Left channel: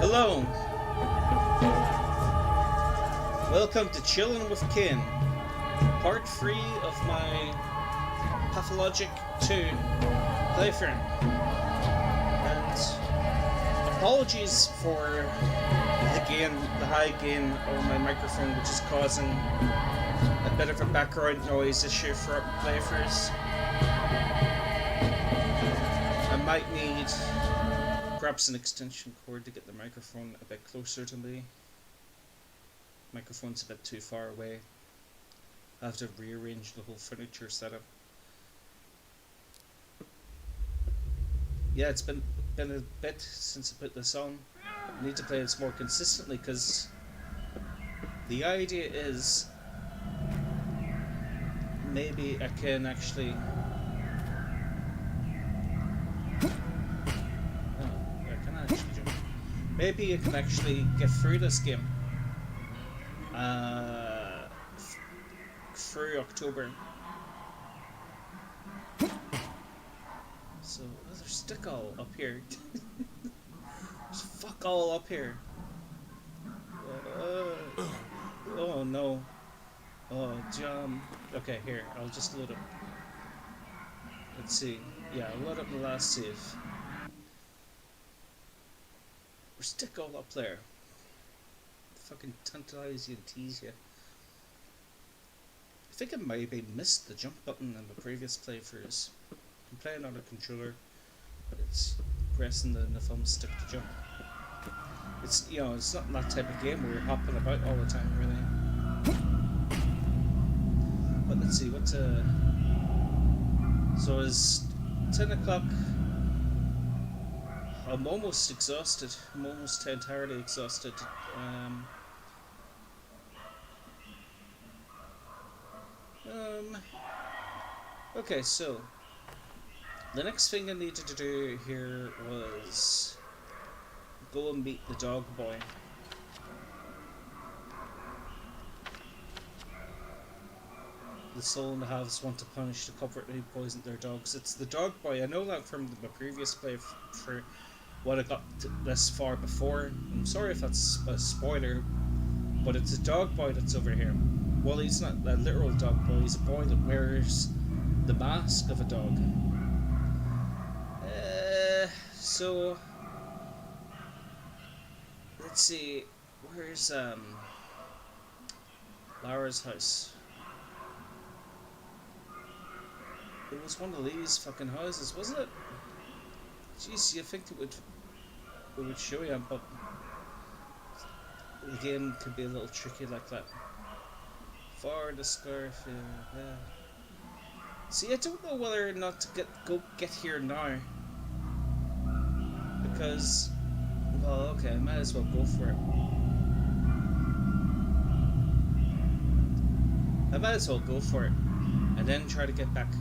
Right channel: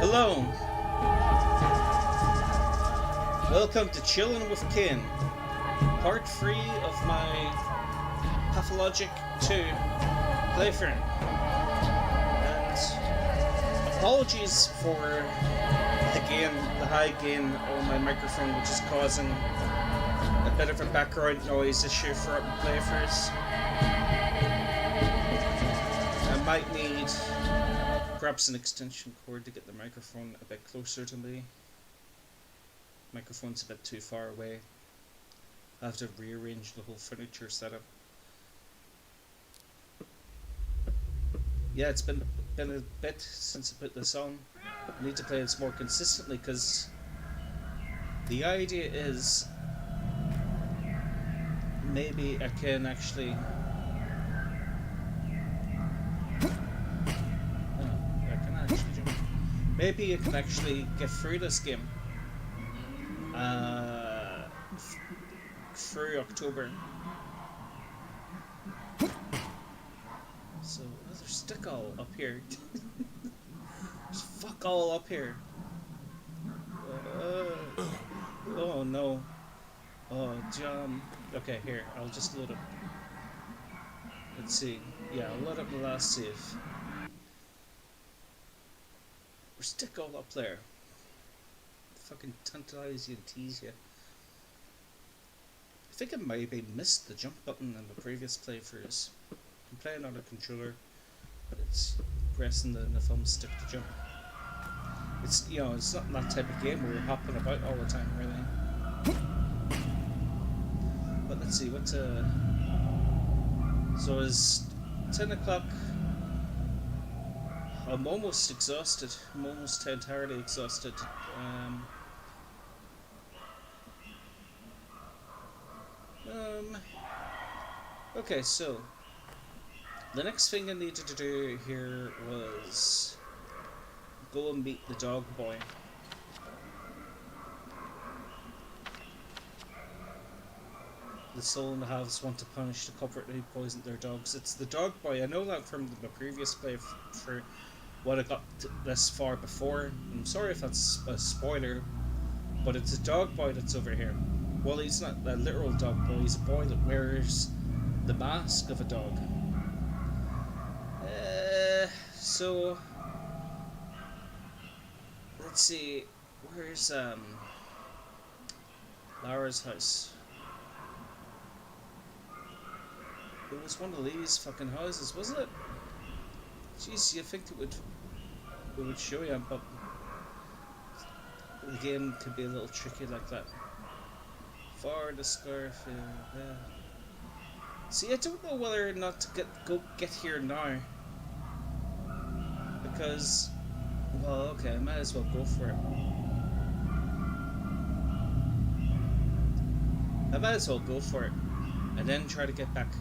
Hello, welcome to Chillin with Kaine, part 3 of my Pathologic 2 playthrough. And apologies for the high gain on my microphone, which is causing a bit of a background noise issue for playthroughs. I might need perhaps an extension cord to get the microphone a bit closer to me. Microphone's a bit too far away. I have to rearrange the whole furniture setup. Yeah, it's been a bit since I put this on. I need to play this more consistently because the idea is maybe I can actually maybe you can actually get through this game through October. So there's stick all up here. There's fuck all up here. Oh no. Oh John. Okay, here, I'll just load up. Let's see. Yeah, I'll load up the last save. Or stick all up there. Fucking tantalize you and tease you. I think I maybe missed the jump button in the previous playthroughs. I'm playing on a controller, but it's pressing the thumb stick to jump. It's, you know, it's not that type of game where you're hopping about all the time, really. But let's see, what's so it's 10 o'clock. I'm almost exhausted. I'm almost entirely exhausted. Okay, so the next thing I needed to do here was go and meet the dog boy. The soul in the house want to punish the culprit who poisoned their dogs. It's the dog boy. I know that from the previous playthrough. What I got this far before. I'm sorry if that's a spoiler, but it's a dog boy that's over here. Well, he's not a literal dog boy, he's a boy that wears the mask of a dog. So let's see, where's Lara's house? It was one of these fucking houses, wasn't it? Jeez, you think it would show you, but the game could be a little tricky like that. For the scarf, yeah. See, I don't know whether or not to get here now, because, well, okay, I might as well go for it. I might as well go for it, and then try to get back.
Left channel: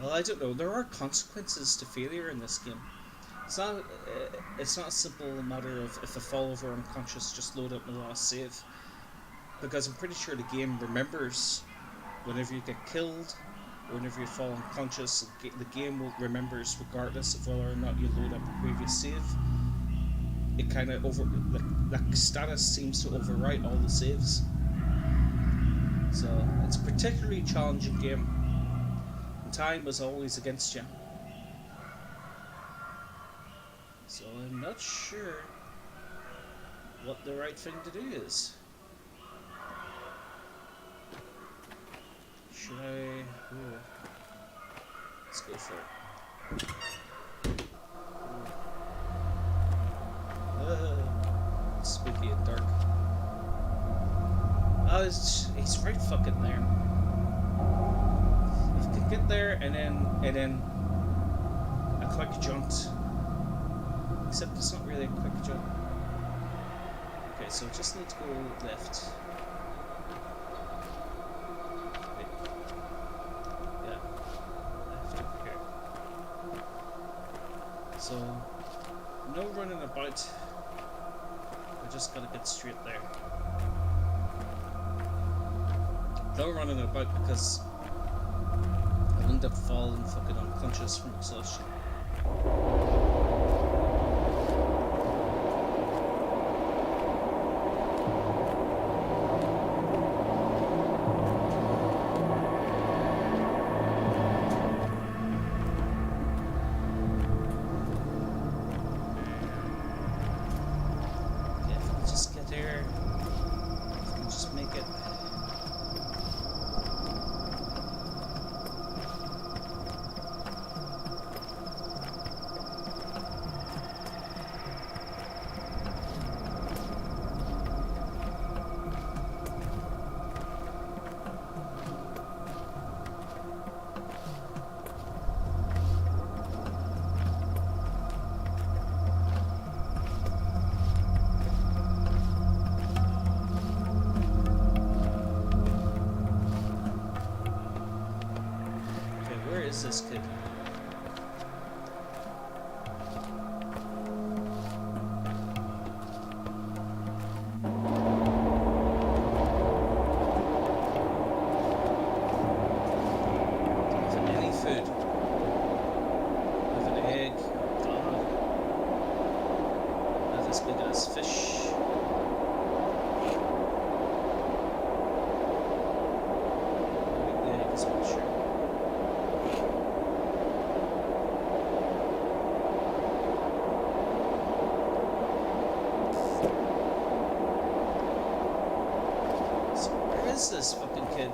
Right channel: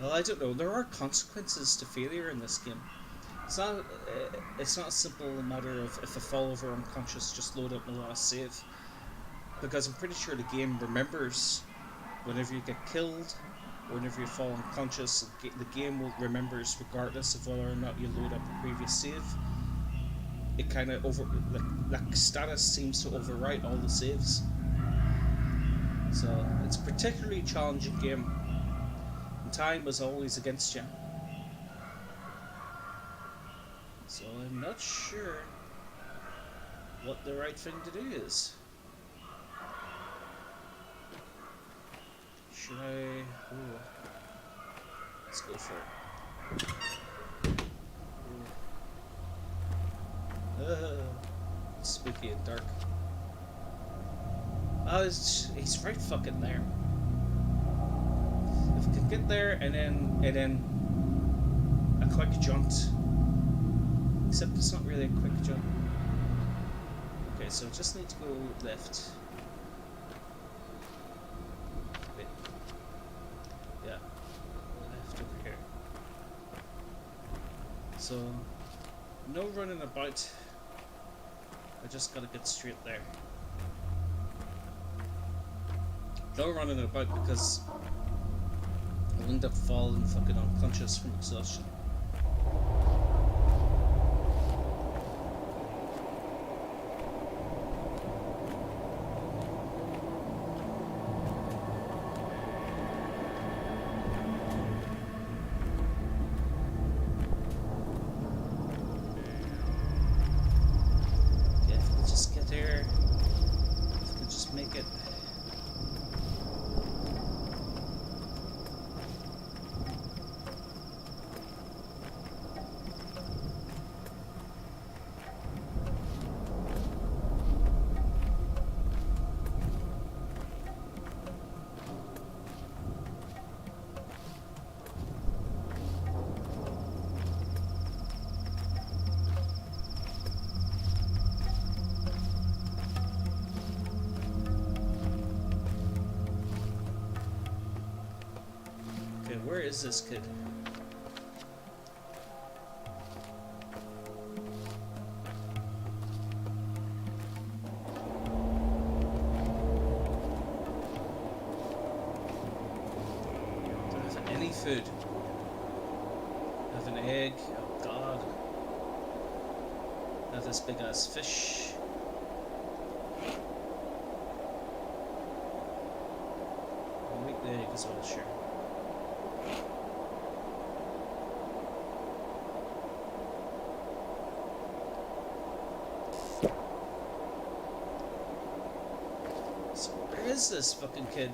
Well, I don't know. There are consequences to failure in this game. It's not a simple matter of if I fall over unconscious, just load up my last save. Because I'm pretty sure the game remembers whenever you get killed, or whenever you fall unconscious, the game will remembers regardless of whether or not you load up a previous save. It kind of like status seems to overwrite all the saves. So it's a particularly challenging game. Time was always against you. So I'm not sure what the right thing to do is. Should I... Ooh. Let's go for it. Spooky and dark. Oh, he's right fucking there. Can get there and then a quick jaunt. Except it's not really a quick jaunt. Okay, so just need to go left. Wait. Yeah. Left over here. So no running about. I just gotta get straight there. No running about because I end up falling fucking unconscious from exhaustion. Okay, if we can just get there, if we can just make it. Where is this kid? Don't have any food. I have an egg. Oh god. I have this big ass fish. I'll make the egg as well, sure. Where is this fucking kid?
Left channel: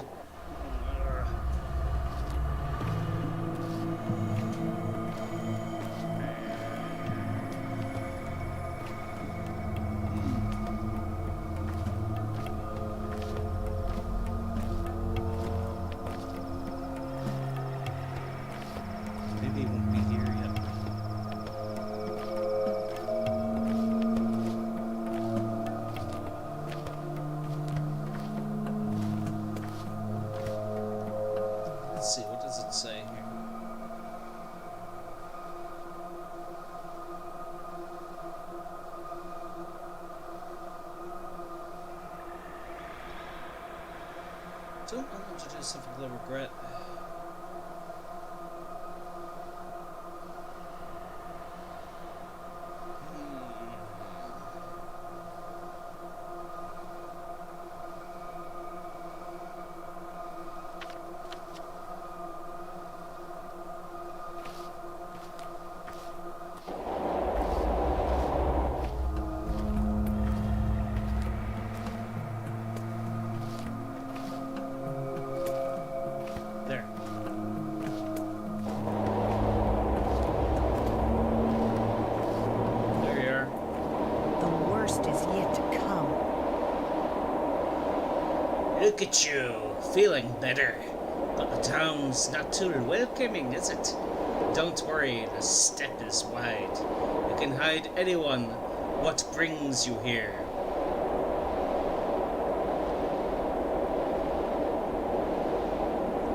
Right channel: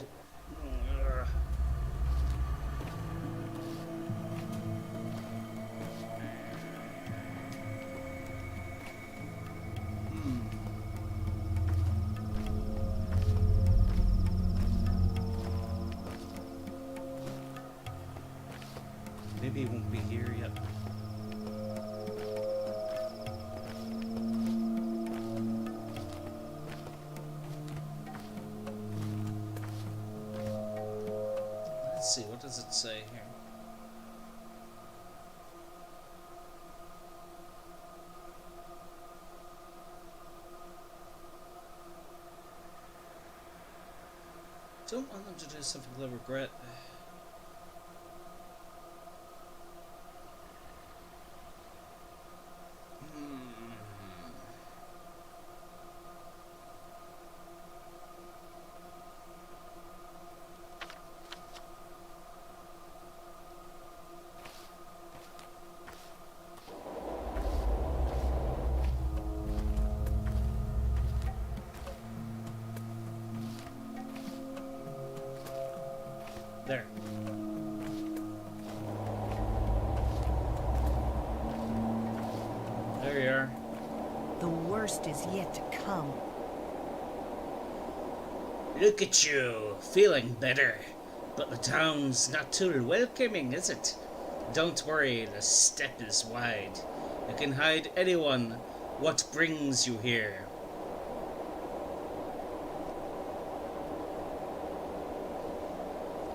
Maybe he won't be here yet. Let's see, what does it say here? Don't want them to do something they'll regret. There. There you are. The worst is yet to come. Look at you, feeling better. But the town's not too welcoming, is it? Don't worry, the steppe is wide. You can hide anyone. What brings you here?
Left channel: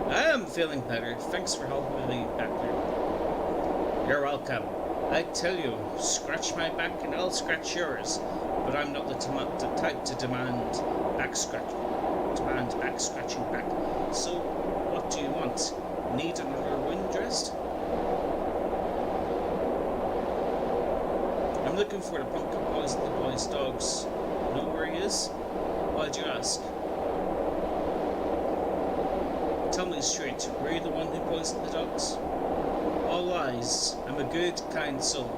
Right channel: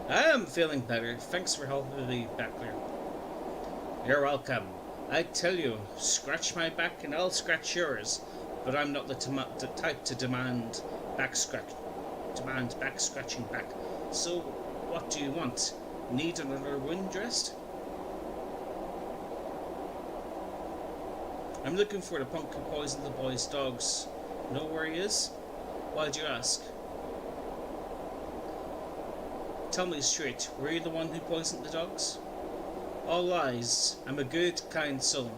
I am feeling better. Thanks for helping me back there. You're welcome. I tell you, scratch my back and I'll scratch yours. But I'm not the type to demand back scratching back. So, what do you want? Need another wound dressed? I'm looking for the punk who poisoned the boy's dogs. Know where he is? Why'd you ask? Tell me straight, were you the one who poisoned the dogs? All lies. I'm a good, kind soul.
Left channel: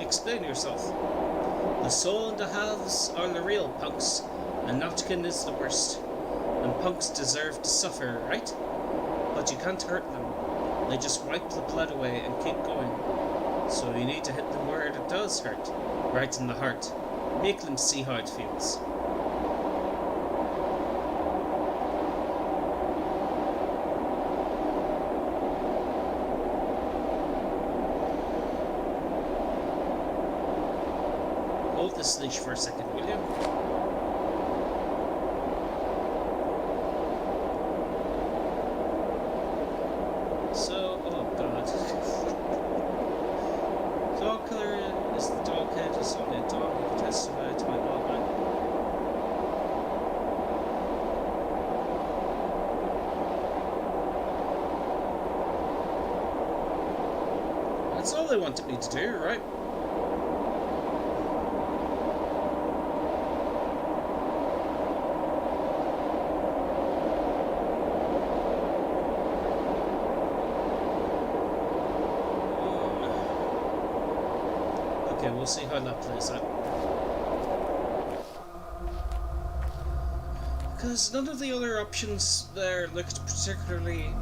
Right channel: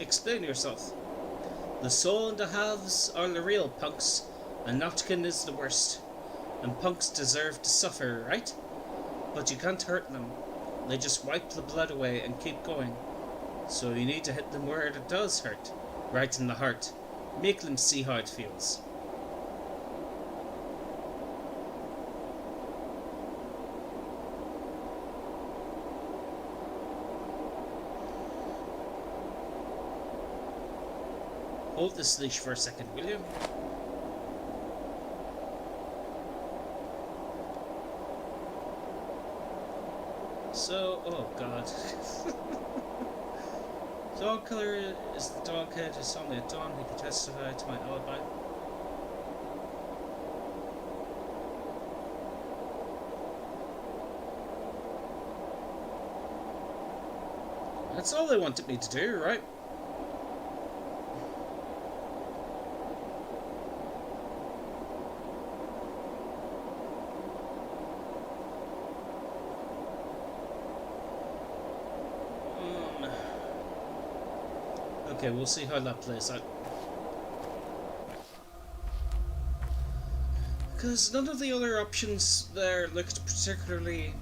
Explain yourself. The soul and the halves are the real punks, and Notkin is the worst. And punks deserve to suffer, right? But you can't hurt them. They just wipe the blood away and keep going. So you need to hit them where it does hurt, right in the heart. Make them see how it feels. Hold this leash for a second, will you? So, oh god. Dog killer is the dog head, is only a dog who can testify to my alibi. That's all they wanted me to do, right? Okay, we'll see how that plays out. Because none of the other options there looked particularly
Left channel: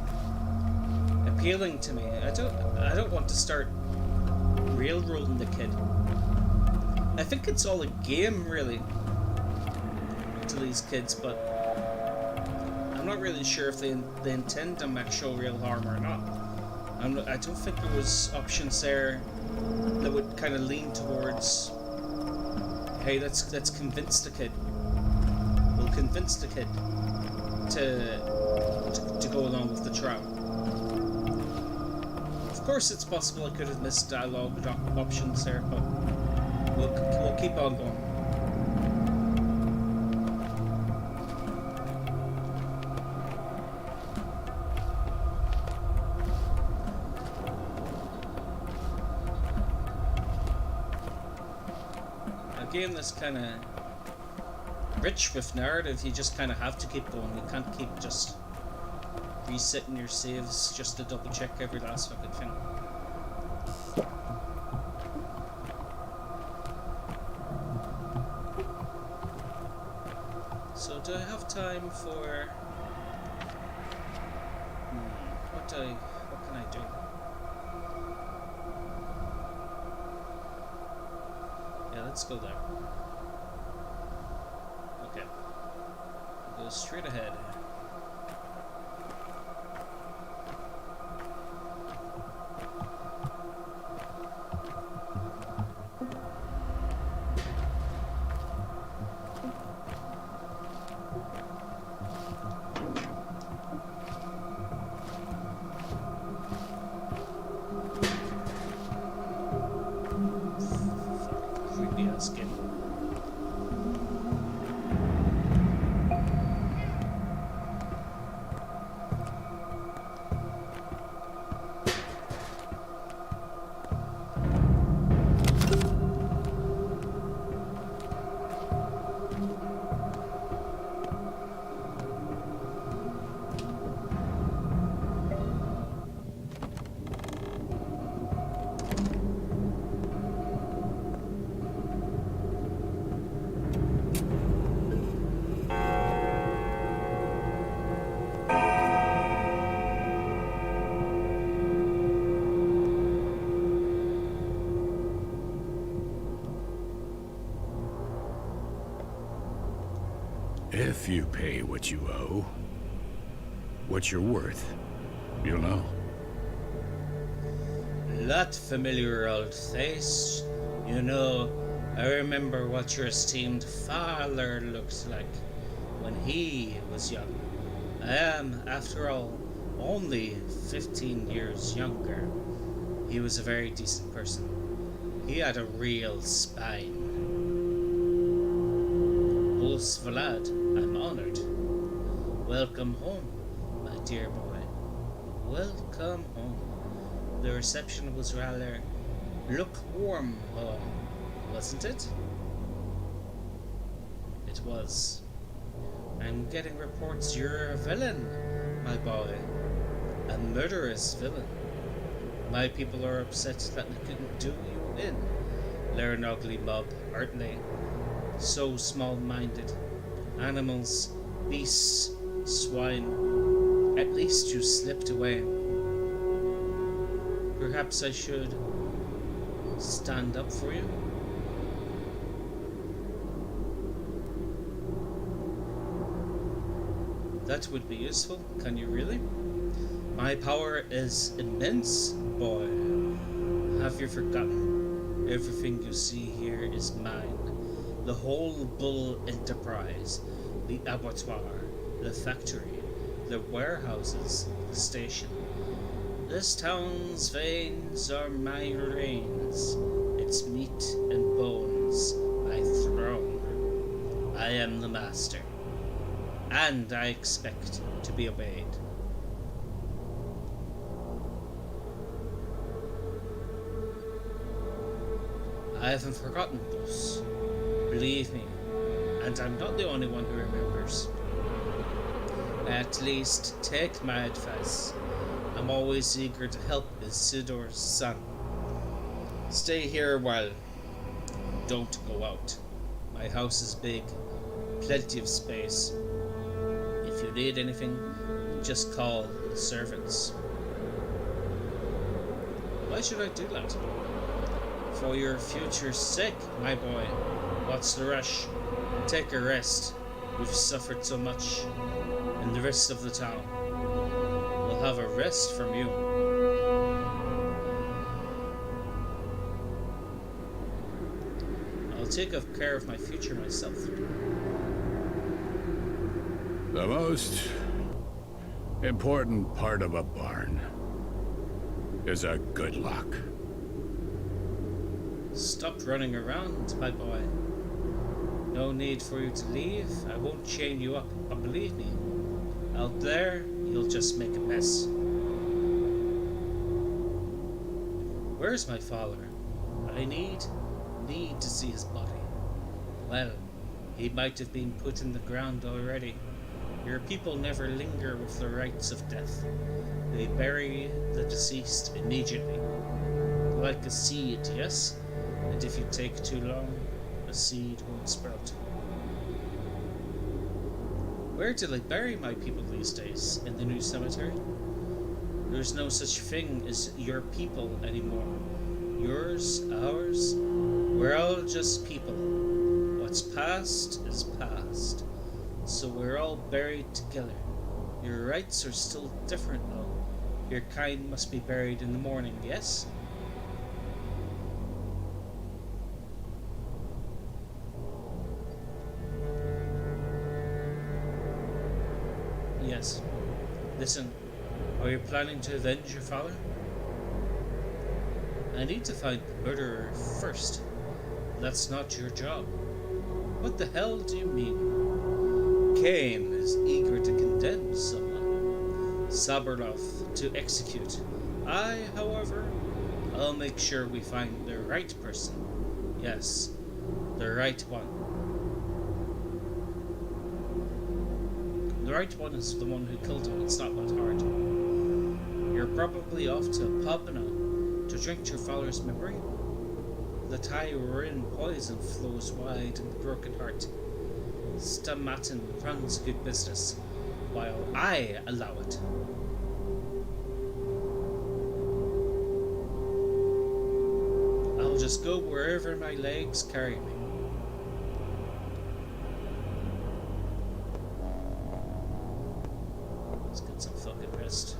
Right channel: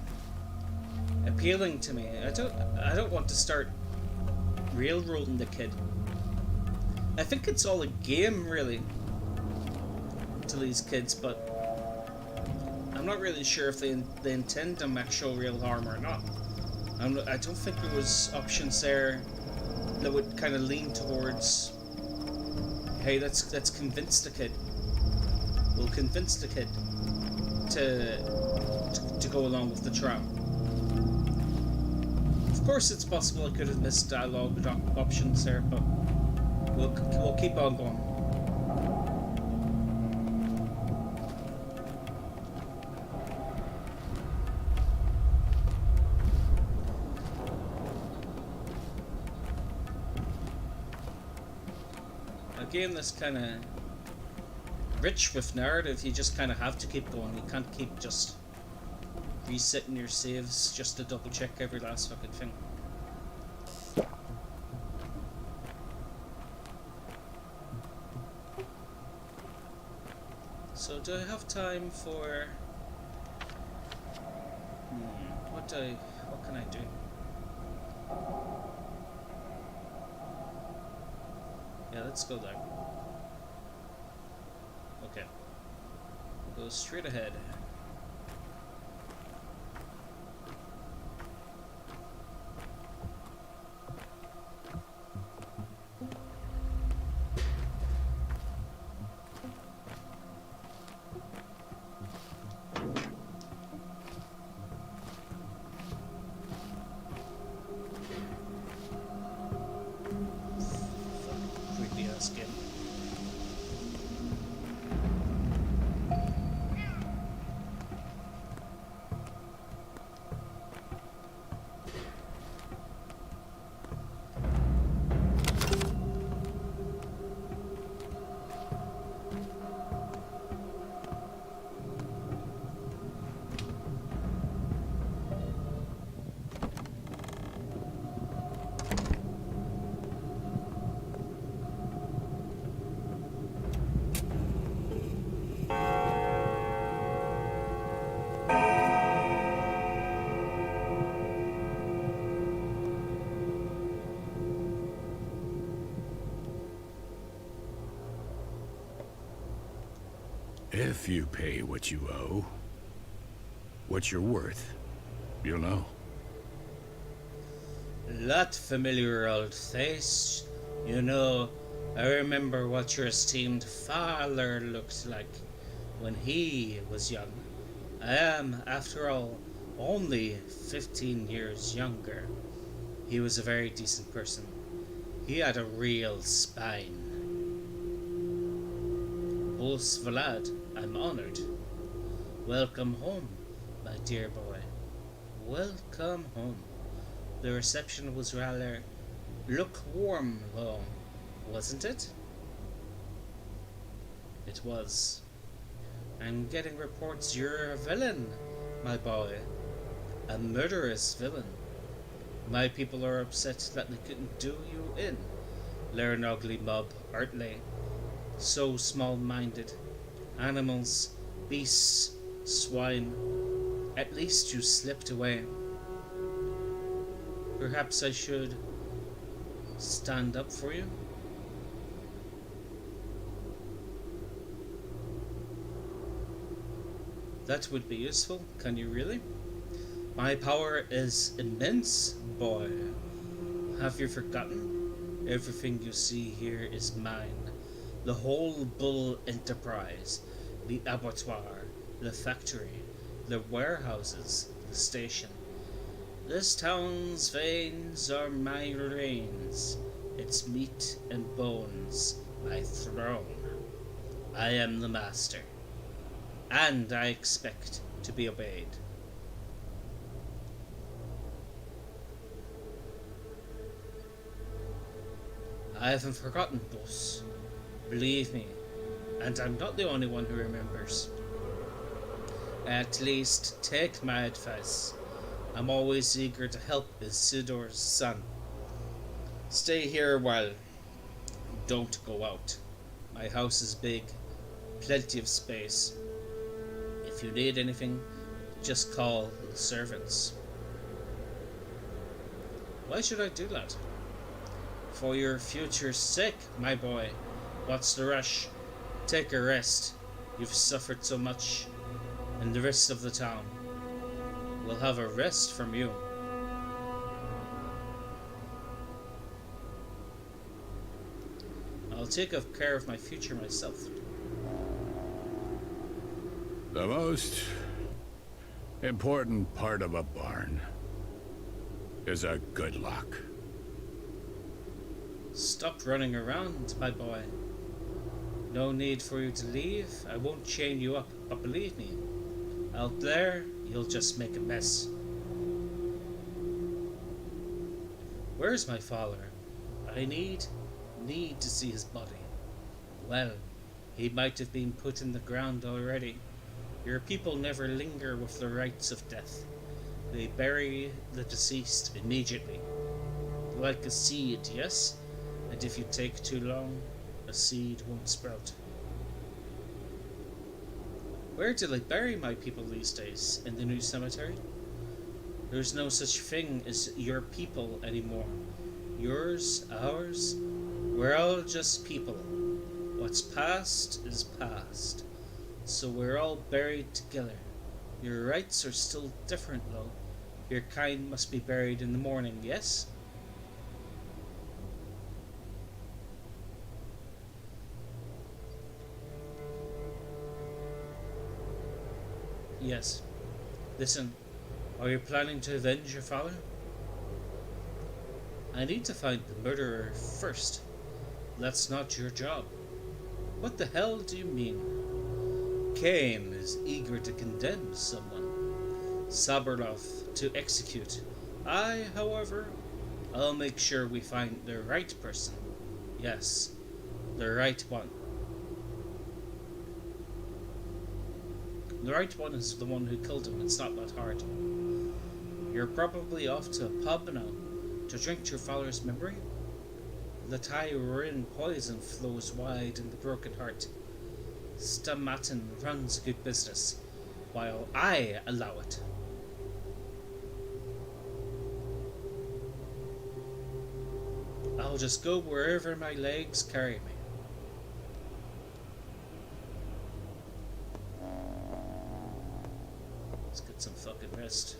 appealing to me. I don't want to start railroading the kid. I think it's all a game, really, to these kids, but I'm not really sure if they intend to make show real harm or not. I don't think there was options there that would kind of lean towards, hey, let's convince the kid. We'll convince the kid to go along with the trial. Of course, it's possible I could have missed dialogue options there, but we'll keep on going. A game that's kind of rich with narrative, you just kind of have to keep going. You can't keep just resetting your saves just to double check every last fucking thing. So do I have time for what can I do? Yeah, let's go there. Okay. We'll go straight ahead. Creepy ass game. If you pay what you owe, what you're worth, you'll know. That familiar old face. You know, I remember what your esteemed father looked like when he was young. I am, after all, only 15 years younger. He was a very decent person. He had a real spine. Boss Vlad, I'm honored. Welcome home, my dear boy. Welcome home. The reception was rather lukewarm, though, wasn't it? It was. I'm getting reports you're a villain, my boy. A murderous villain. My people are upset that they couldn't do you in. They're an ugly mob, aren't they? So small-minded. Animals, beasts, swine. At least you slipped away. Perhaps I should stand up for you? That would be useful. Can you really? My power is immense, boy. Have you forgotten? Everything you see here is mine. The whole Bull enterprise, the abattoir, the factory, the warehouses, the station. This town's veins are my reins, its meat and bones my throne. I am the master, and I expect to be obeyed. I haven't forgotten, boss. Believe me, and I'm not the only one who remembers. At least, take my advice. I'm always eager to help Isidor's son. Stay here a while. Don't go out. My house is big, plenty of space. If you need anything, just call the servants. Why should I do that? For your future's sake, my boy. What's the rush? Take a rest. You've suffered so much, and the rest of the town will have a rest from you. I'll take care of my future myself. The most important part of a barn is a good lock. Stop running around, my boy. No need for you to leave. I won't chain you up, but believe me, out there, you'll just make a mess. Where's my father? I need to see his body. Well, he might have been put in the ground already. Your people never linger with the rites of death. They bury the deceased immediately. Like a seed, yes? And if you take too long, a seed won't sprout. Where do they bury my people these days? In the new cemetery? There's no such thing as your people anymore. Yours, ours, we're all just people. What's past is past. So we're all buried together. Your rites are still different though. Your kind must be buried in the morning, yes? Yes. Listen, are you planning to avenge your father? I need to find the murderer first. That's not your job. What the hell do you mean? Kaine is eager to condemn someone. Saberloth to execute. I, however, I'll make sure we find the right person. Yes, the right one. The right one is the one who killed him. It's not that hard. You're probably off to a pub now to drink to your father's memory. The Tyrin poison flows wide in the broken heart. Stamatin runs a good business, while I allow it. I'll just go wherever my legs carry me. Let's get some fucking rest.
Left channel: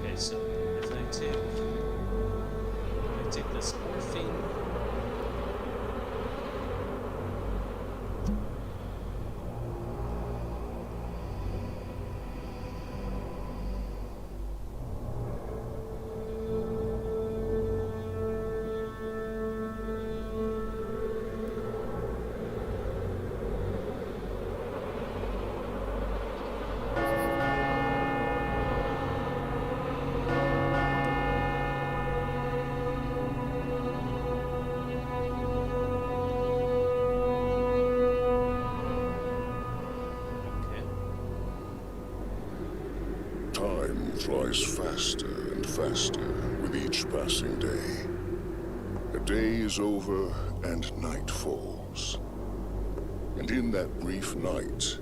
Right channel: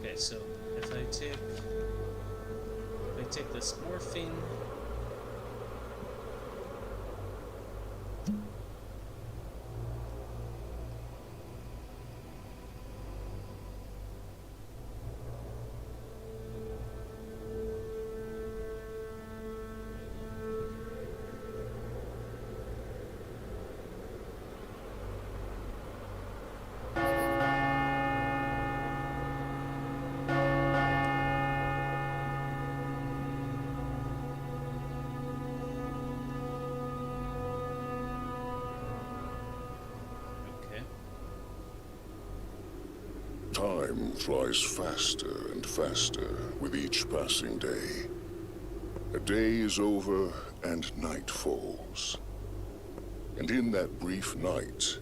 Okay, so if I take this morphine, Time flies faster and faster with each passing day. A day is over and night falls. And in that brief night,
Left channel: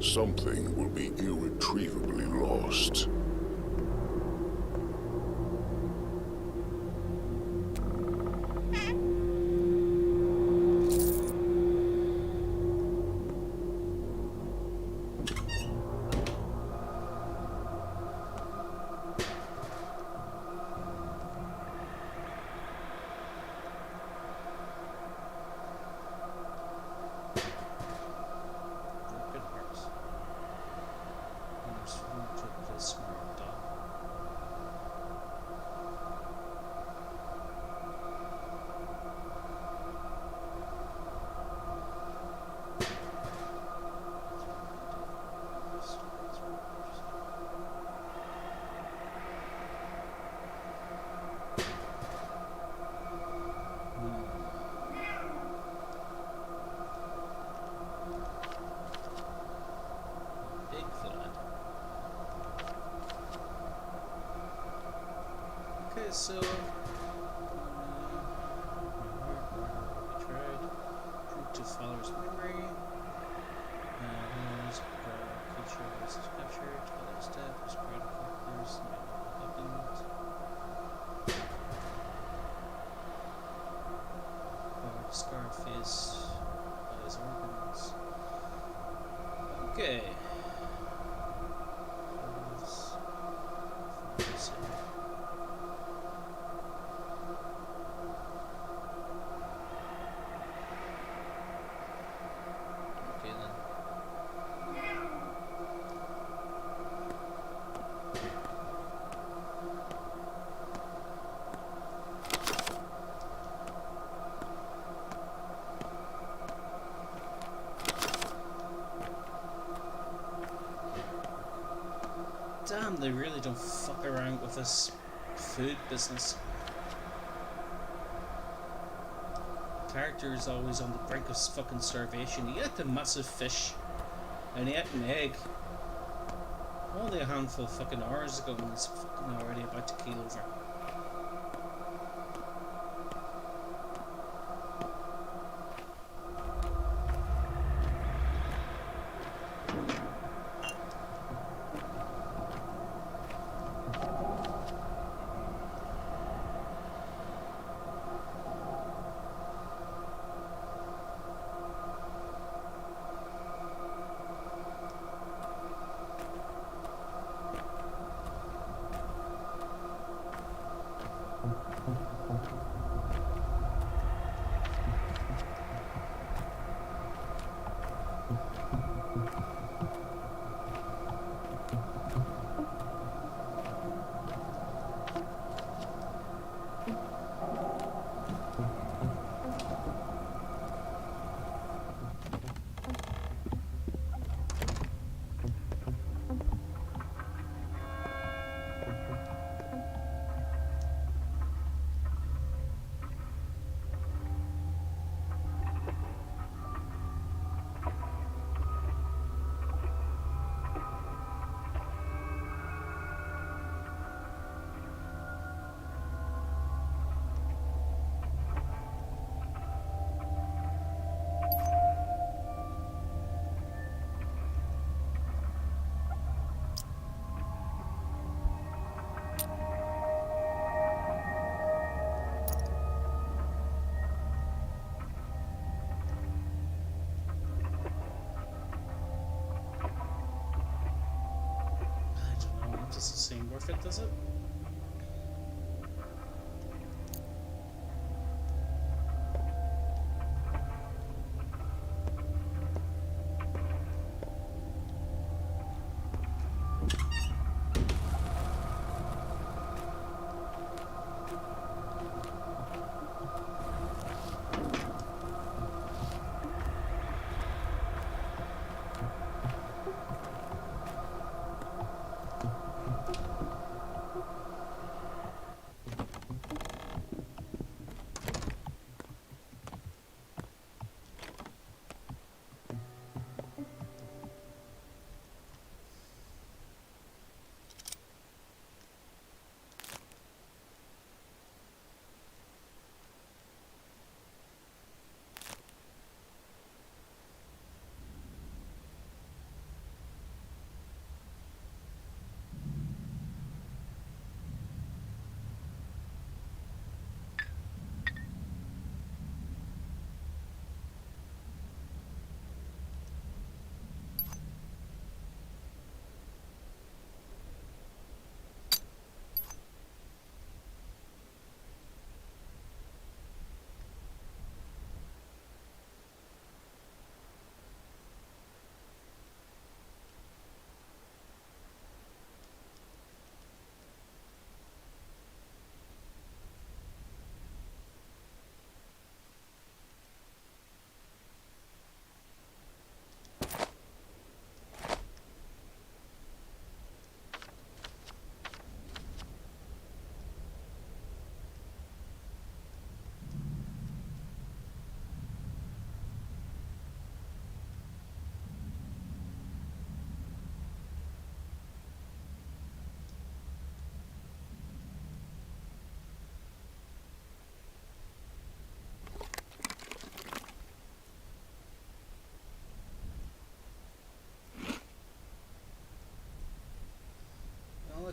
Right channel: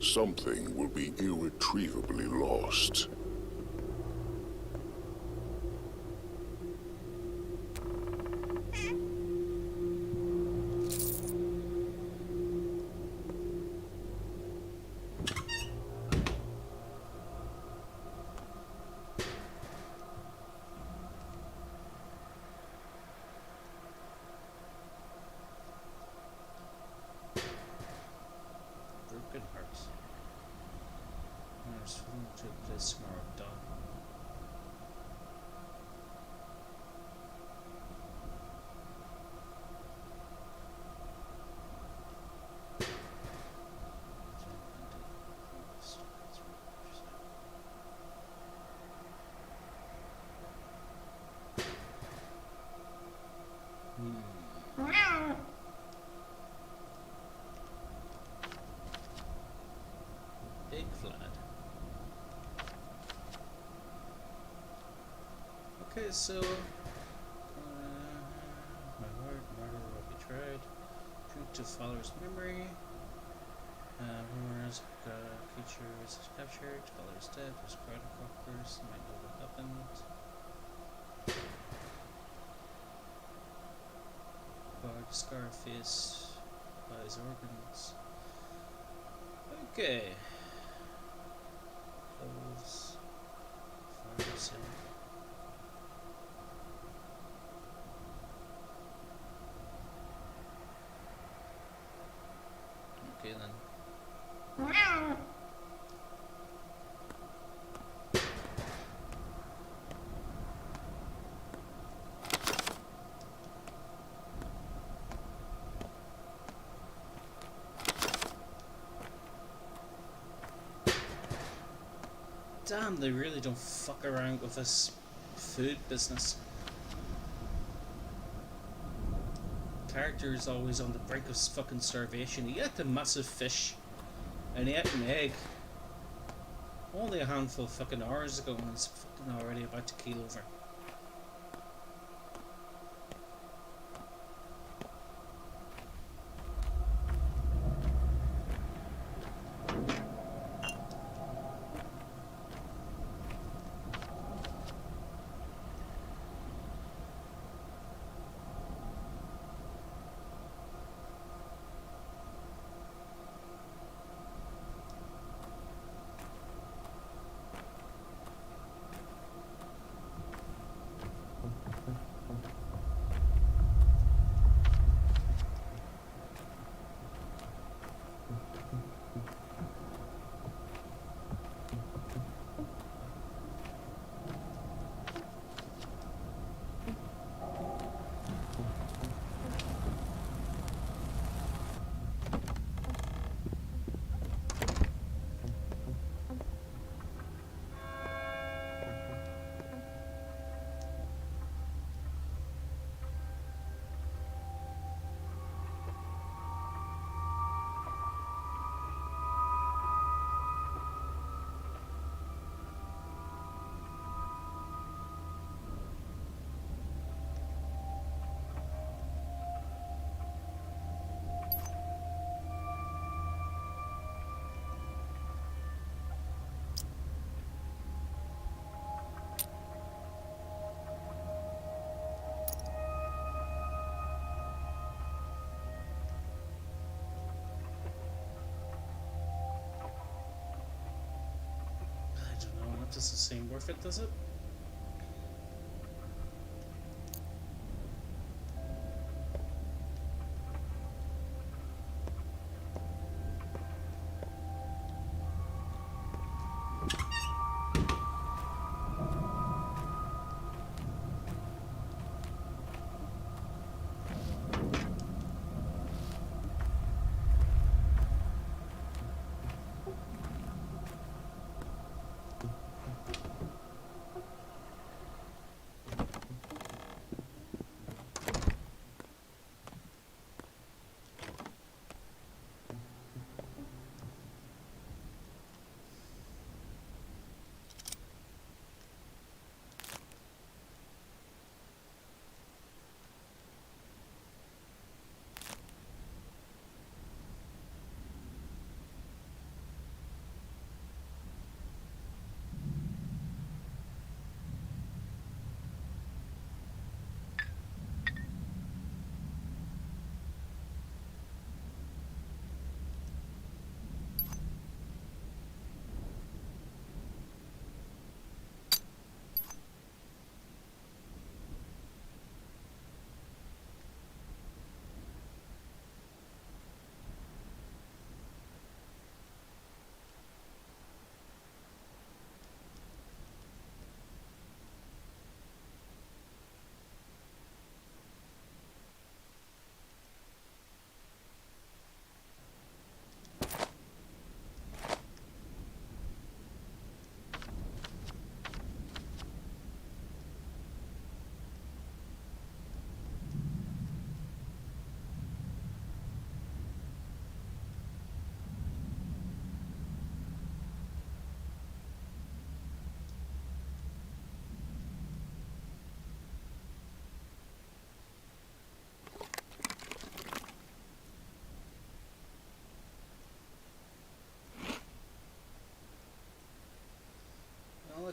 something will be irretrievably lost. broken hearts. There's one took this mark. so my word, murder will be tried. True to Father's memory. Who is creature was captured, Father is dead, was proud of workers, might know what happened. Or scar face by his organs. Okay. Close. Pharmacy. Okay then. Damn, they really don't fuck around with this food business. Character is always on the brink of fucking starvation. He ate a massive fish and he ate an egg only a handful of fucking hours ago and he's fucking already about to keel over. Doesn't seem worth it, does it?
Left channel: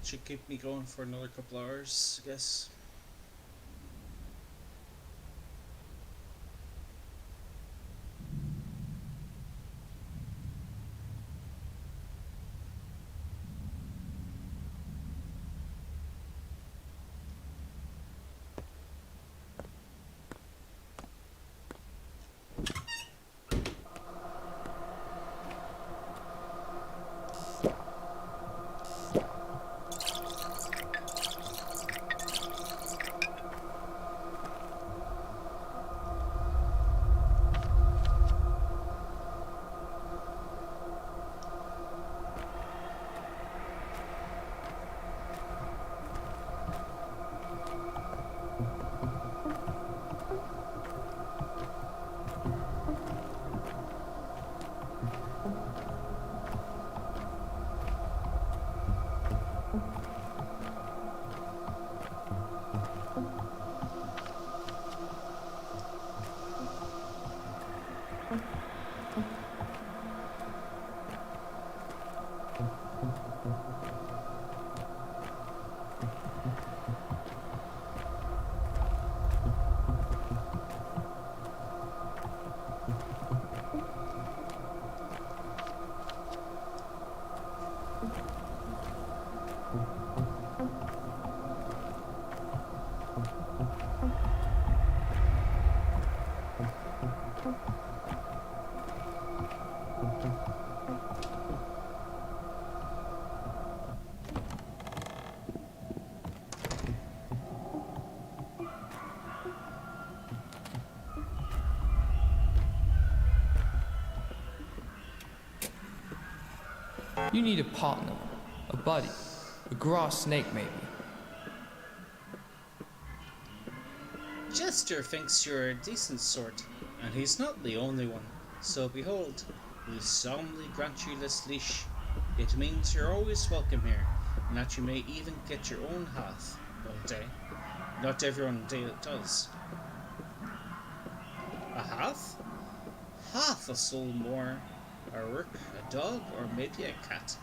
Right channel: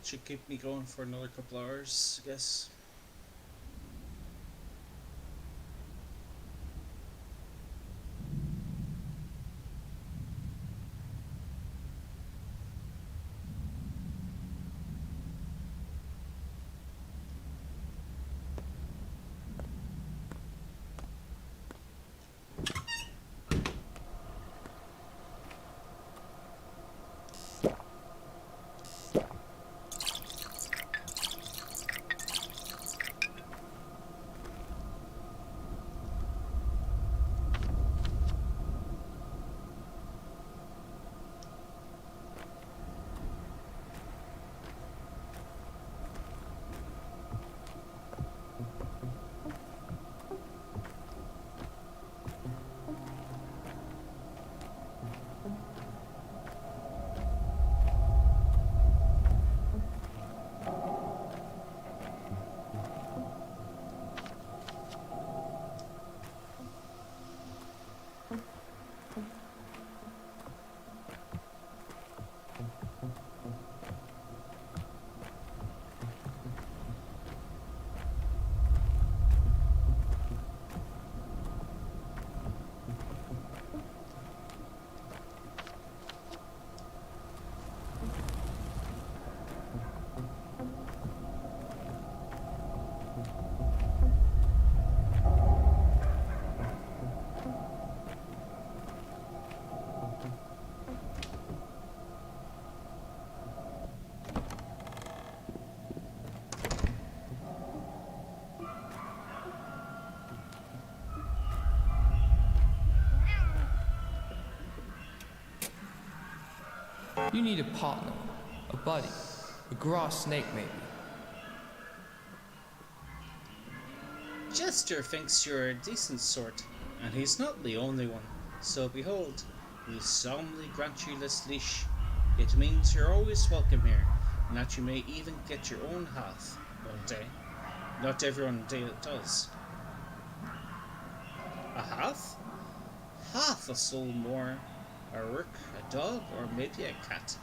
that should keep me going for another couple hours, I guess. You need a partner, a buddy, a grass snake maybe. Jester thinks you're a decent sort, and he's not the only one. So behold, we solemnly grant you this leash. It means you're always welcome here, and that you may even get your own half one day. Not everyone does. A half? Half a soul more. A rook, a dog, or maybe a cat.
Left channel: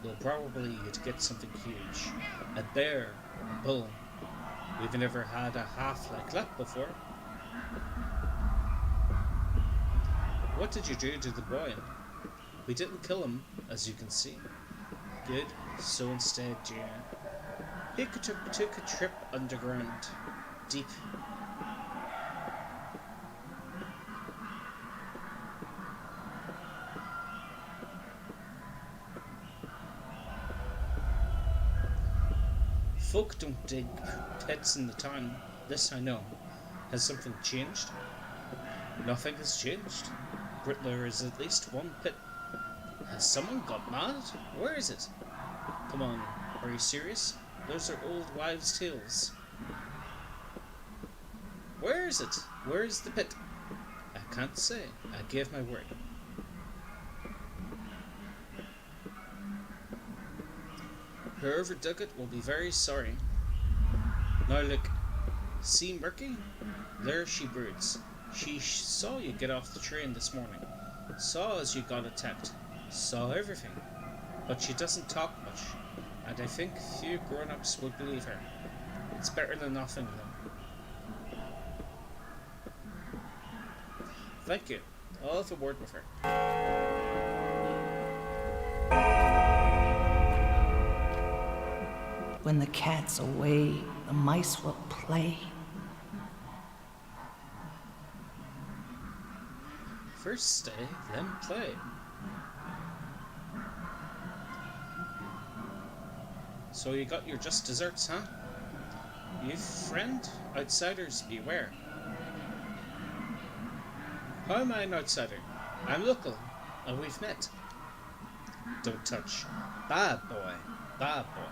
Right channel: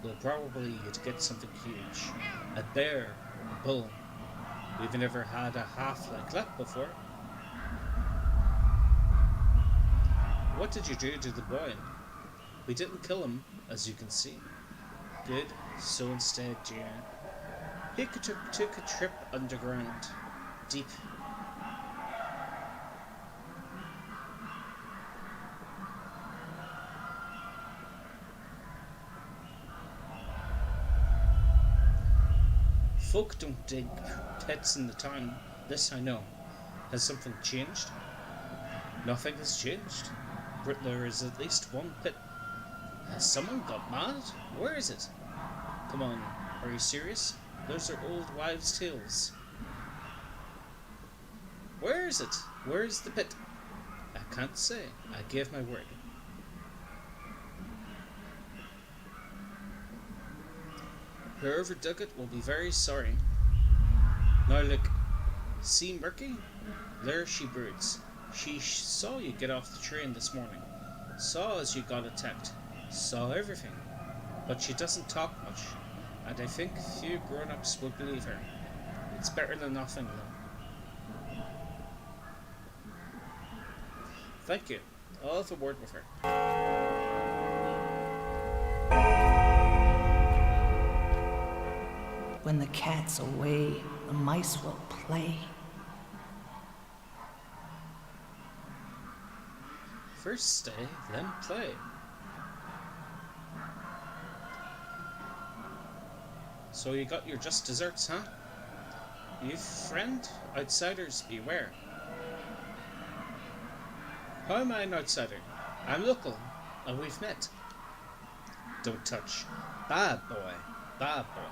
Though probably you'd get something huge. A bear, or a bull. We've never had a half like that before. What did you do to the boy? We didn't kill him, as you can see. Good, so instead, he took a trip underground. Deep. Folk don't dig pits in the town. This I know. Has something changed? Nothing has changed. There is at least one pit. Has someone got mad? Where is it? Come on, are you serious? Those are old wives' tales. Where is it? Where is the pit? I can't say. I gave my word. Whoever dug it will be very sorry. Now look, see Murky? There she broods. She saw you get off the train this morning. Saw as you got attacked. Saw everything. But she doesn't talk much. And I think few grown-ups would believe her. It's better than nothing, though. Thank you. I'll have a word with her. When the cat's away, the mice will play. First stay, then play. So you got your just desserts, huh? You friend? Outsiders beware. How am I an outsider? I'm local, and we've met. Don't touch. Bad boy. Bad boy.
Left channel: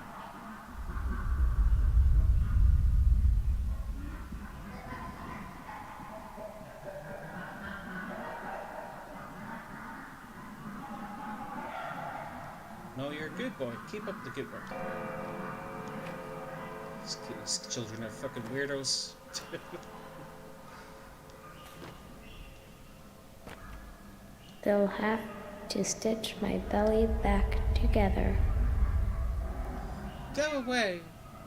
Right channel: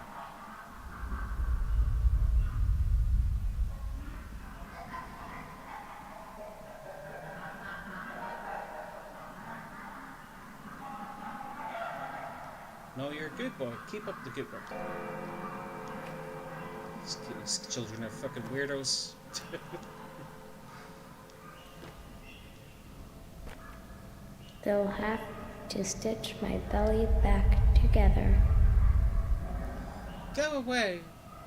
No, you're a good boy. Keep up the good work. These children are fucking weirdos. They'll have to stitch my belly back together. Go away!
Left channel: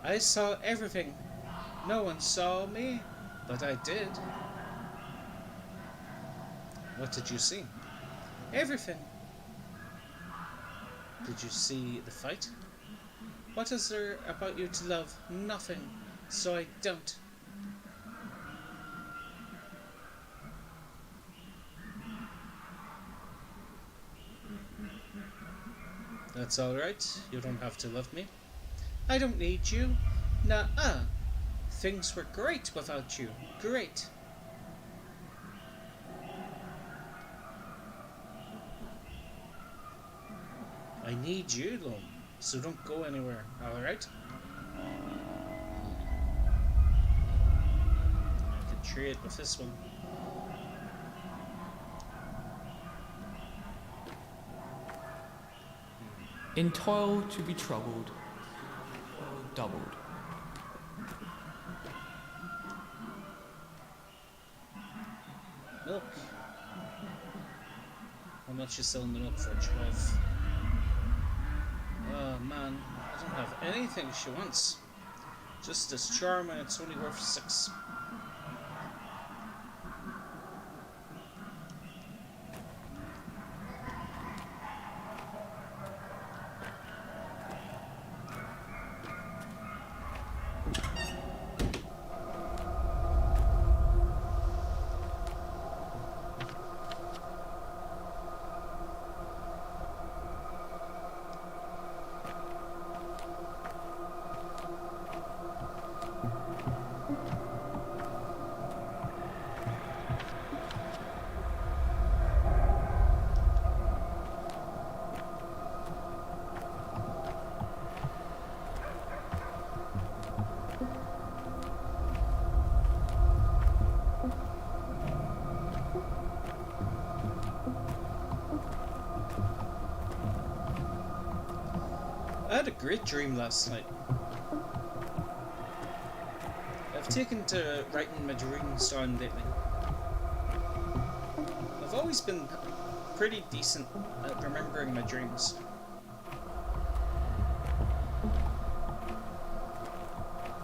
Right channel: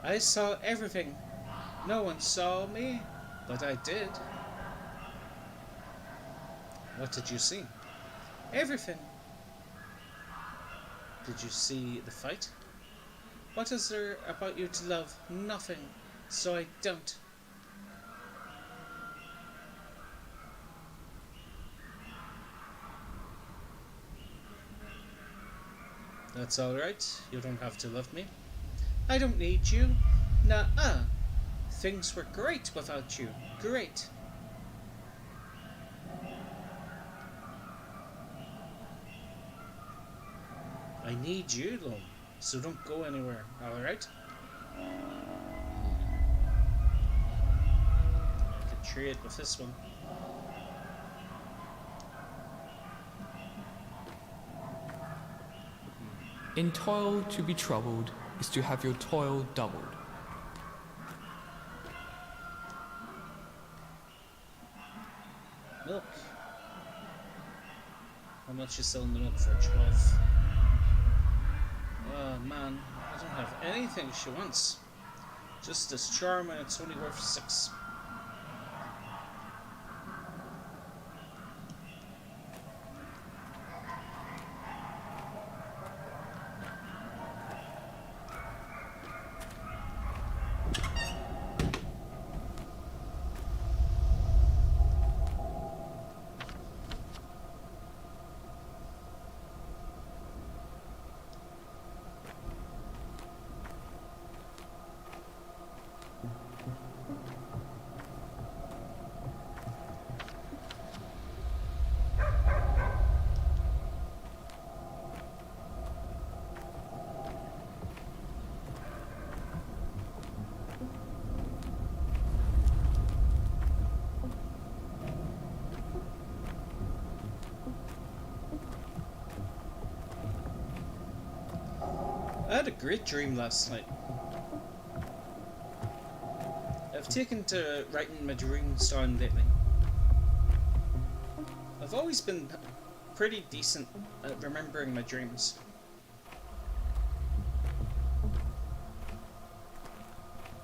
I saw everything. No one saw me, but I did. What did you see? Everything. Did you see the fight? What is there about you to love? Nothing. So I don't. That's alright. You don't have to love me. I don't need you. Nuh-uh. Things were great without you. Great. I need you, though. So don't go anywhere, alright? I can trade with this one. In toil to be troubled is to have your toil doubled. Milk. How much you selling the milk for? 12. Oh man, I don't have anything she wants. Just this charm and it's only worth 6. I had a great dream last night. I've taken to writing my dreams down lately. I've always been pretty decent at remembering my dreams.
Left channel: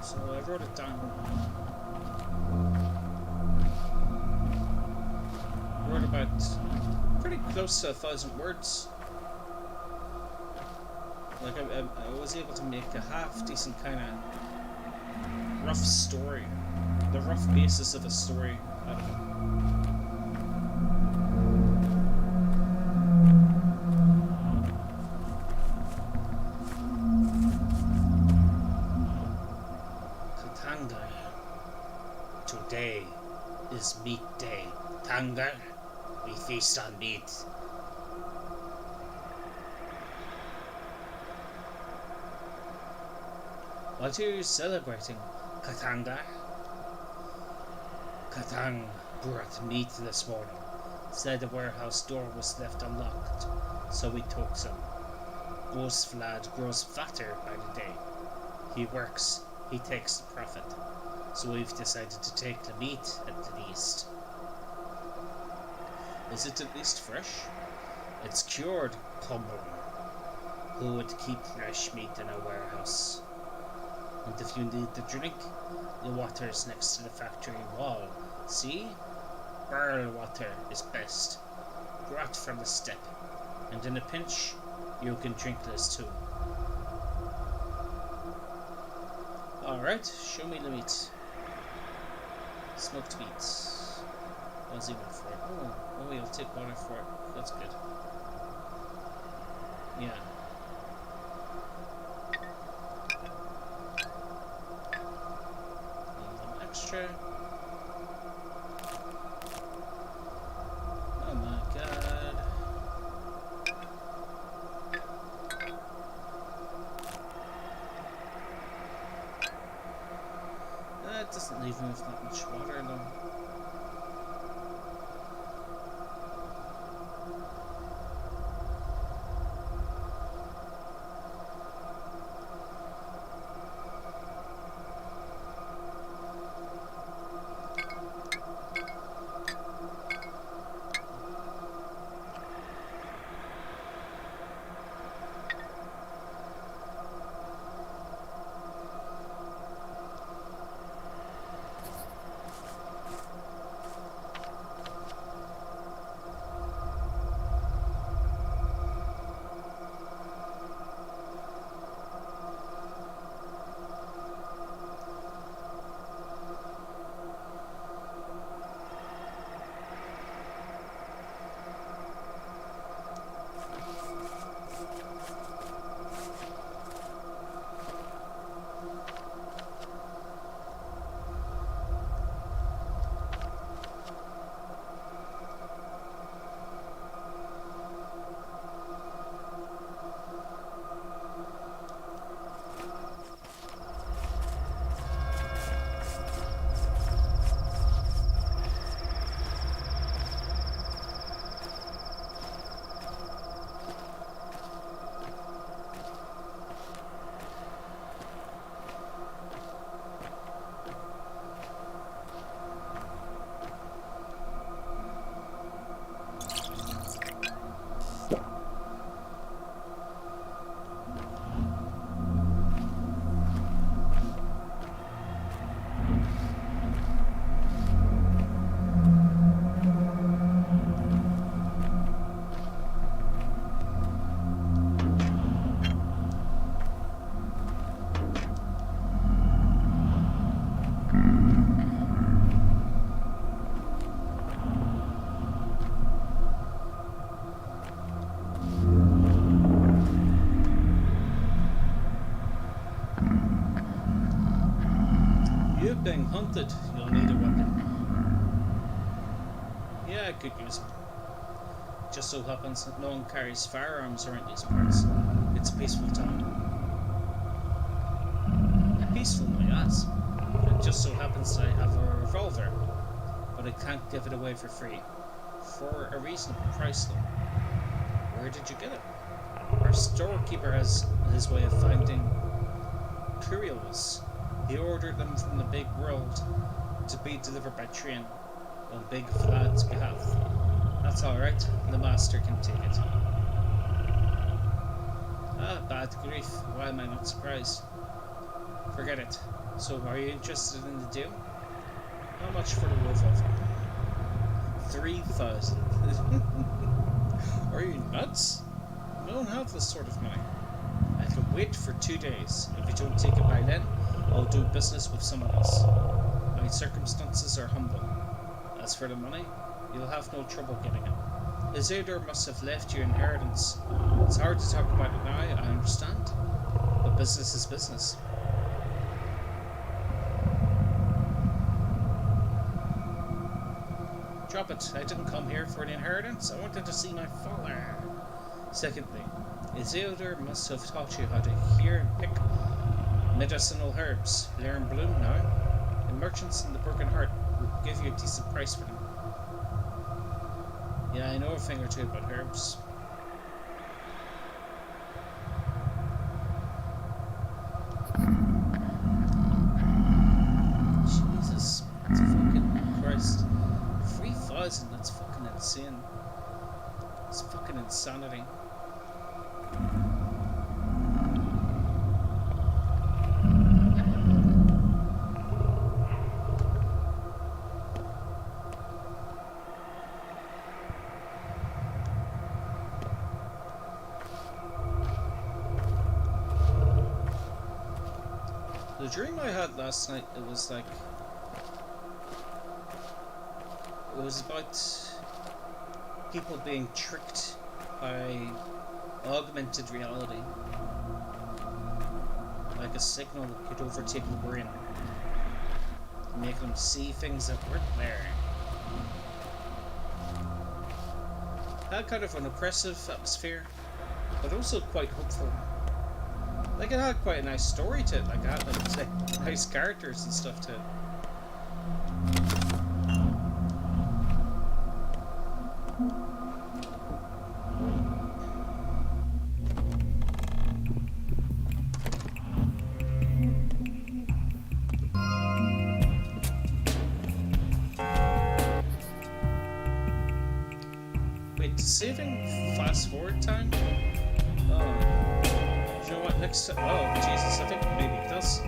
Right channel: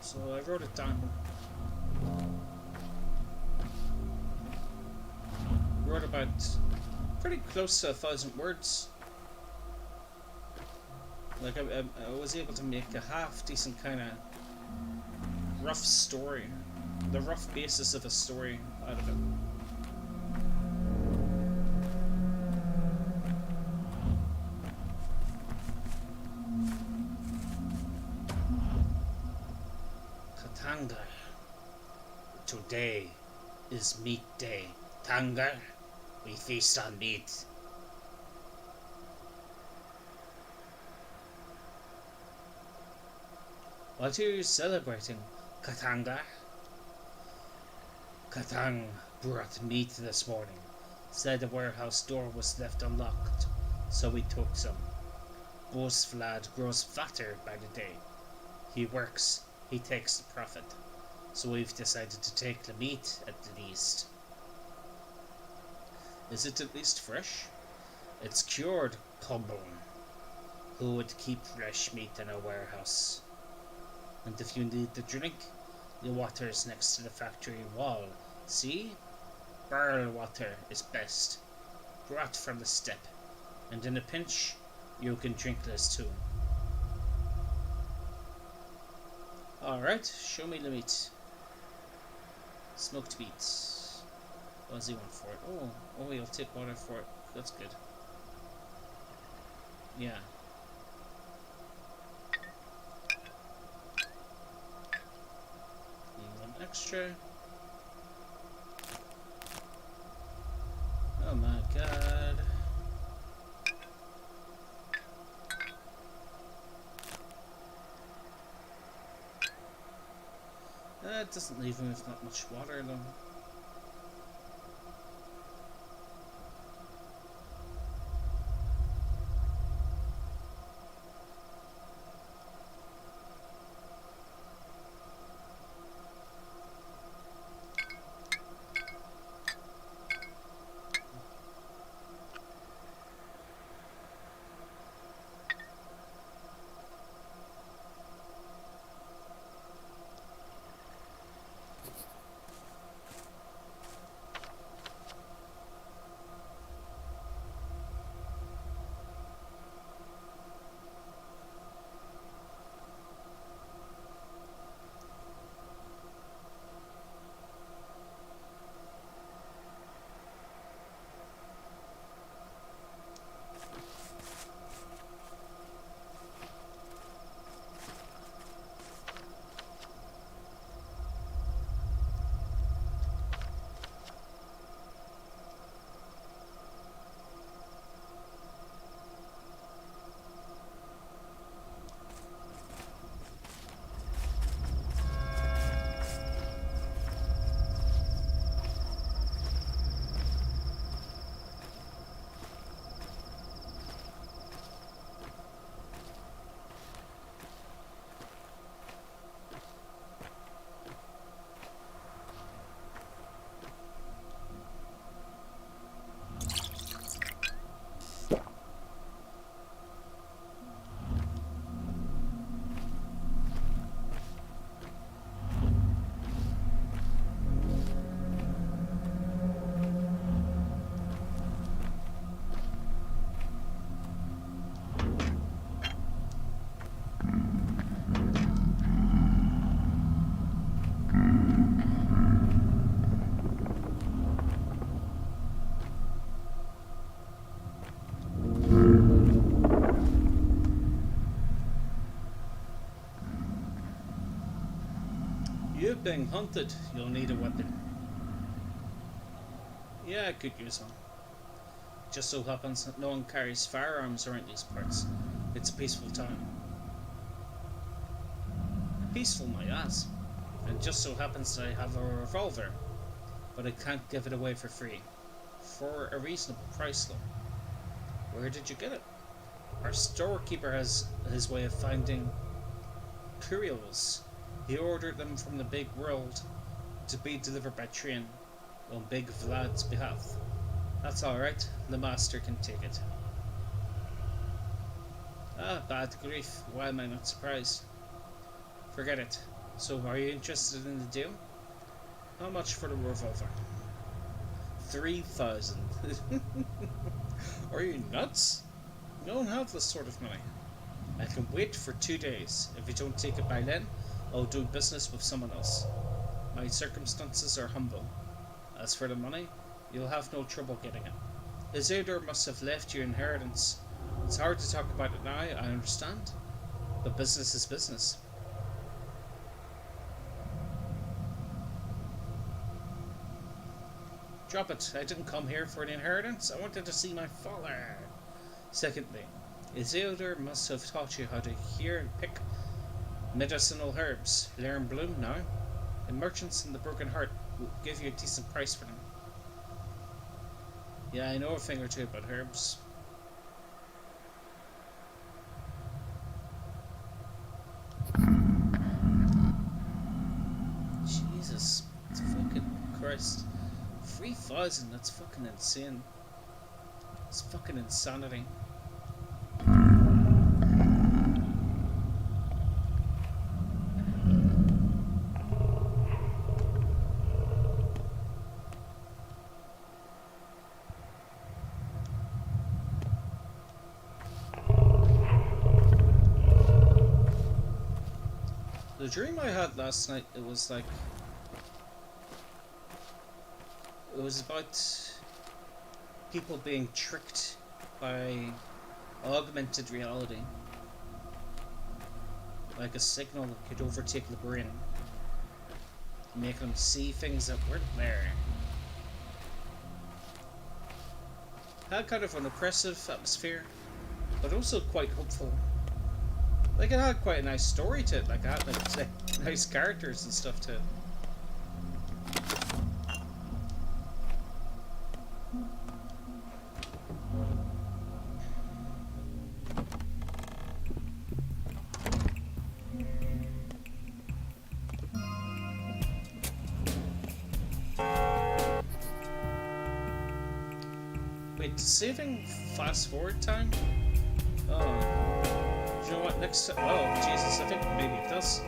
So I wrote it down. Wrote about pretty close to 1,000 words. Like I was able to make a half decent kind of rough story, the rough basis of a story out of it. Katanga. Today is meat day. Tanga, we feast on meat. What are you celebrating, Katanga? Katang brought meat this morning. Said the warehouse door was left unlocked, so we took some. Ghost Vlad grows fatter by the day. He works, he takes the profit. So we've decided to take the meat at the least. Is it at least fresh? It's cured, Kumbum. Who would keep fresh meat in a warehouse? And if you need the drink, the water is next to the factory wall. See? Barrel water is best. Brought from the steppe. And in a pinch, you can drink this too. Alright, show me the meat. Smoked meat. What does he want for it? Oh, he'll take water for it. That's good. Yeah. Extra. Oh my god. That doesn't leave me with that much water though. being hunted, you'll need a weapon. Yeah, I could use one. Just so happens that no one carries firearms around these parts. It's a peaceful town. Peaceful, my ass. It just so happens that I have a revolver, but I can't give it away for free. For a reasonable price, though. Where did you get it? Our storekeeper has his way of finding curios. He ordered them from the big world to be delivered by train on Big Vlad's behalf. That's alright, the master can take it. Ah, bad grief, why am I not surprised? Forget it. So, are you interested in the deal? How much for the revolver? 3,000. Are you nuts? I don't have this sort of money. I can wait for 2 days. If you don't take it by then, I'll do business with someone else. My circumstances are humble. As for the money, you'll have no trouble getting it. Isildur must have left you inheritance. It's hard to talk about it now, I understand. But business is business. Drop it. I didn't come here for an inheritance. I wanted to see my father. Secondly, Isildur must have taught you how to hear and pick medicinal herbs. They're in bloom now. The merchants in the Broken Heart will give you a decent price for them. Yeah, I know a thing or two about herbs. Jesus, that's fucking Christ. 3,000, that's fucking insane. It's fucking insanity. The dream I had last night, it was about people being tricked by augmented reality. Like a signal that could overtake the brain, make them see things that weren't there. Had kind of an oppressive atmosphere, but also quite hopeful. Like, it had quite a nice story to it, like it had like nice characters and stuff to it. Wait, saving fast forward time? Oh, you know what? Next time, oh Jesus, I think maybe it does.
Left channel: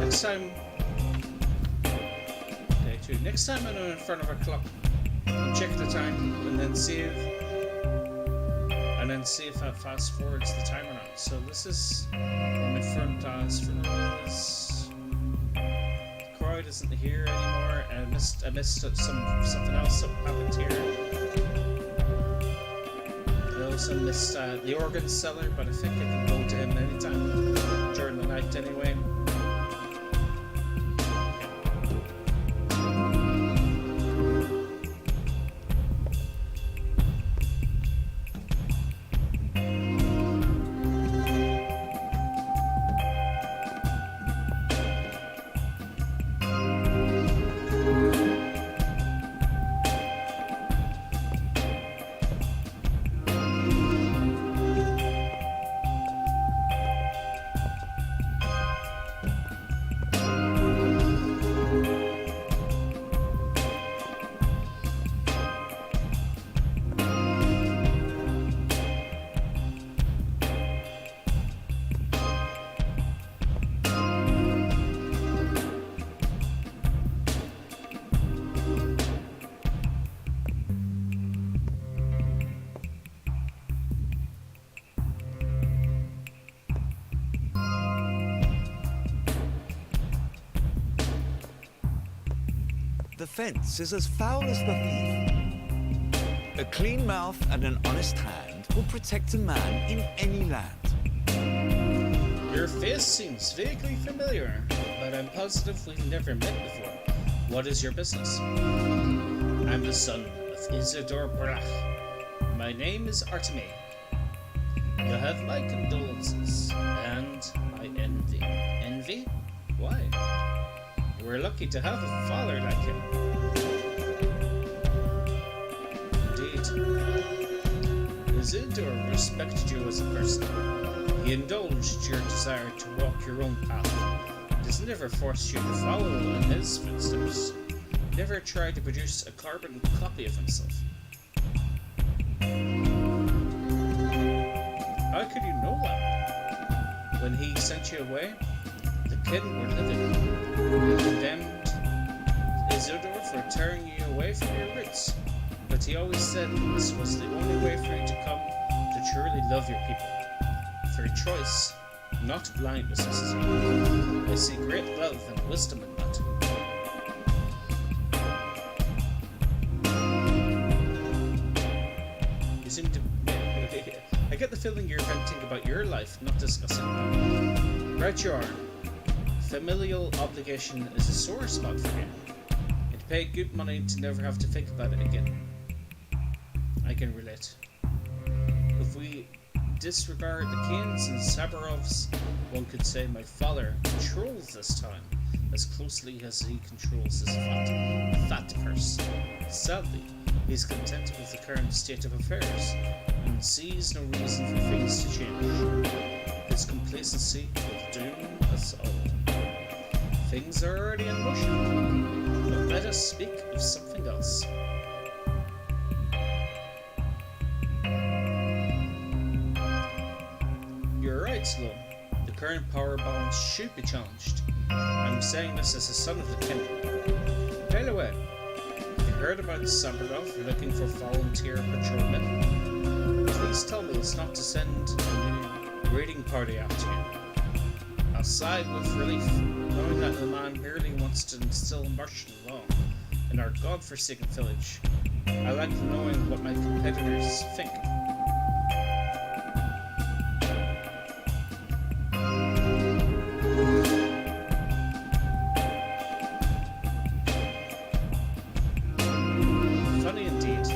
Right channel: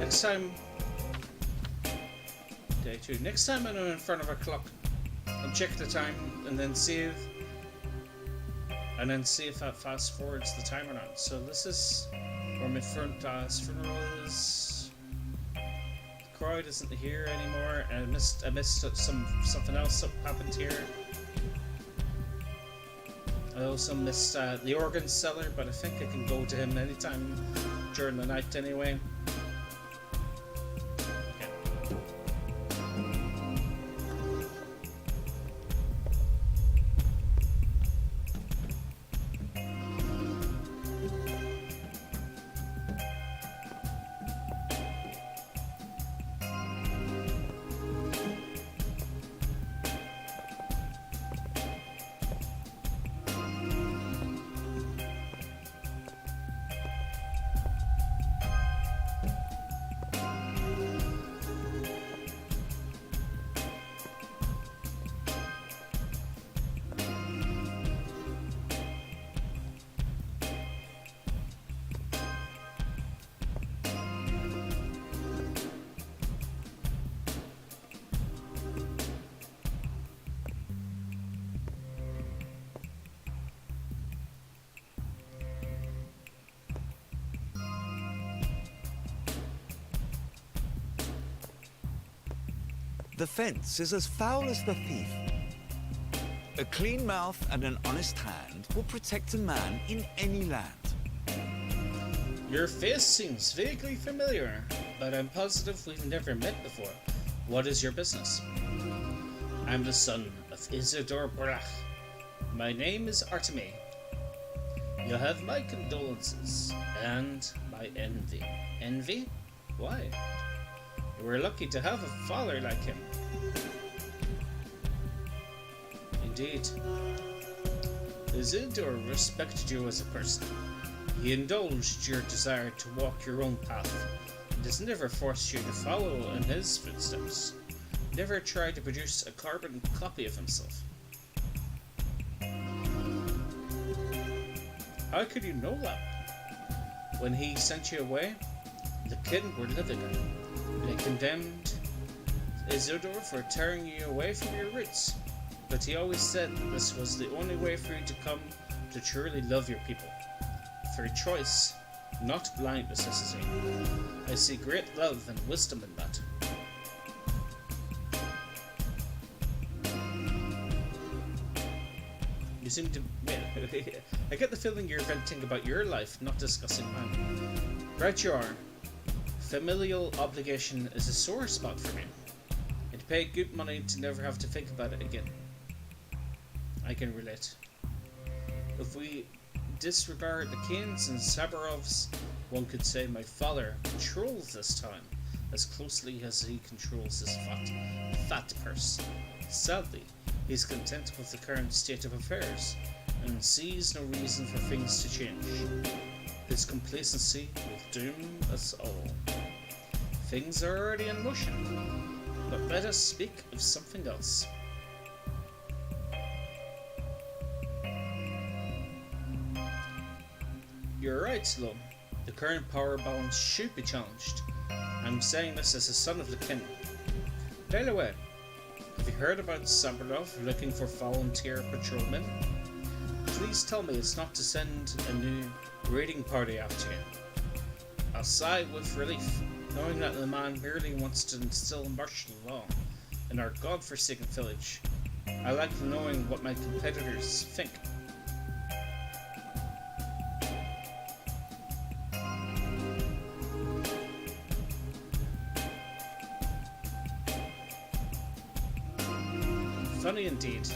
Next time, day 2. Next time I'm in front of a clock, I'll check the time and then save, and then see if that fast forwards the time or not. So this is where my front funeral is. The crowd isn't here anymore, and I missed something else that happened here. I also missed the organ seller, but I think I can go to him anytime during the night anyway. The fence is as foul as the thief. A clean mouth and an honest hand will protect a man in any land. Your face seems vaguely familiar, but I'm positive we've never met before. What is your business? I'm the son of Isidore Brach. My name is Artemy. You have my condolences and my envy. Envy? Why? You were lucky to have a father like him. Indeed. Isidore respected you as a person. He indulged your desire to walk your own path, and has never forced you to follow in his footsteps. Never tried to produce a carbon copy of himself. How could you know that? When he sent you away, the kin were living. They condemned Isidore for tearing you away from your roots, but he always said that this was the only way for you to come to truly love your people. Through choice, not blind necessity. I see great love and wisdom in that. You seem to... I get the feeling you're venting about your life, not discussing mine. Right you are. Familial obligation is a sore spot for me. It'd pay good money to never have to think about it again. I can relate. If we disregard the Kaines and Sabarovs, one could say my father controls this time as closely as he controls his fat purse. Sadly, he's content with the current state of affairs and sees no reason for things to change. His complacency will doom us all. Things are already in motion, but let us speak of something else. You're right, Sloan. The current power balance should be challenged. I'm saying this as a son of the kin. By the way, have you heard about Sabarov looking for volunteer patrolmen? Please tell me it's not to send a new raiding party after you. I'll sigh with relief, knowing that the man merely wants to instill martial law in our godforsaken village. I like knowing what my competitors think. Funny indeed.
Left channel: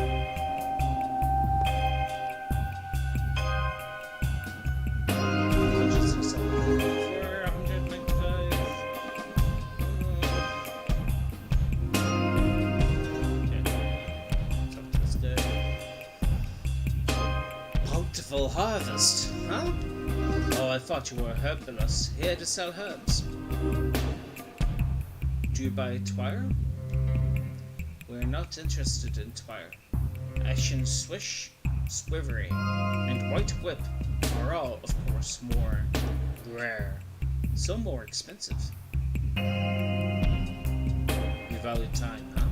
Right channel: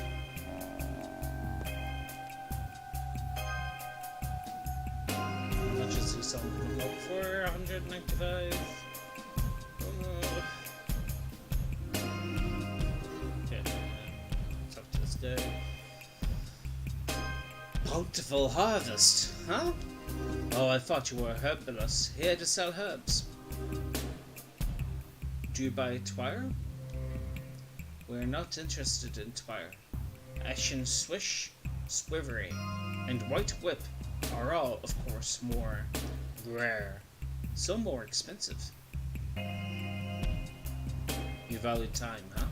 Adjusting something for 195. Okay. Talk to this guy. Bountiful harvest, huh? Oh, I thought you were a herbalist here to sell herbs. Do you buy twire? We're not interested in twire. Ashen swish, swivery, and white whip are all, of course, more rare, some more expensive. You value time, huh?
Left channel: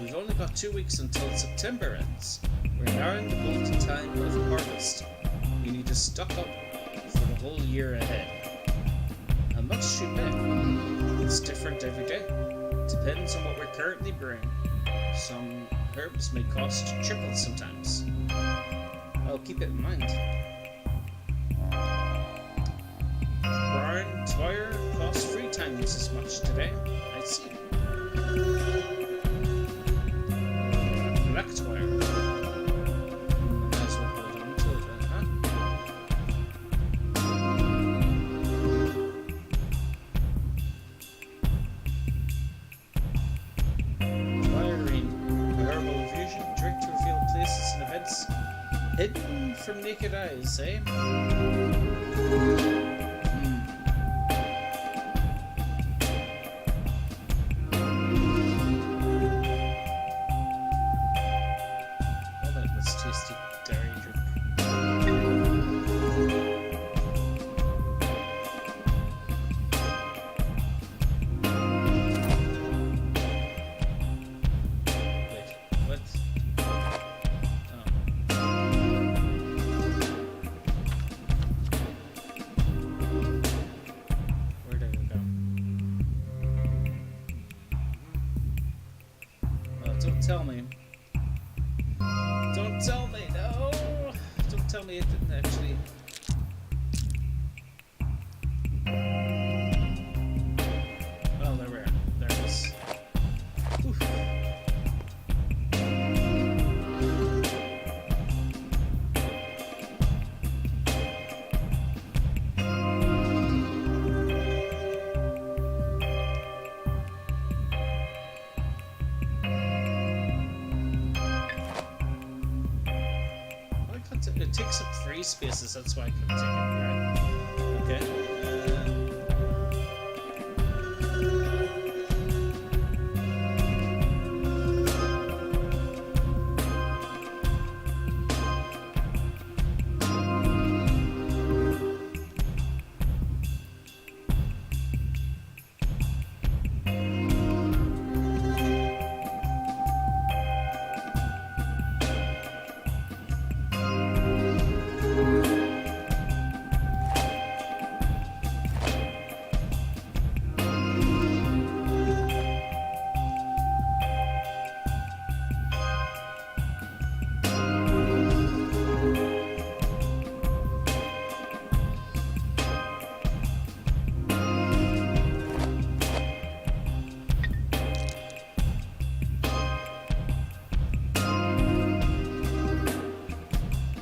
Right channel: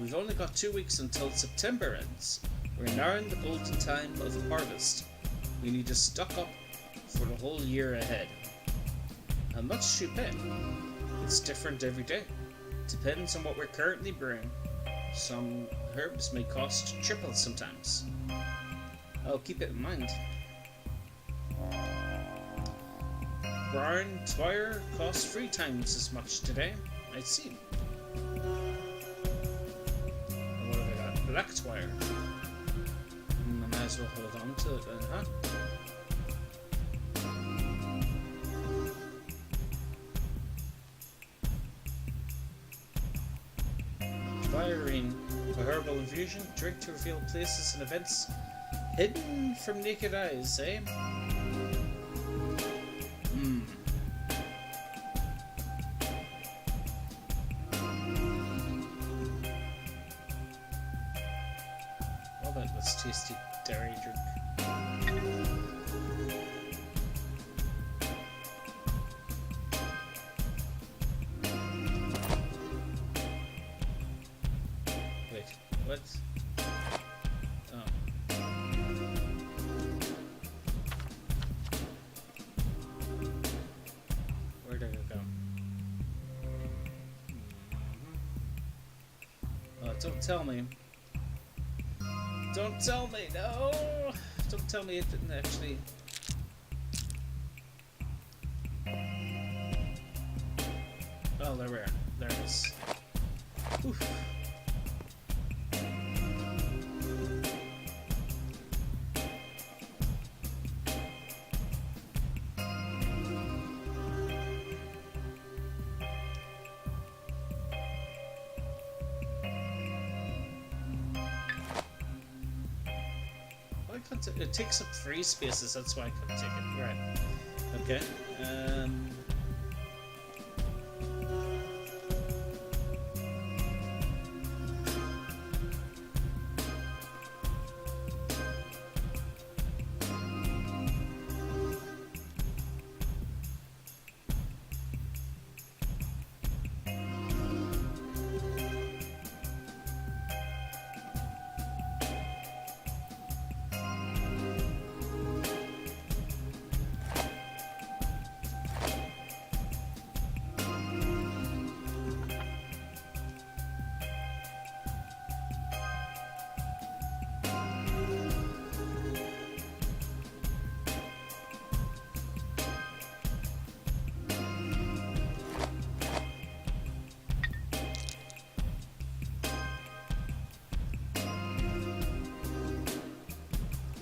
We've only got 2 weeks until September ends. We're now in the golden time of harvest. We need to stock up for the whole year ahead. How much do you pay? It's different every day. Depends on what we're currently brewing. Some herbs may cost triple sometimes. I'll keep it in mind. Brown twire costs 3 times as much today. I see. Black twire. I might as well hold on to it then, huh? A herbal infusion, drink to reveal places and events hidden from naked eyes, eh? What about this tasty dairy drink? What? Oh. Where did it go? Oh, don't tell me. Don't tell me, no! Don't tell me it didn't actually... It takes up 3 spaces, that's why I couldn't take it. You're right. Okay.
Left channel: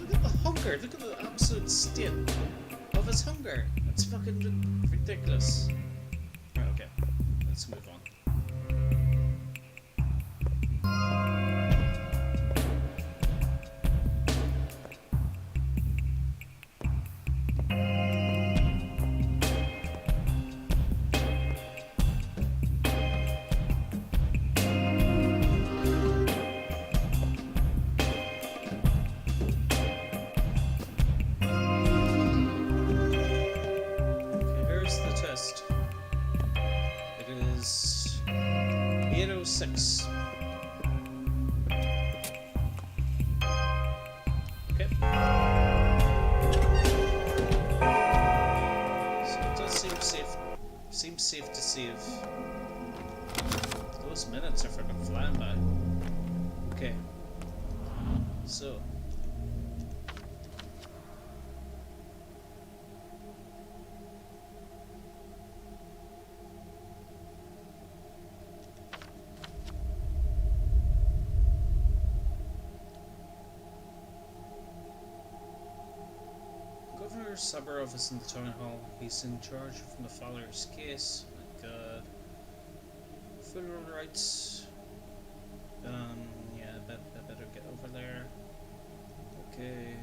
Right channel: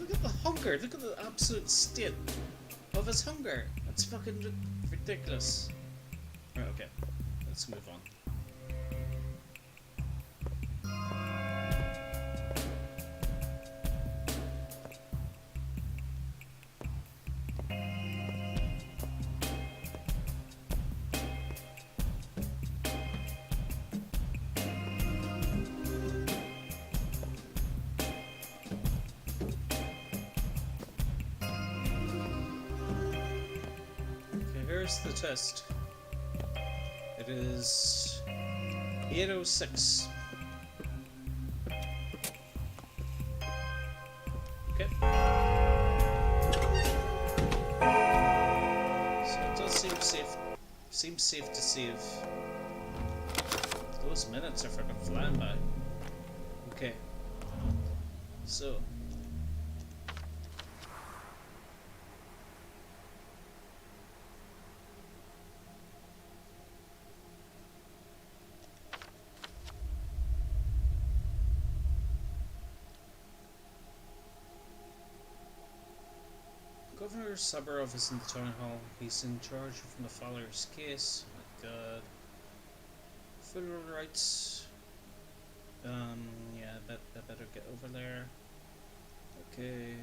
Look at the hunger. Look at the absolute state of his hunger. That's fucking ridiculous. Right, okay. Let's move on. Here's the test. It is 8:06. Okay. So it does seem safe. Seems safe to save. Those minutes are fucking flying by. Okay. So. Governor Sabarov is in the town hall. He's in charge of the Fowler's case. Oh my god. Federal rights. Yeah, I better get over there. Okay.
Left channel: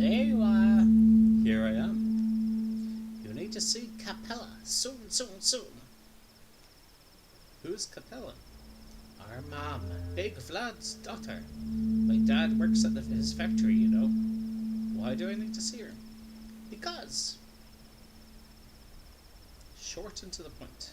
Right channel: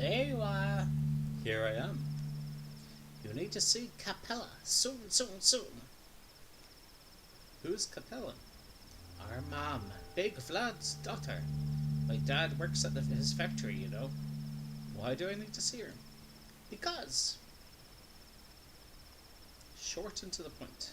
There you are. Here I am. You need to see Capella soon, soon, soon. Who's Capella? Our mom, Big Vlad's daughter. My dad works at his factory, you know. Why do I need to see her? Because. Short and to the point.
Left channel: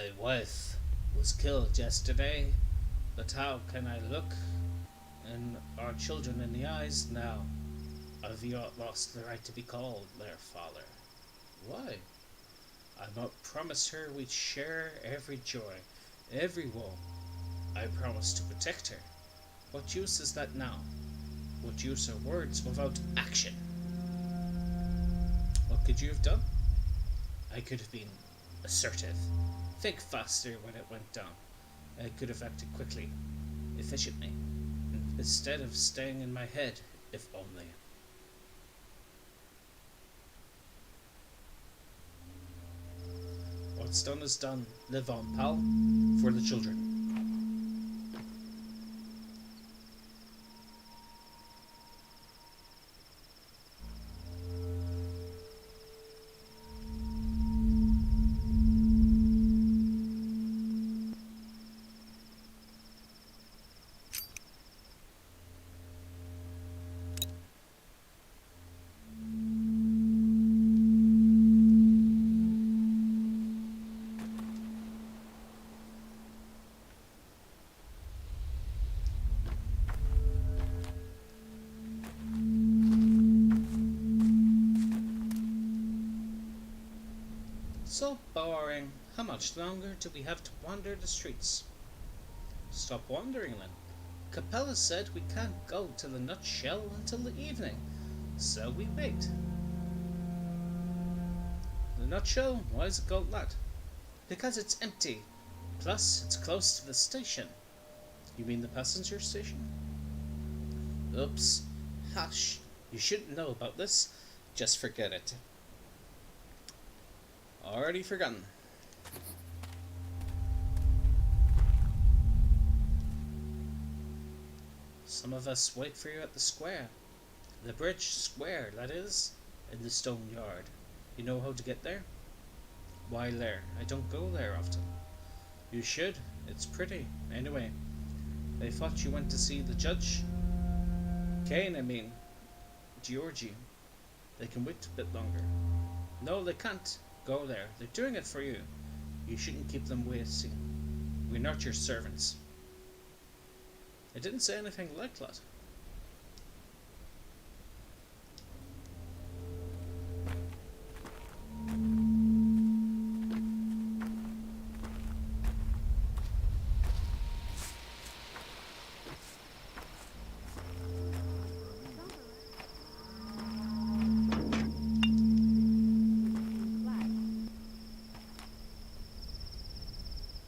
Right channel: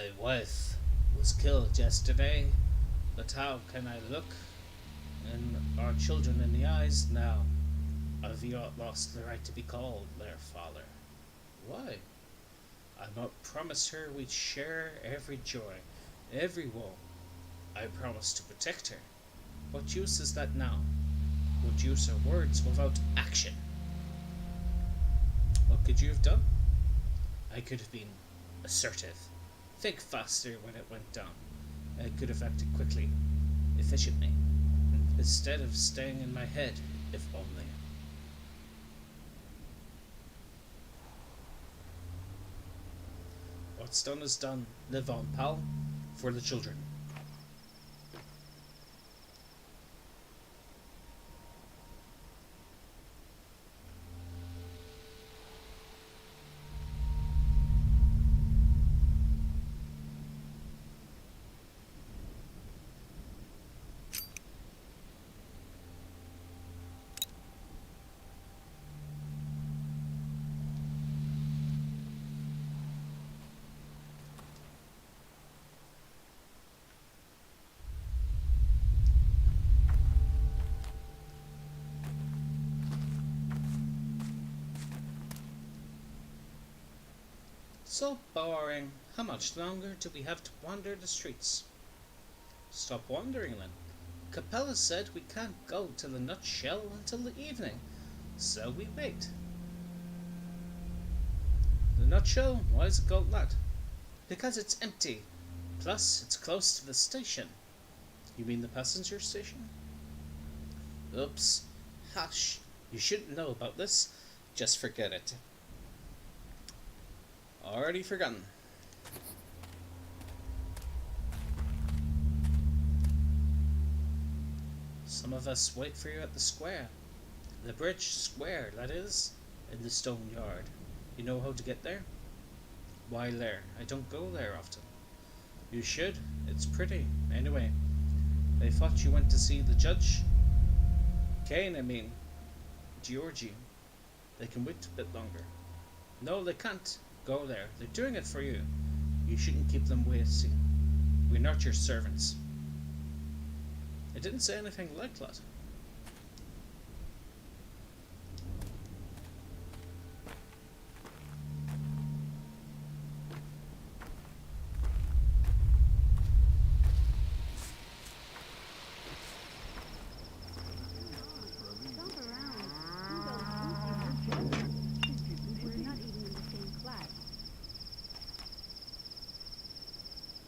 My wife was killed yesterday, but how can I look in our children in the eyes now? I've yet lost the right to be called their father. Why? I promised her we'd share every joy, every woe. I promised to protect her. What use is that now? What use are words without action? What could you have done? I could have been assertive. Think faster when it went down. I could have acted quickly, efficiently, instead of staying in my head, if only. What's done is done. Live on, pal. For the children. So boring. How much longer do we have to wander the streets? Stop wandering then. Capella said we can't go to the nutshell until the evening, so we wait. The nutshell? Why is it called that? Because it's empty. Plus, it's close to the station. You mean the passenger station? Oops. Hush. You shouldn't know about this. Just forget it. Already forgotten. Some of us wait for you at the square. The bridge square, that is, in the stone yard. You know how to get there? Why there? I don't go there often. You should. It's pretty. Anyway, I thought you went to see the judge. Kaine, I mean. Georgie. They can wait a bit longer. No, they can't. Go there. They're doing it for you. You shouldn't keep them waiting. We're not your servants. I didn't say anything like that.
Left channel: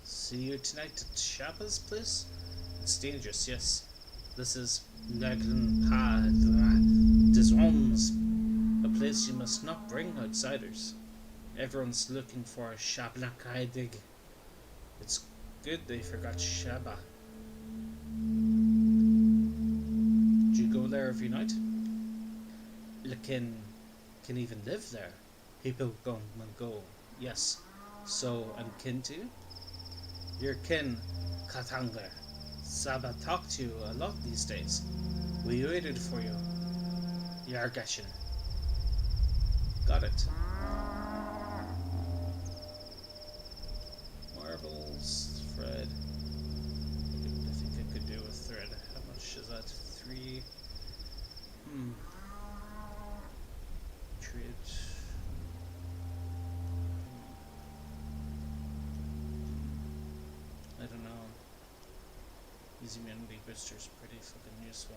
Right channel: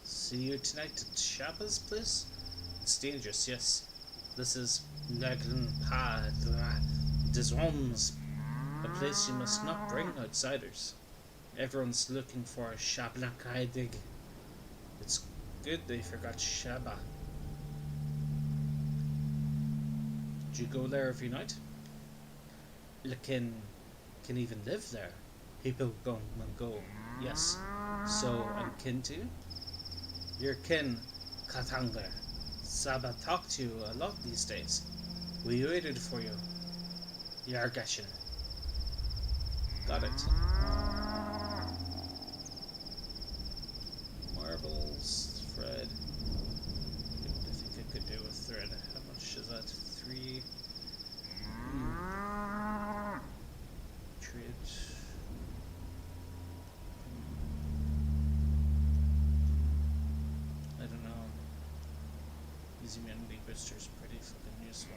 See you tonight at Shabba's place? It's dangerous, yes. This is Naglan Padra des Roms, a place you must not bring outsiders. Everyone's looking for a Shablakaidig. It's good they forgot Shabba. Do you go there every night? Lakin can even live there. People come and go, yes. So, and kin too? Your kin, Katanga. Saba talked to you a lot these days. We waited for you. Yargashin. Got it. Marbles, thread. I think I could do a thread. How much is that? 3. Trade. I don't know. Easy immunity booster's pretty fucking useful.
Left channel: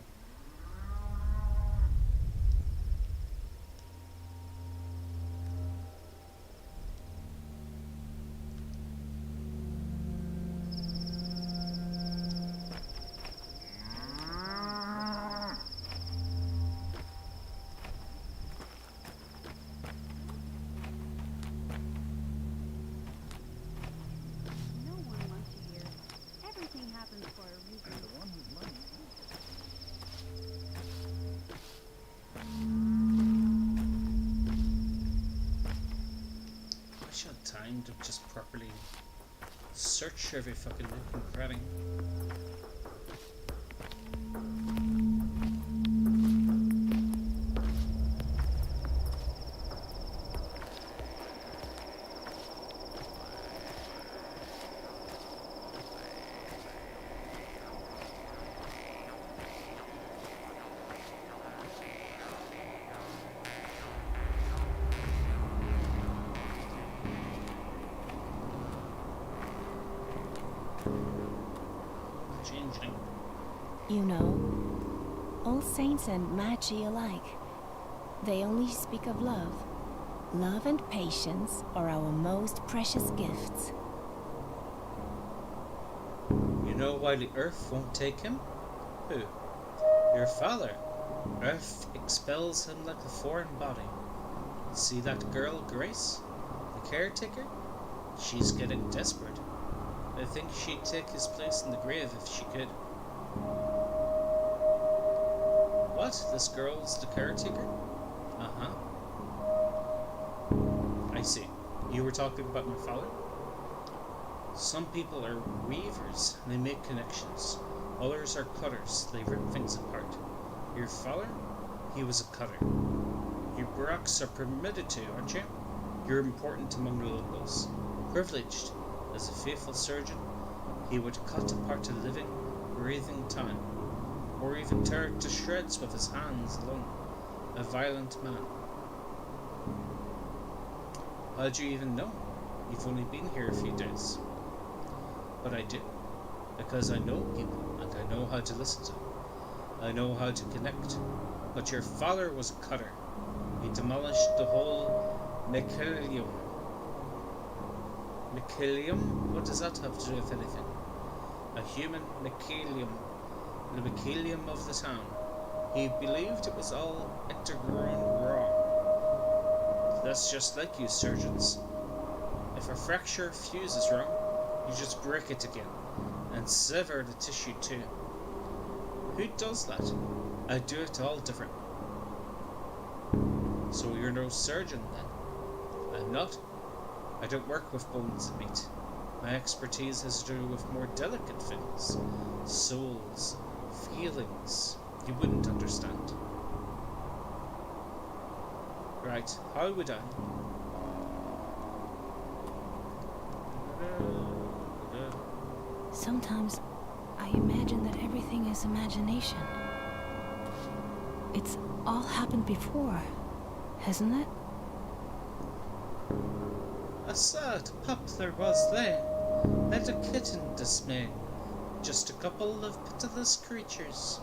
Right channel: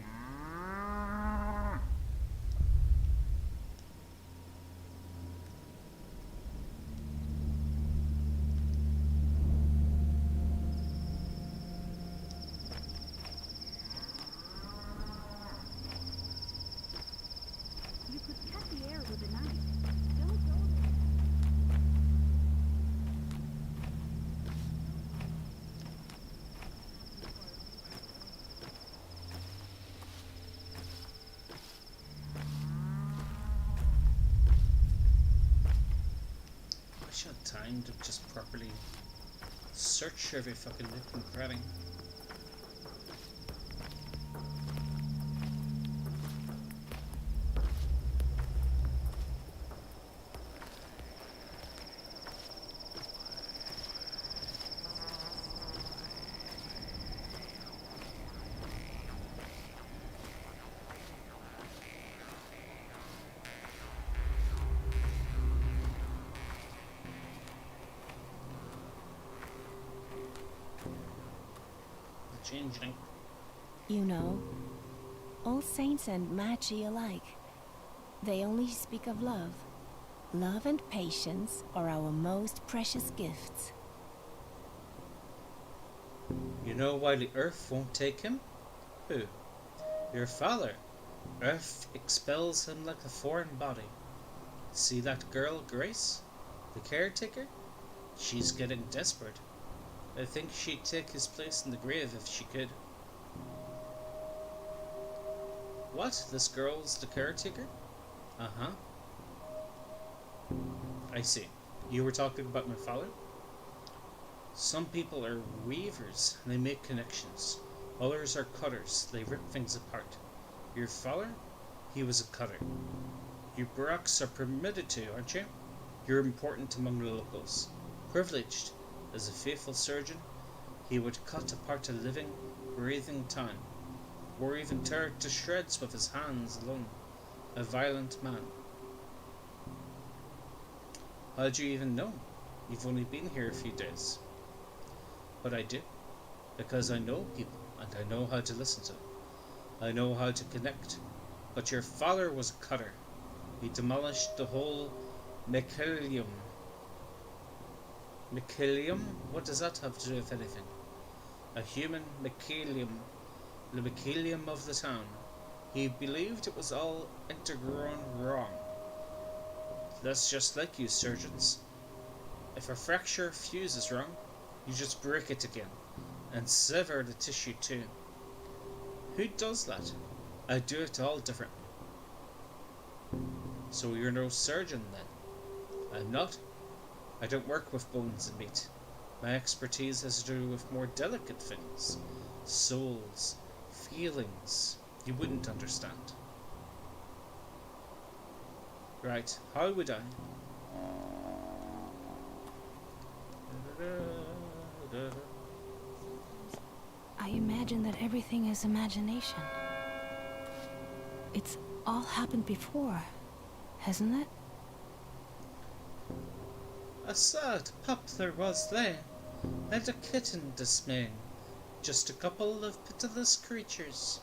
Time to just properly search every fucking nook and cranny. changeling. You know, all saints and magi alike, they only speak of love. Love and patience are our most precious gifts. You know why the Earth won't take him? Who? Your father. Earth expels him like a foreign body. See that girl, Grace? The caretaker? She's getting desperate. I think she'd take his place in the grave if she could. What? This girl's the caretaker? Uh-huh. I see. You were talking about my father? Some people are weavers, they make connections. Others are cutters, they rip things apart. Your father? He was a cutter. You Barracks are permitted to, aren't you? You're important among the locals. Privileged. As a faithful surgeon, he would cut apart a living, breathing town, or even tear it to shreds with his hands alone. A violent man. How do you even know? You've only been here a few days. But I do, because I know people, and I know how to listen to them. I know how to connect. But your father was a cutter. He demolished the whole mycelium. Mycelium? What does that have to do with anything? A human mycelium. The mycelium of the town. He believed it was all intergrown wrong. That's just like you surgeons. If a fracture fuse is wrong, you just break it again, and sever the tissue too. Who does that? I do it all different. So you're no surgeon then? I'm not. I don't work with bones and meat. My expertise has to do with more delicate things. Souls, feelings, you wouldn't understand. Right, how would I? Sometimes I imagine that everything is imagination. It's all happened before, hasn't it? A sad pup there was there, and a kitten dismaying. Just a couple of pitiless creatures.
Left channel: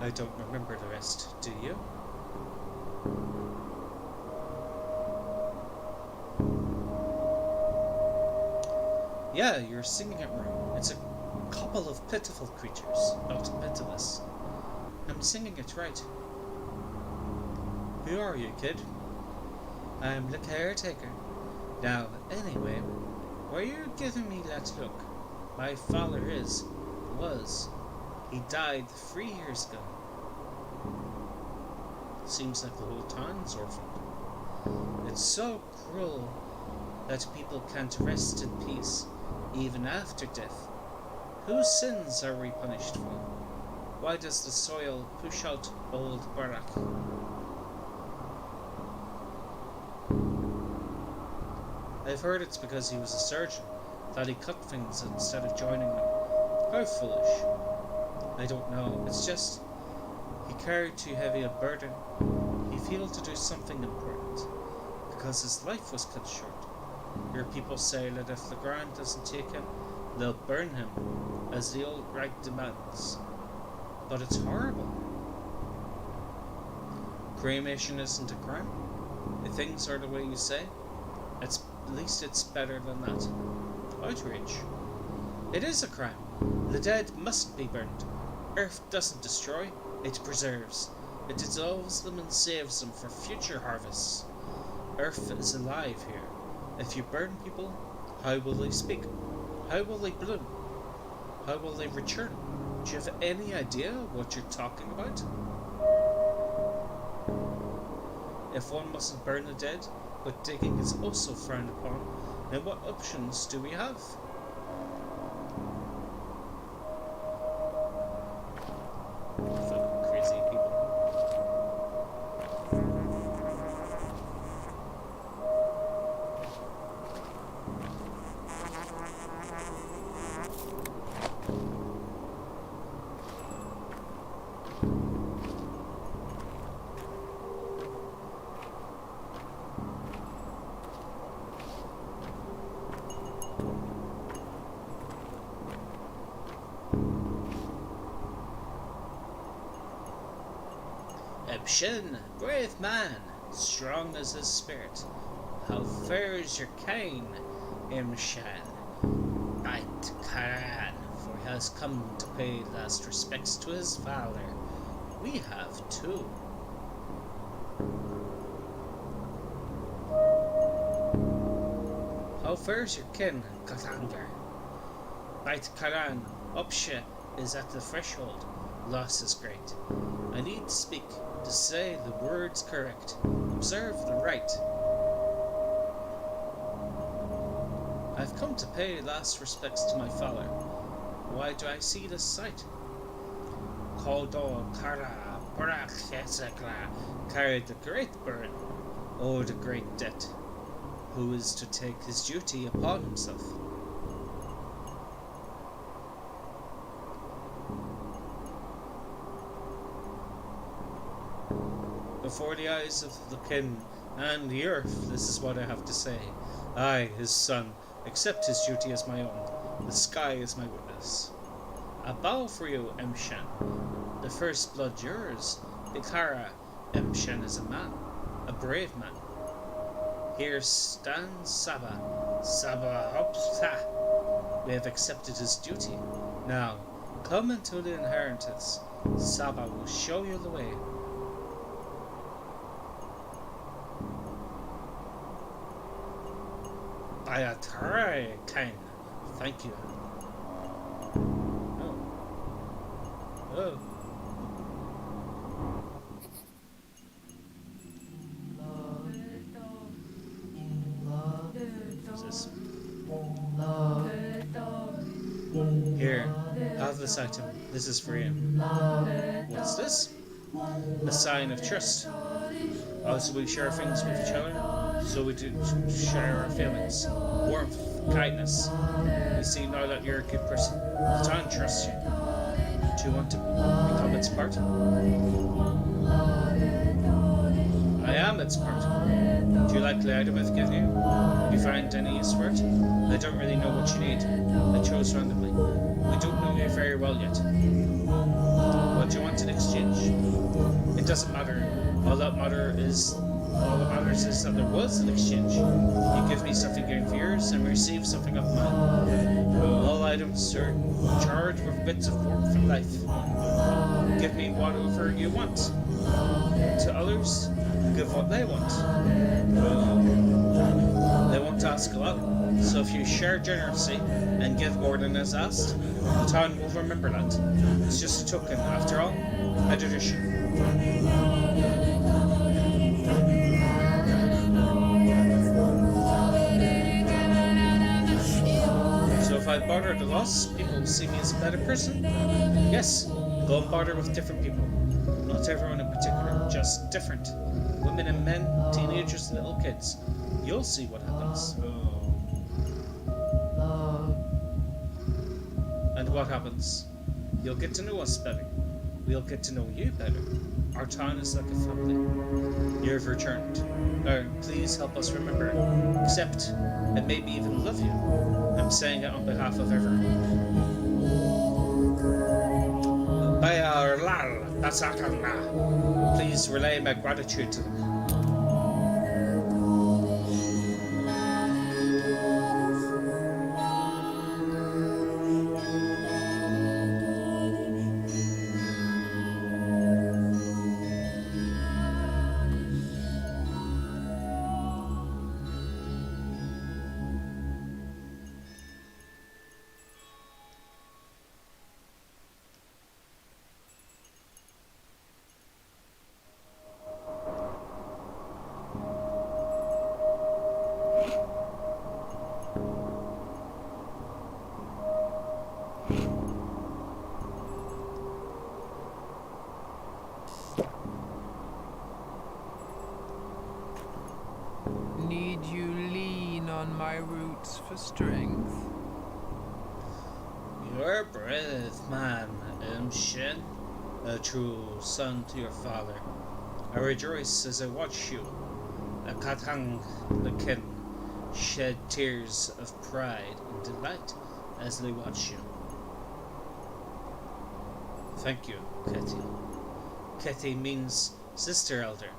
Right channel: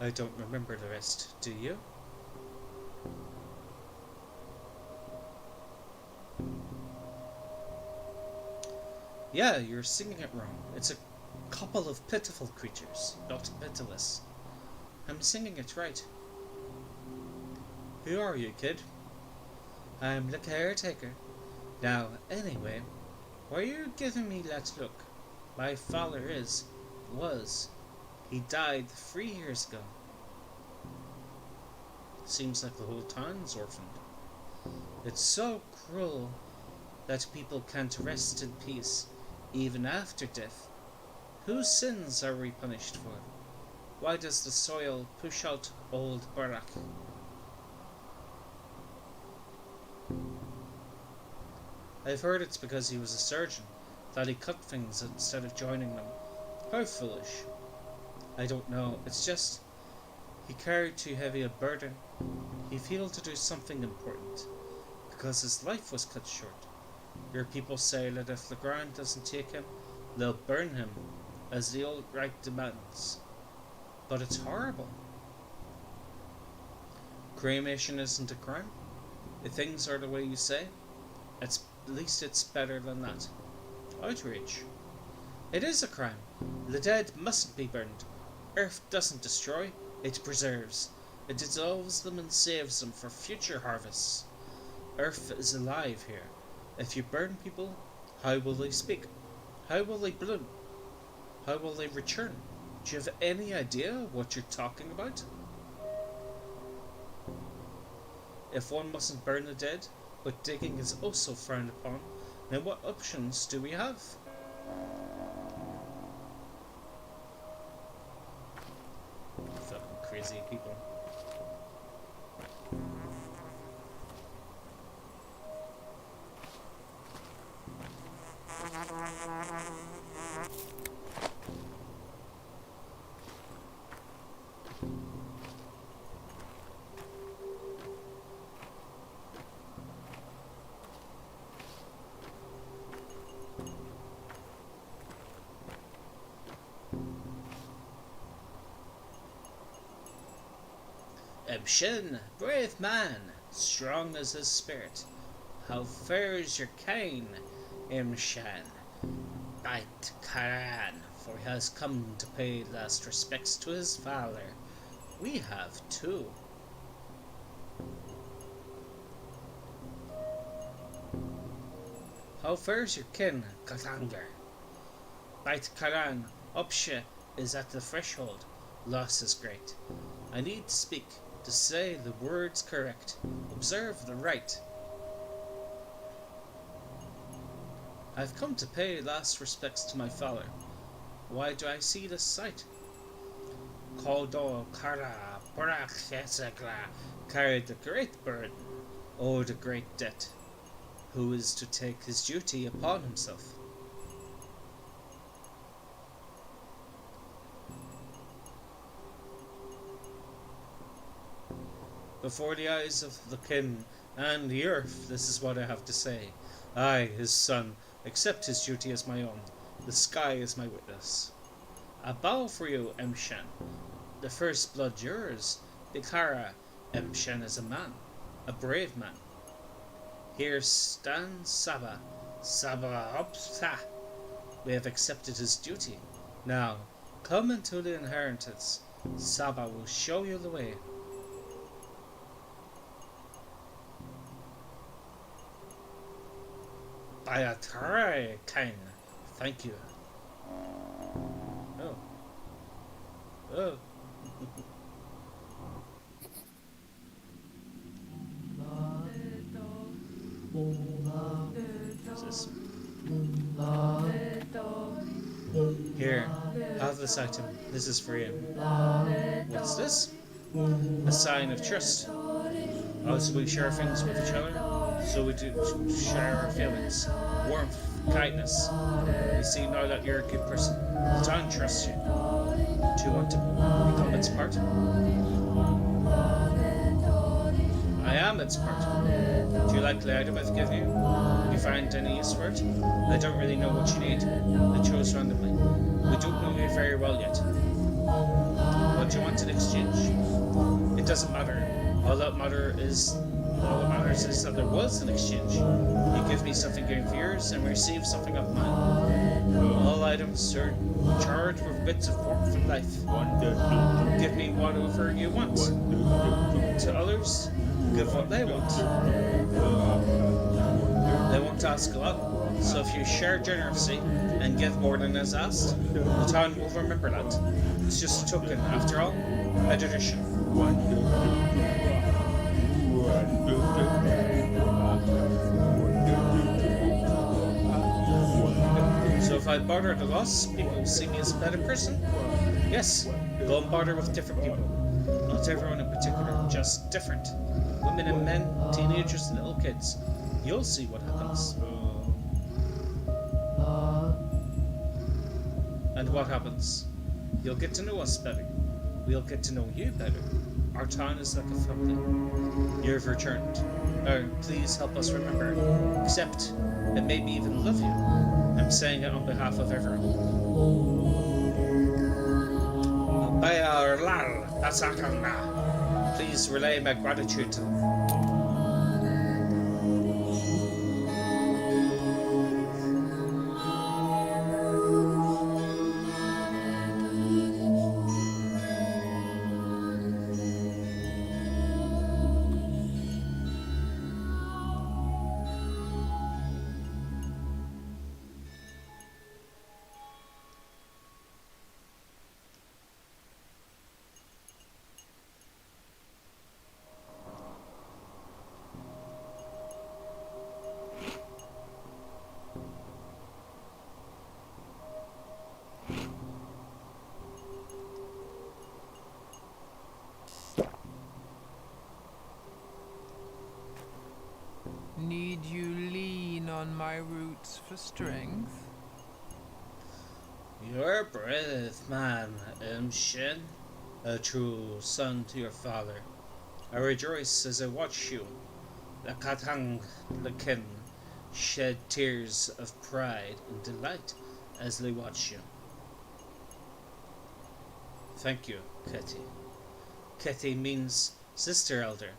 I don't remember the rest, do you? Yeah, you're singing it wrong. It's a couple of pitiful creatures, not pitiless. I'm singing it right. Who are you, kid? I'm the caretaker. Now, anyway, why are you giving me that look? My father was. He died 3 years ago. Seems like the whole town's orphaned. It's so cruel that people can't rest in peace, even after death. Whose sins are we punished for? Why does the soil push out old Barak? I've heard it's because he was a surgeon, that he cut things instead of joining them. How foolish. I don't know, it's just he carried too heavy a burden. He failed to do something important, because his life was cut short. Your people say that if the ground doesn't take him, they'll burn him, as the old rite demands. But it's horrible. Cremation isn't a crime. If things are the way you say, at least it's better than that. Outrage. It is a crime. The dead mustn't be burned. Earth doesn't destroy, it preserves. It dissolves them and saves them for future harvests. Earth is alive here. If you burn people, how will they speak? How will they bloom? How will they return? Do you have any idea what you're talking about? If one mustn't burn the dead, but digging is also frowned upon, then what options do we have? Fucking crazy people. Ebshin, brave man, strong as his spirit. How fares your Kaine, Imshan? Bite Karan, for he has come to pay last respects to his father. We have too. How fares your kin, Kathanger? Bite Karan, Upshe is at the threshold. Loss is great. I need to speak, to say the words correct. Observe the right. I've come to pay last respects to my father. Why do I see this sight? Kodo Kara Parakhesekla carried the great burden, oh the great debt. Who is to take his duty upon himself? Before the eyes of the kin and the earth, this is what I have to say. I, his son, accept his duty as my own. The sky is my witness. I bow for you, Emshen. The first blood yours. Bikara, Emshen is a man, a brave man. Here stands Saba. Saba Hopsa. We have accepted his duty. Now, come into the inheritance. Saba will show you the way. Ayatare, Kaine. Thank you. Oh. Oh. What's this? Here, have this item. This is for you. What's this? A sign of trust. Also, we share things with each other, so we do share our feelings. Warmth, kindness. We see now that you're a good person. The town trusts you. Do you want to become its part? I am its part. Do you like the item I've given you? Do you find any use for it? I don't really know what you need. I chose randomly. We don't know you very well yet. What do you want in exchange? It doesn't matter. All that matters is that there was an exchange. You give me something going for yours, and receive something of mine. All items are charged with bits of warmth and life. Give me whatever you want. To others, give what they want. They won't ask a lot, so if you share generously and give more than is asked, the town will remember that. It's just a token, after all, a tradition. So if I barter the loss, people will see me as a better person? Yes, go and barter with different people. Not everyone in particular, just different. Women and men, teenagers and little kids. You'll see what happens. And what happens? You'll get to know us better. We'll get to know you better. Our town is like a family. You've returned. Please help us remember, accept, and maybe even love you. I'm saying it on behalf of everyone. Please relay my gratitude to them. Need you lean on my roots for strength? You're a brave man, Shin, a true son to your father. I rejoice as I watch you. The Katang, the kin, shed tears of pride and delight as they watch you. Thank you, Keti. Keti means Sister Elder,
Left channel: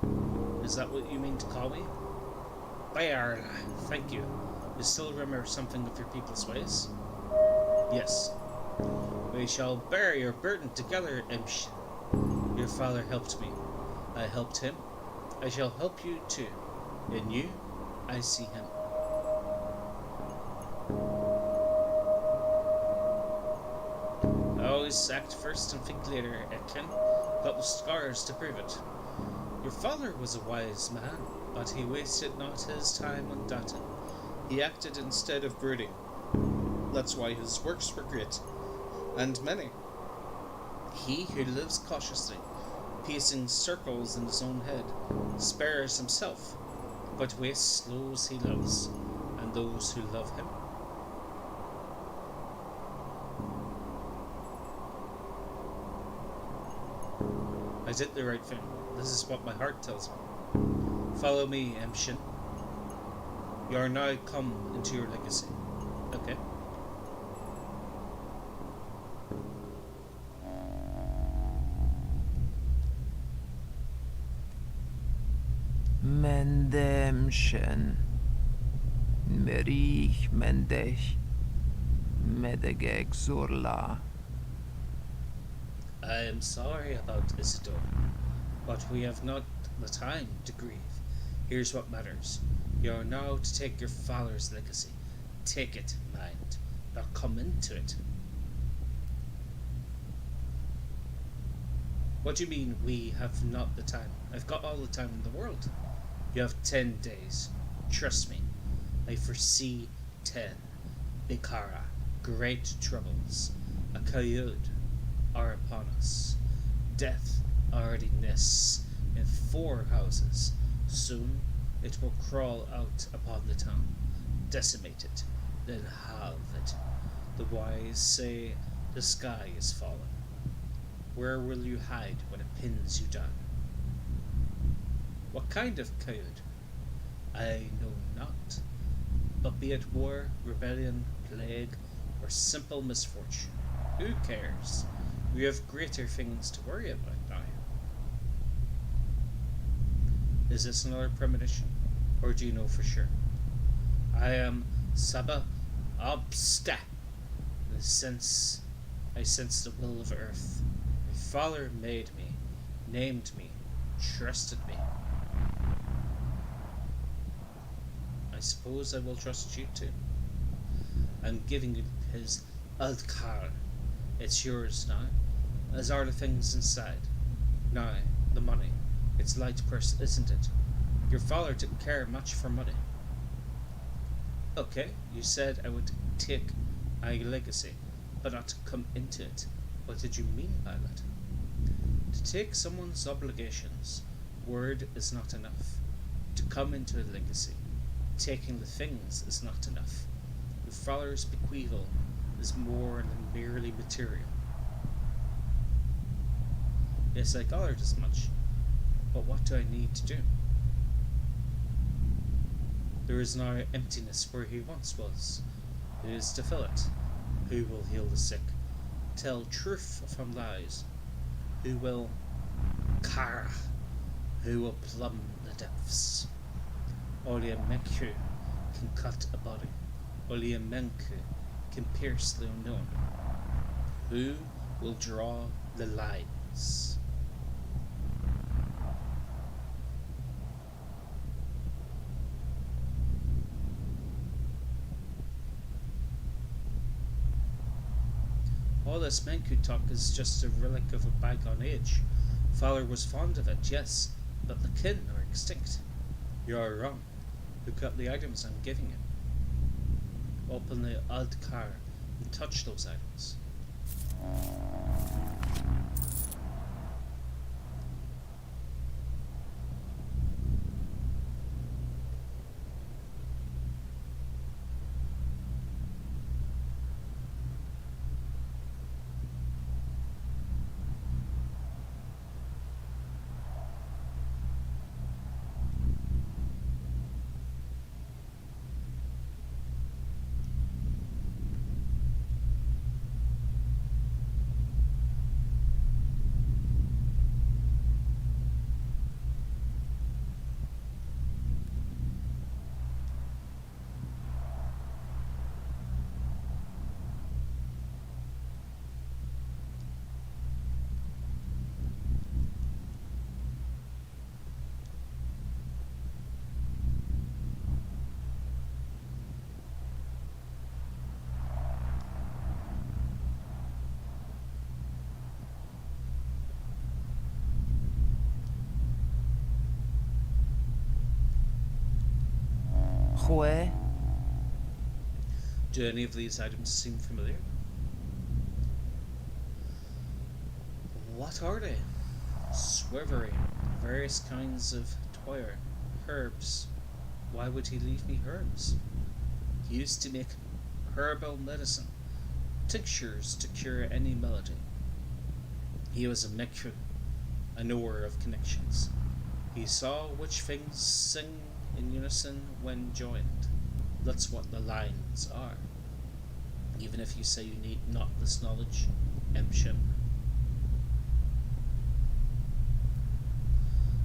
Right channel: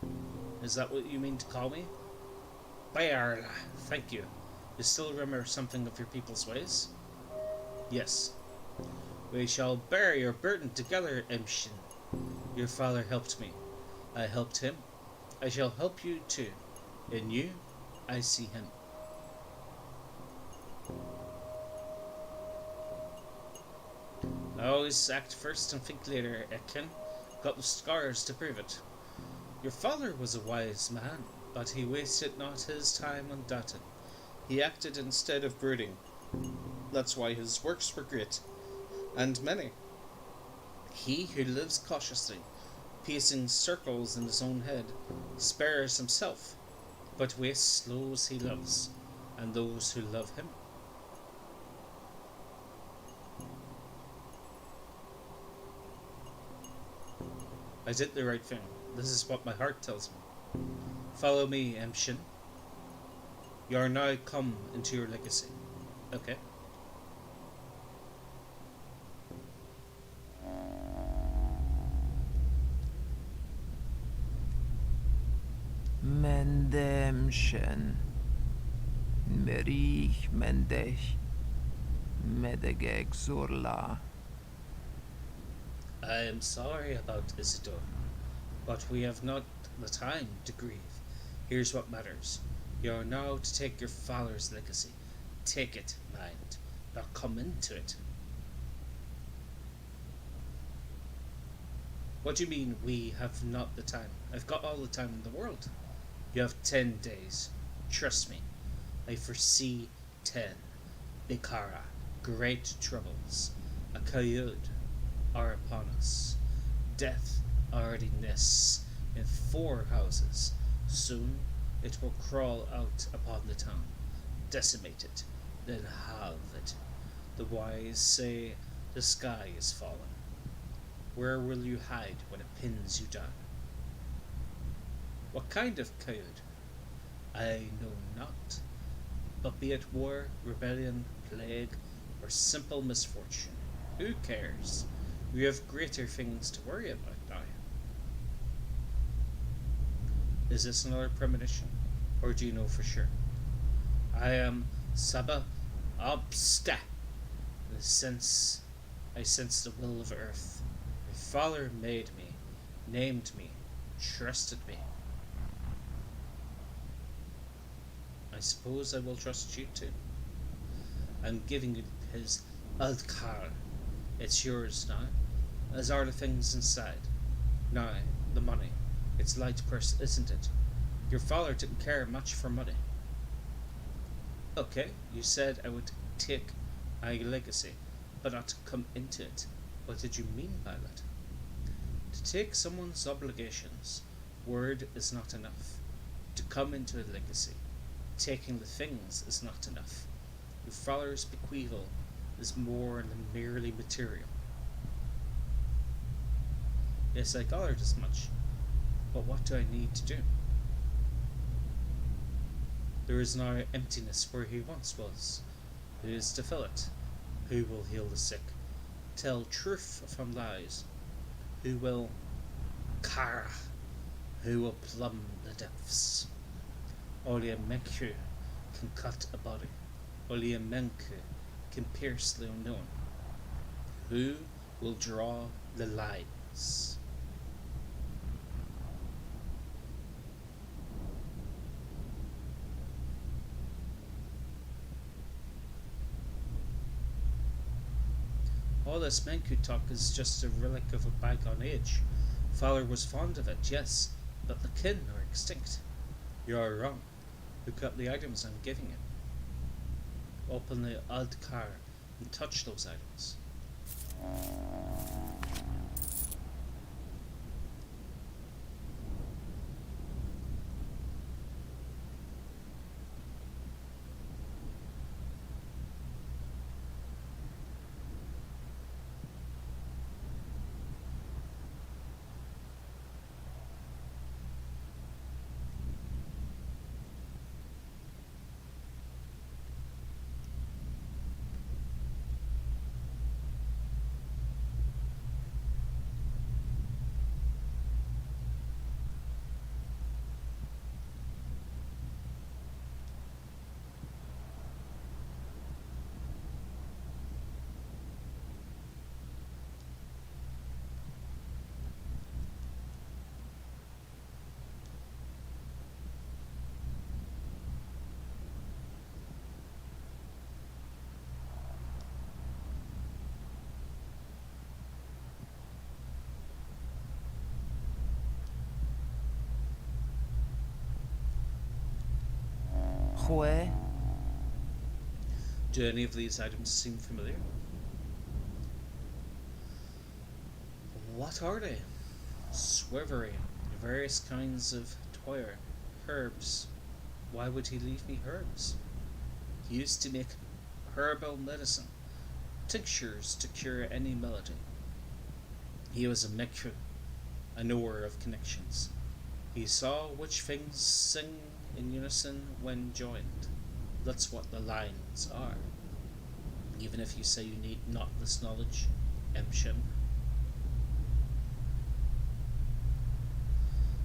is that what you mean to call me? Bayarla, thank you. You still remember something of your people's ways? Yes. We shall bear your burden together, Emshin. Your father helped me. I helped him. I shall help you too. In you, I see him. I always act first and think later, Ekin. Got the scars to prove it. Your father was a wise man, but he wasted not his time on doubting. He acted instead of brooding. That's why his works were great, and many. He who lives cautiously, pacing circles in his own head, spares himself, but wastes those he loves, and those who love him. I did the right thing. This is what my heart tells me. Follow me, Emshin. You are now come into your legacy. Okay? Mendemshen. Merich Mendech. Medegeg Zurla. I am sorry about Isidore, but we have not the time to grieve. Here's what matters. You are now to take your father's legacy. Take it, mind, not come into it. What do you mean, we have not the time? I've got all the time in the world. You have 10 days. Trust me. I foresee 10. Bikara, great troubles. A Kayud are upon us. Death already nests in 4 houses. Soon it will crawl out upon the town, decimate it, then halve it. The wise say the sky is falling. Where will you hide when it pins you down? What kind of Kayud? I know not. But be it war, rebellion, plague, or simple misfortune, who cares? We have greater things to worry about now. Is this another premonition, or do you know for sure? I am Saba Obsta. In a sense, I sense the will of Earth. My father made me, named me, trusted me. I suppose I will trust you too. I'm giving you his Aldkar. It's yours now, as are the things inside. Now, the money. It's light purse, isn't it? Your father didn't care much for money. Okay, you said I would take my legacy, but not come into it. What did you mean by that? To take someone's obligations, word is not enough. To come into a legacy, taking the things is not enough. Your father's bequeathal is more than merely material. Yes, I gathered as much, but what do I need to do? There is now emptiness where he once was. Who is to fill it? Who will heal the sick? Tell truth from lies? Who will Kara? Who will plumb the depths? Only a Menku can cut a body. Only a Menku can pierce the unknown. Who will draw the lines? All this Menku talk is just a relic of a bygone age. Father was fond of it, yes, but the kin are extinct. You are wrong. Look at the items I'm giving you. Open the Aldkar and touch those items. toy. Do any of these items seem familiar? What are they? Swivery, various kinds of toyer, herbs. Why would he leave me herbs? He used to make herbal medicine, tinctures to cure any malady. He was a Mekru, a knower of connections. He saw which things sing in unison when joined. That's what the lines are. Even if you say you need not this knowledge, Emshin.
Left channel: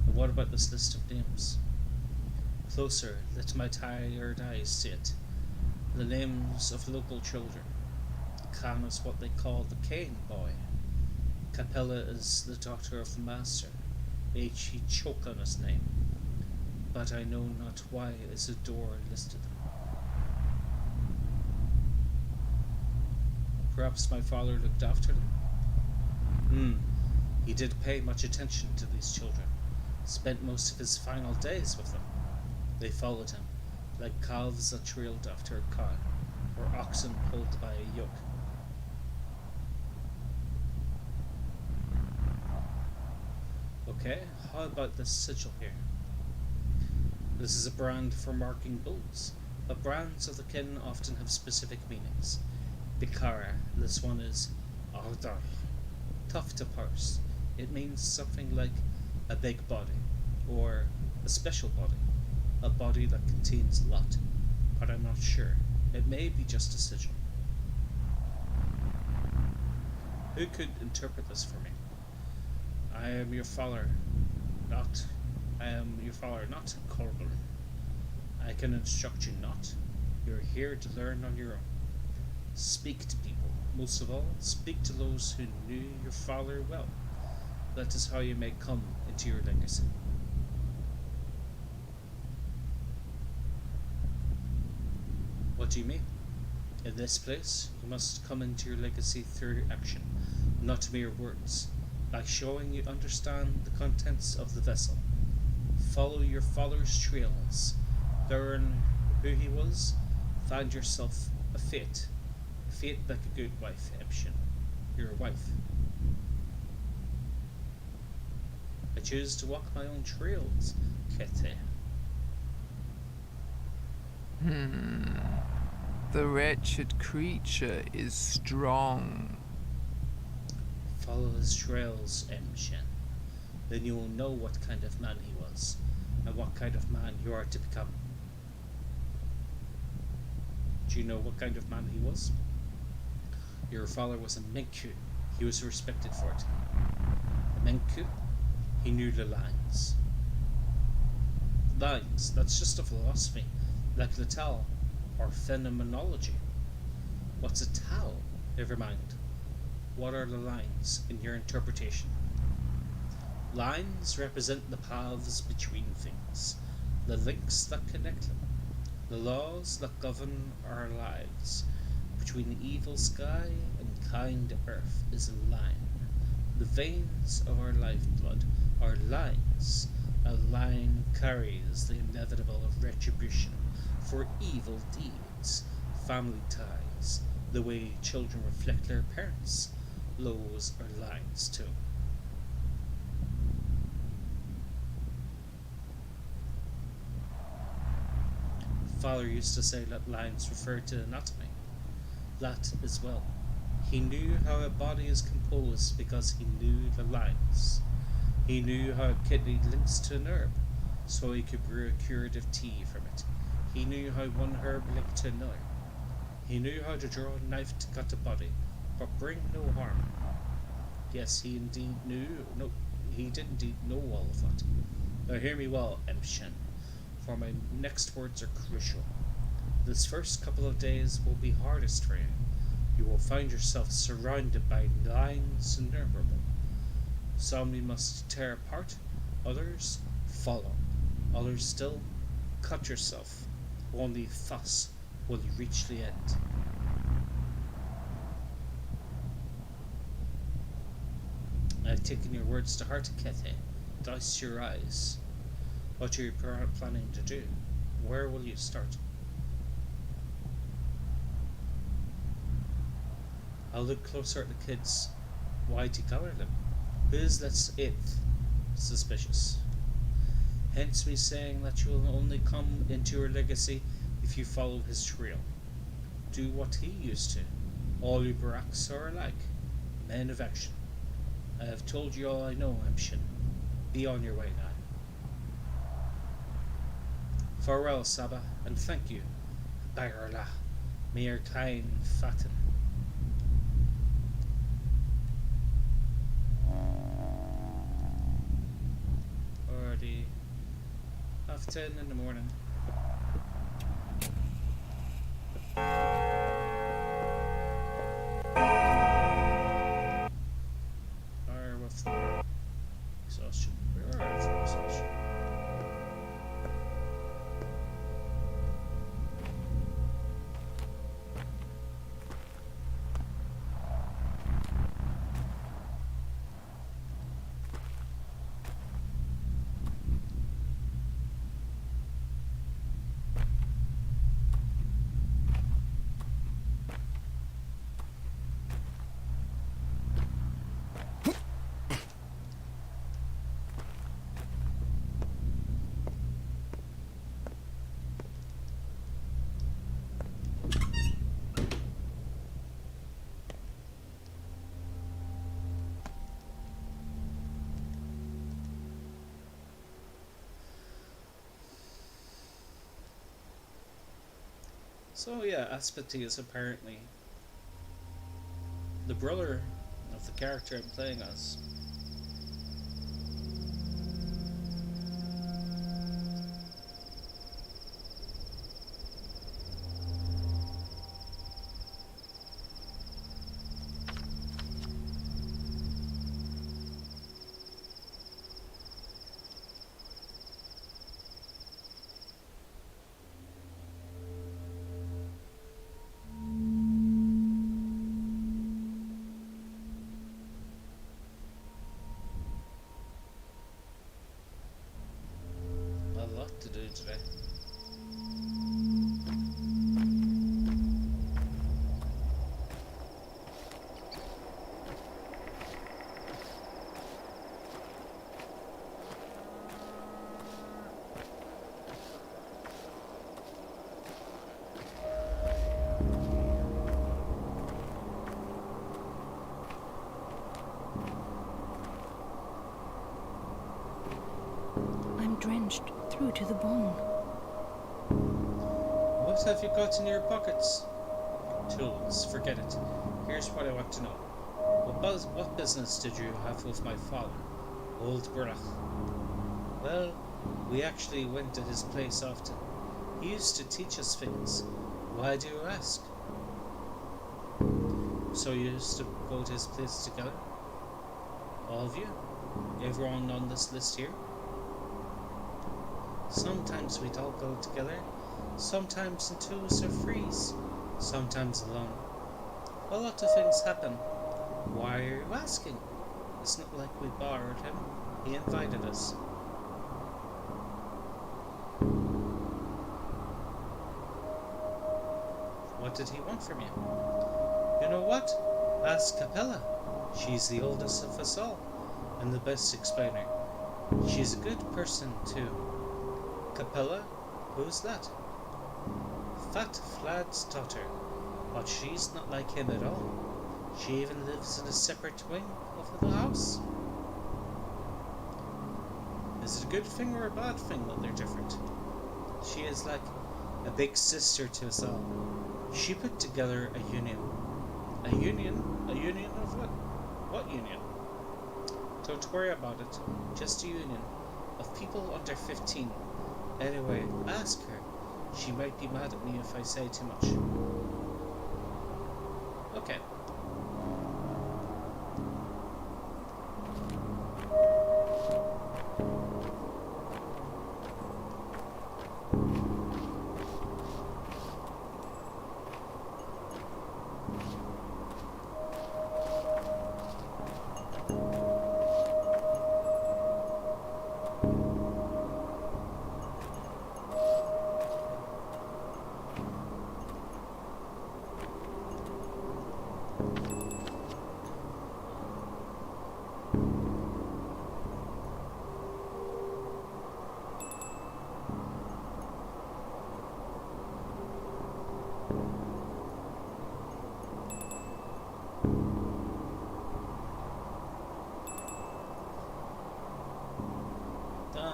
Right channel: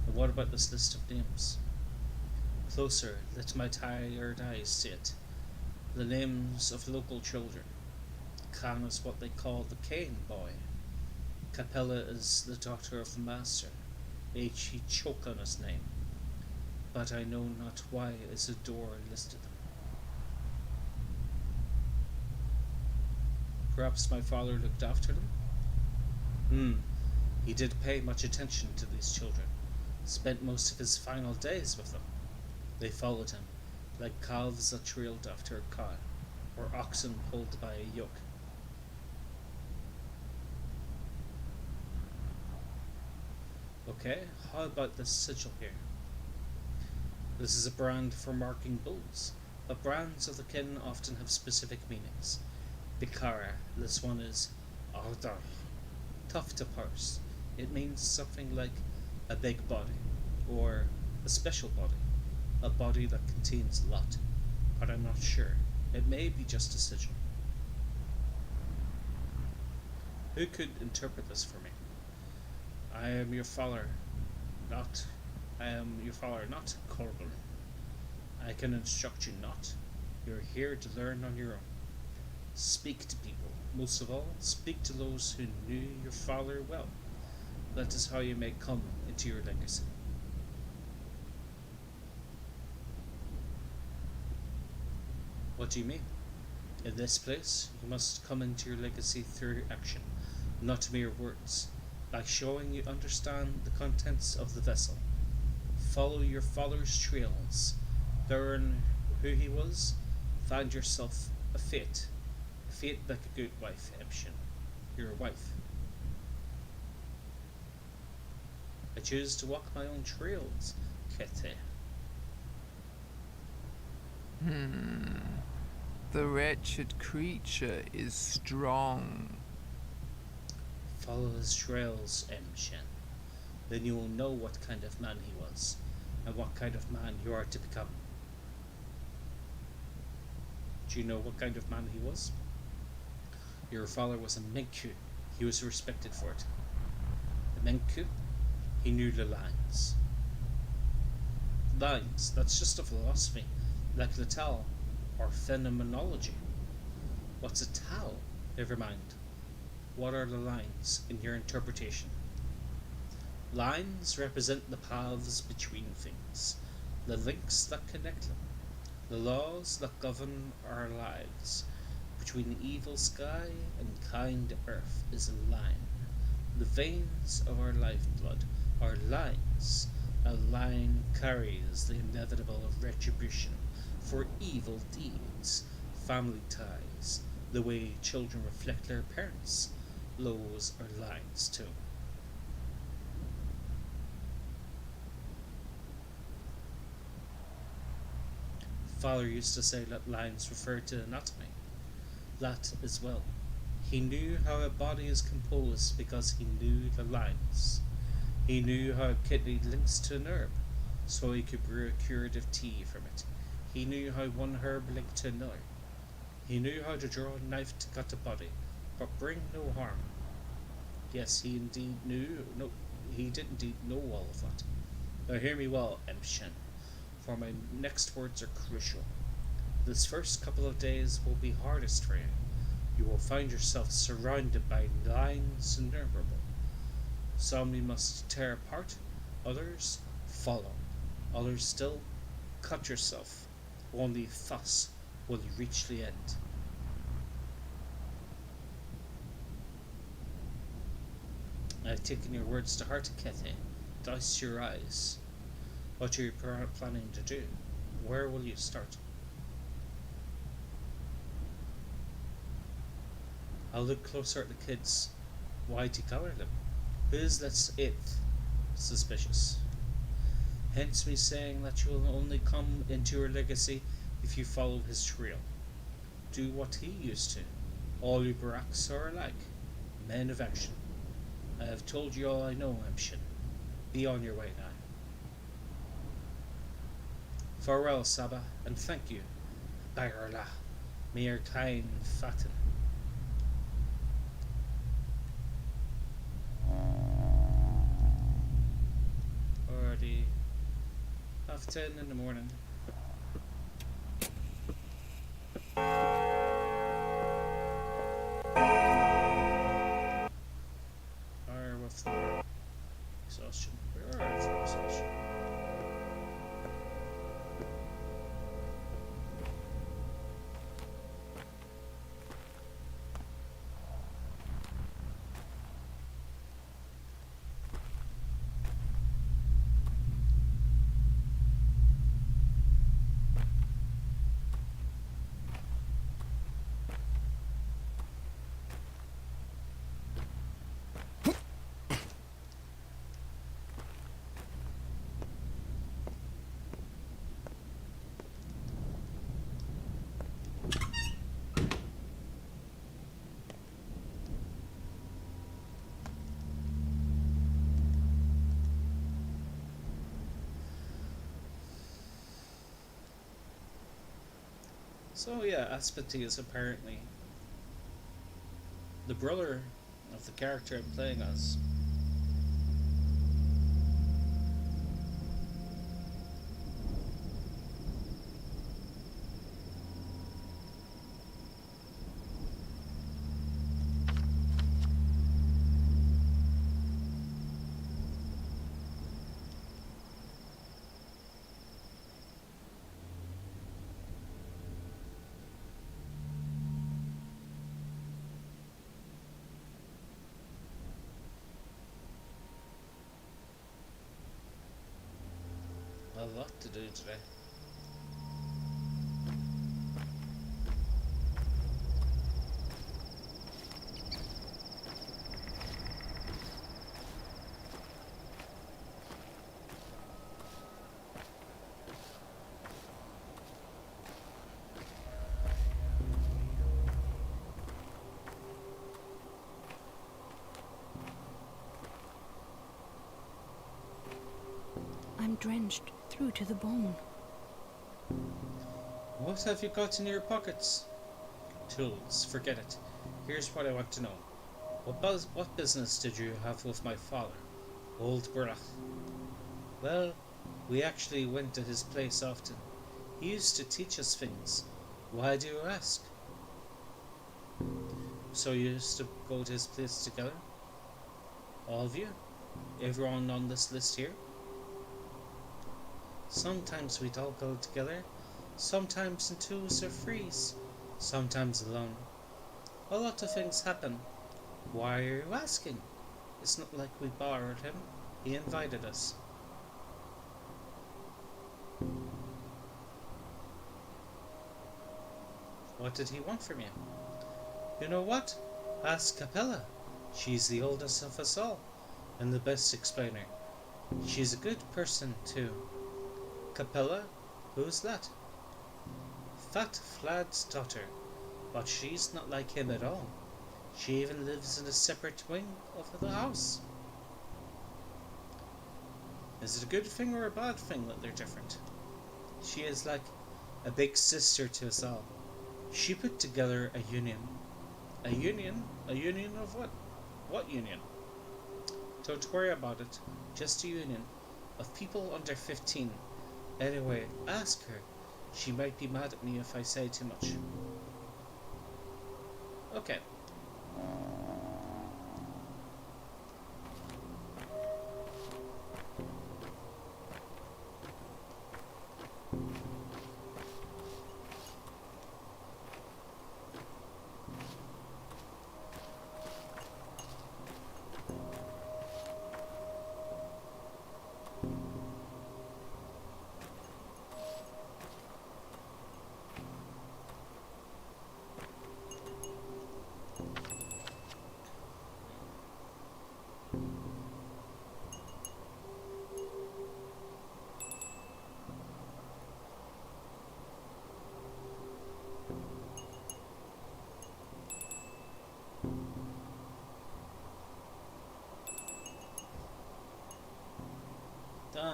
And what about this list of names? Closer, let my tired eyes see it. The names of local children. Kaine is what they call the Kaine boy. Capella is the daughter of the master. He choke on his name. But I know not why Isidore listed them. Perhaps my father looked after them? He did pay much attention to these children. Spent most of his final days with them. They followed him, like calves that trailed after a cow, or oxen pulled by a yoke. Okay, how about this sigil here? This is a brand for marking bulls, but brands of the kin often have specific meanings. Bikara, this one is Ardar, tough to parse. It means something like a big body, or a special body, a body that contains a lot, but I'm not sure. It may be just a sigil. Who could interpret this for me? I am your father, not Corbin. I can instruct you not. You're here to learn on your own. Speak to people. Most of all, speak to those who knew your father well. That is how you may come into your legacy. What do you mean? In this place, you must come into your legacy through action, not mere words. By showing you understand the contents of the vessel. Follow your father's trails. Learn who he was. Find yourself a fate like a good wife, Ebshin. You're a wife. I choose to walk my own trails, Kete. The wretched creature is strong. Follow his trails, Emshin. Then you will know what kind of man he was, and what kind of man you are to become. Do you know what kind of man he was? Your father was a Menku. He was respected for it. The Menku, he knew the lines. Lines, that's just a philosophy, like the Tao, or phenomenology. What's a Tao? Never mind. What are the lines in your interpretation? Lines represent the paths between things, the links that connect them, the laws that govern our lives. Between evil sky and kind earth is a line. The veins of our lifeblood are lines. A line carries the inevitable of retribution for evil deeds, family ties, the way children reflect their parents. Those are lines too. Father used to say that lines refer to anatomy. That as well. He knew how a body is composed because he knew the lines. He knew how a kidney links to an herb, so he could brew a curative tea from it. He knew how one herb linked to another. He knew how to draw a knife to cut a body, but bring no harm. Yes, he did indeed know all of that. Now hear me well, Emshin, for my next words are crucial. This first couple of days will be hardest for you. You will find yourself surrounded by lines innumerable. Some you must tear apart, others follow, others still cut yourself. Only thus will you reach the end. I have taken your words to heart, Kethe. Douse your eyes. What are you planning to do? Where will you start? I'll look closer at the kids. Why'd you color them? Who's this eighth? Suspicious. Hence me saying that you will only come into your legacy if you follow his trail. Do what he used to. All you barracks are alike. Men of action. I have told you all I know, Amshin. Be on your way now. Farewell, Saba, and thank you. Bayrla. Mir Kaine Fatin. Already 10:30 in the morning. Fire with the exhaustion. We are out for exhaustion. So yeah, Aspati is apparently the brother of the character I'm playing as. A lot to do today. I'm drenched through to the bone. What have you got in your pockets? Tools, forget it. Here's what I want to know. What business did you have with my father, old Burach? Well, we actually went to his place often. He used to teach us things. Why do you ask? So you used to go to his place together? All of you? Everyone on this list here? Sometimes we'd all go together, sometimes in twos or threes, sometimes alone. A lot of things happen. Why are you asking? It's not like we borrowed him. He invited us. What did he want from you? You know what? Ask Capella. She's the oldest of us all, and the best explainer. She's a good person, too. Capella? Who's that? Fat Vlad's daughter, but she's not like him at all. She even lives in a separate wing of the house. Is it a good thing or a bad thing that they're different? She is like a big sister to us all. She put together a union. A union? A union of what? What union? Don't worry about it. Just a union of people under 15. Anyway, ask her. She might be mad at me if I say too much. Okay.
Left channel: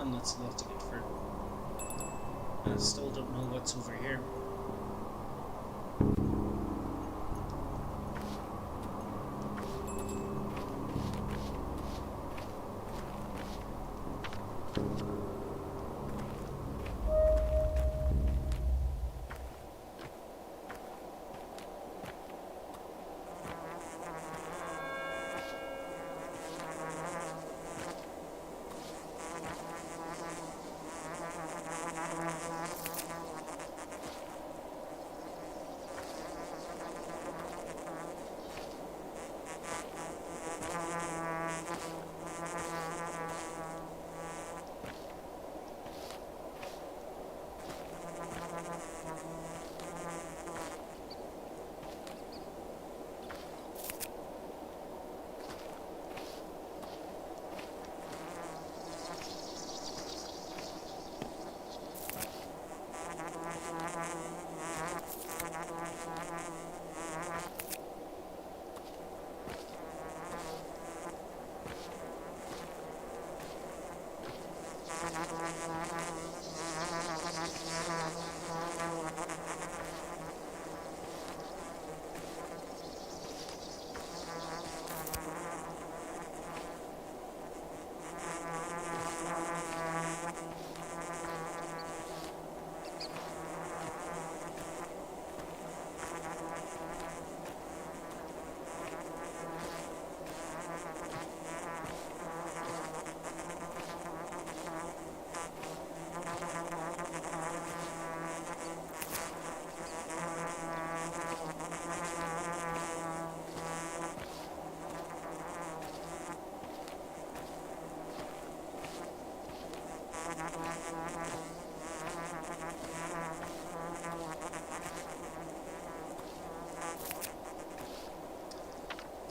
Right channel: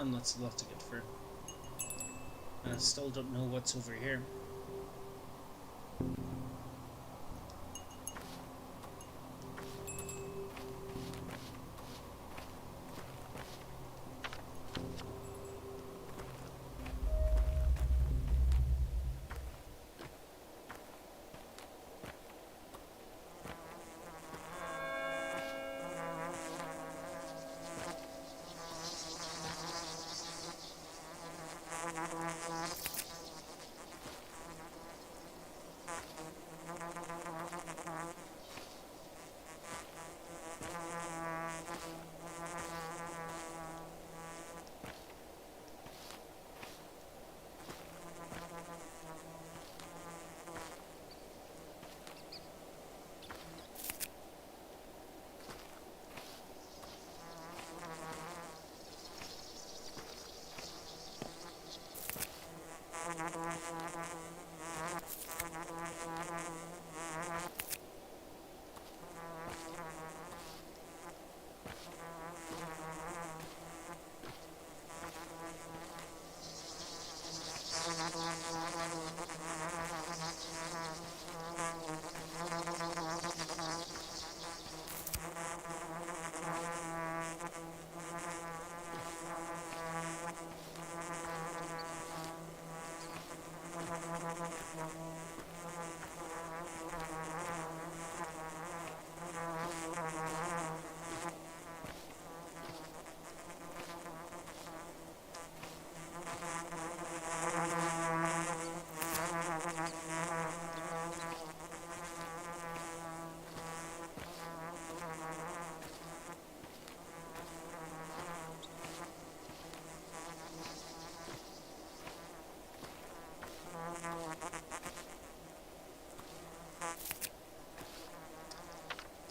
Damn, that's a lot to get through. And I still don't know what's over here.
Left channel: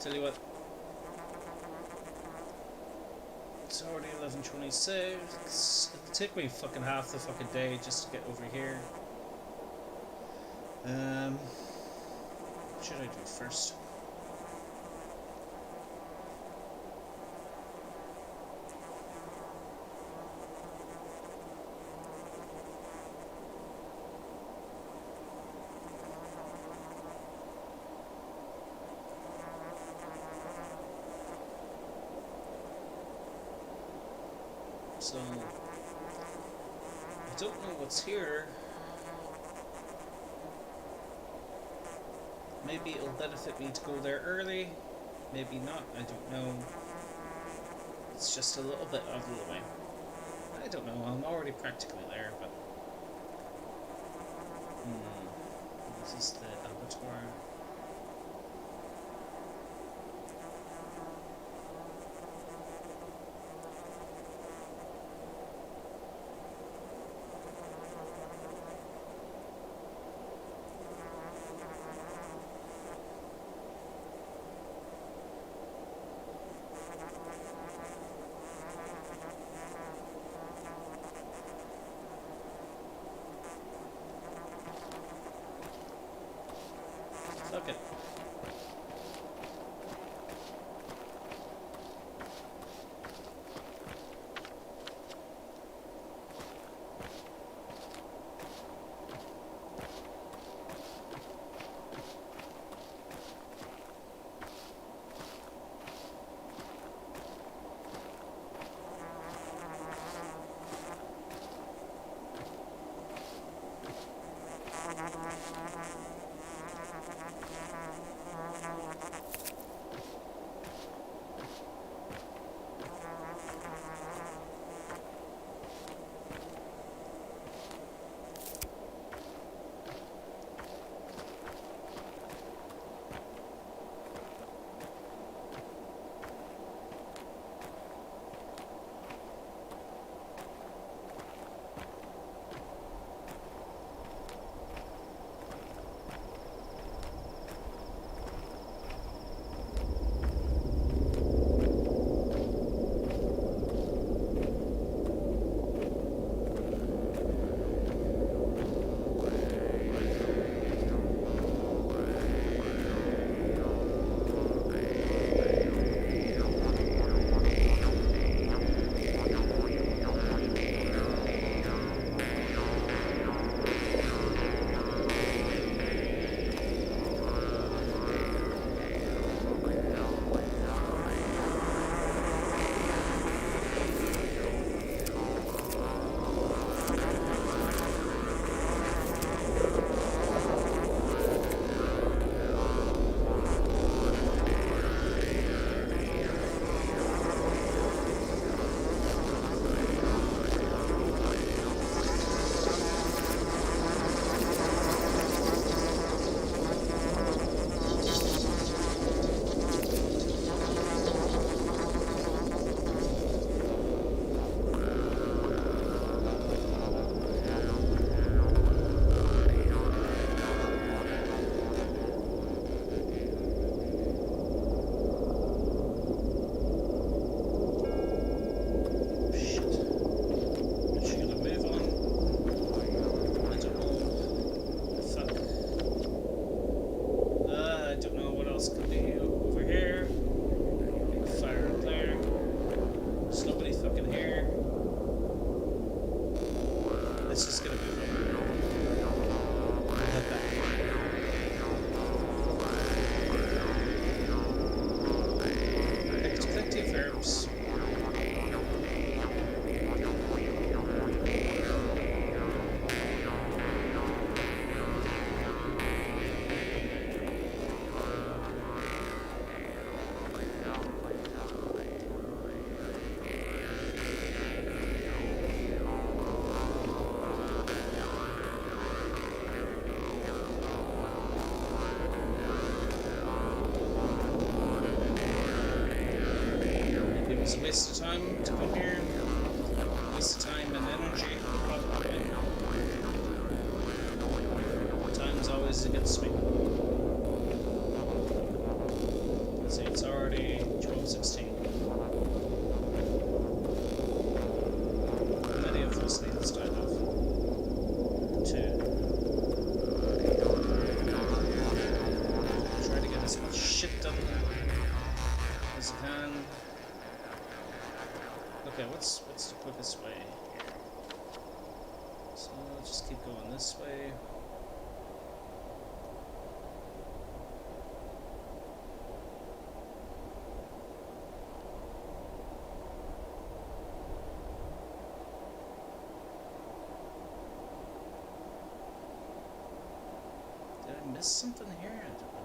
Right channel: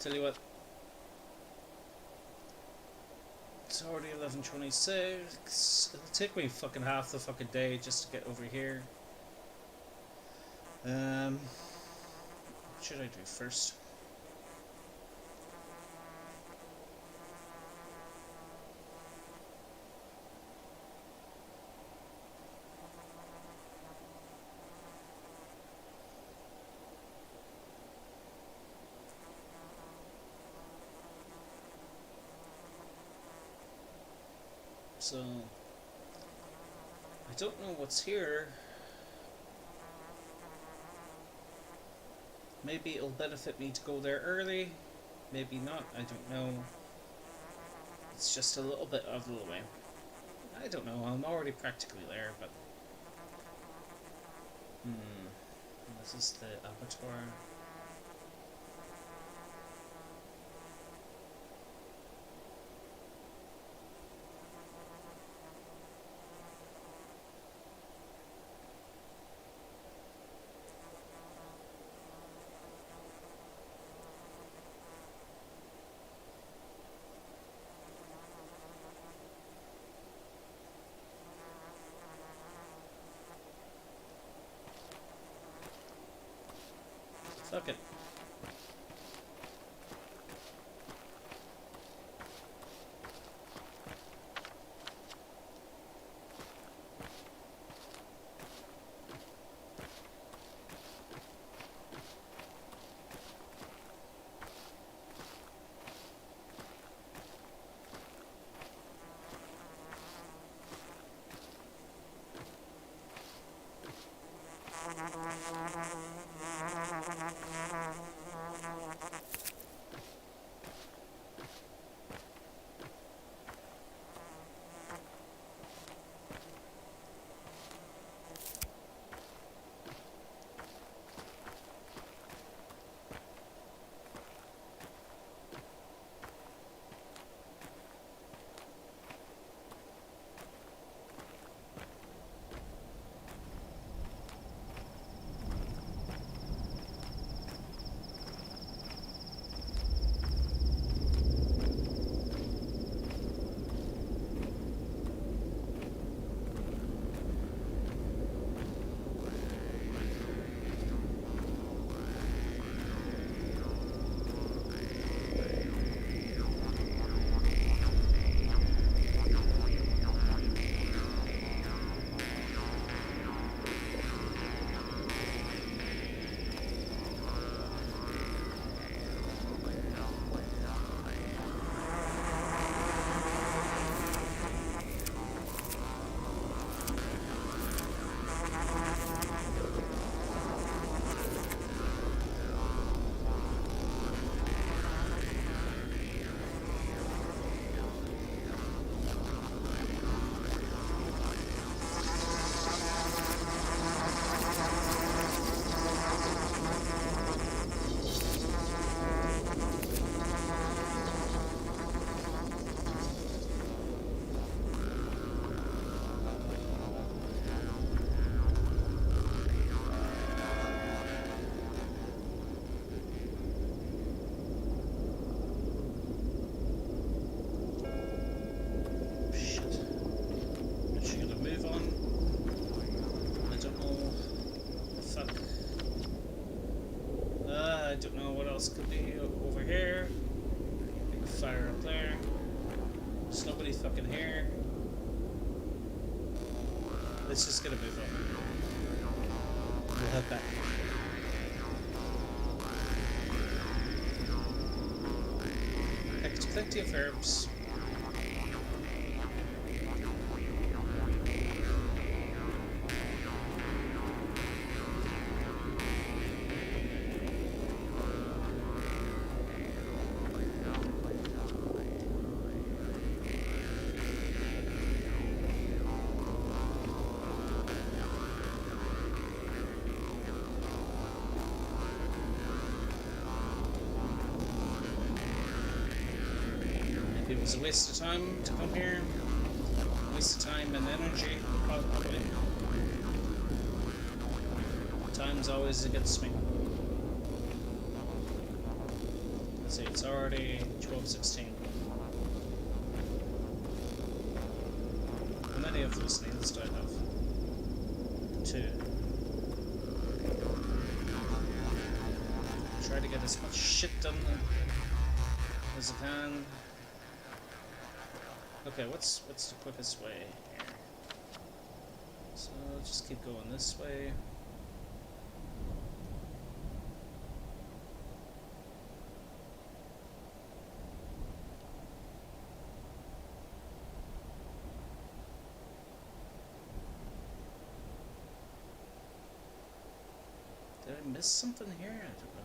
Tell you what, it's already 11:26. It'll take me fucking half the fucking day just to get over here. What should I do first? So, I don't know what's here. Maybe it'll benefit me to go there early. Maybe not, I don't know. It's just a little bit out of the way. I don't know, I'm already practically there, but... This is the abattoir. Fuck it. let's just get a move on. We'll head back. Picked plenty of herbs. It was a waste of time to come here. Waste of time and energy, probably. Time's always against me. Let's see, it's already 12:16. How many of those things do I have? 2. Try to get as much shit done as I can. Okay, what's the quickest way here? So let's just keep going this way. Did I miss something here? I don't know.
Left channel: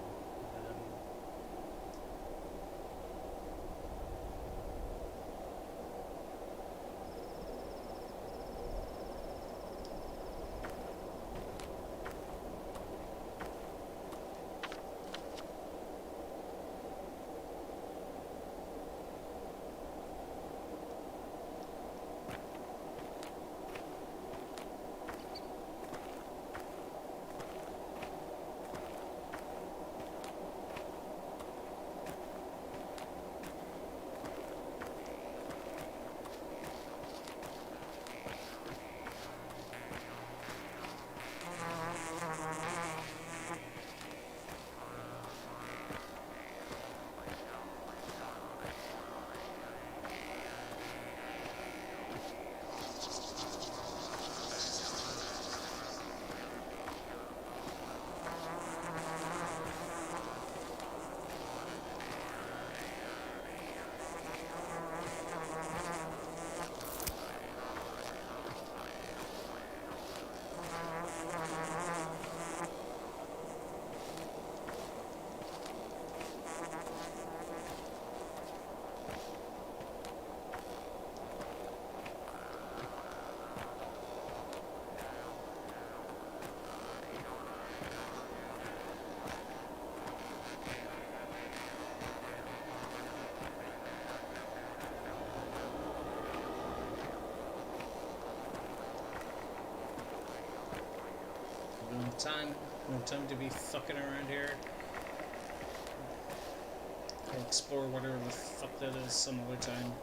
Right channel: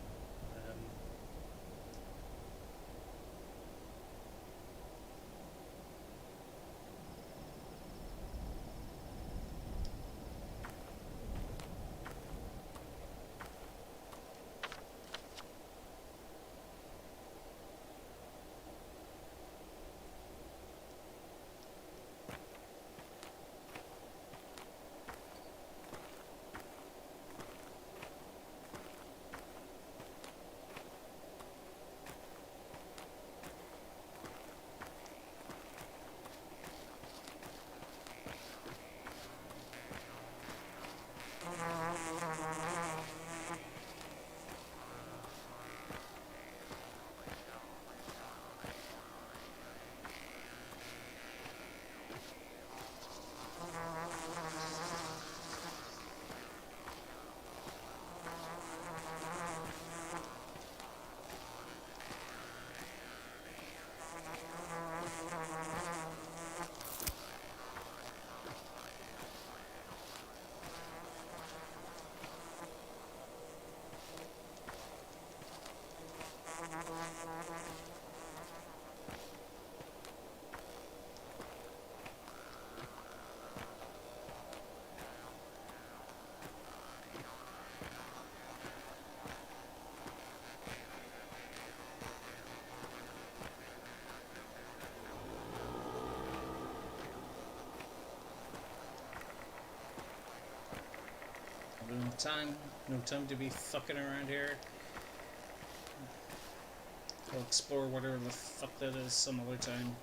No time to be fucking around here. I'll explore whatever the fuck that is some other time.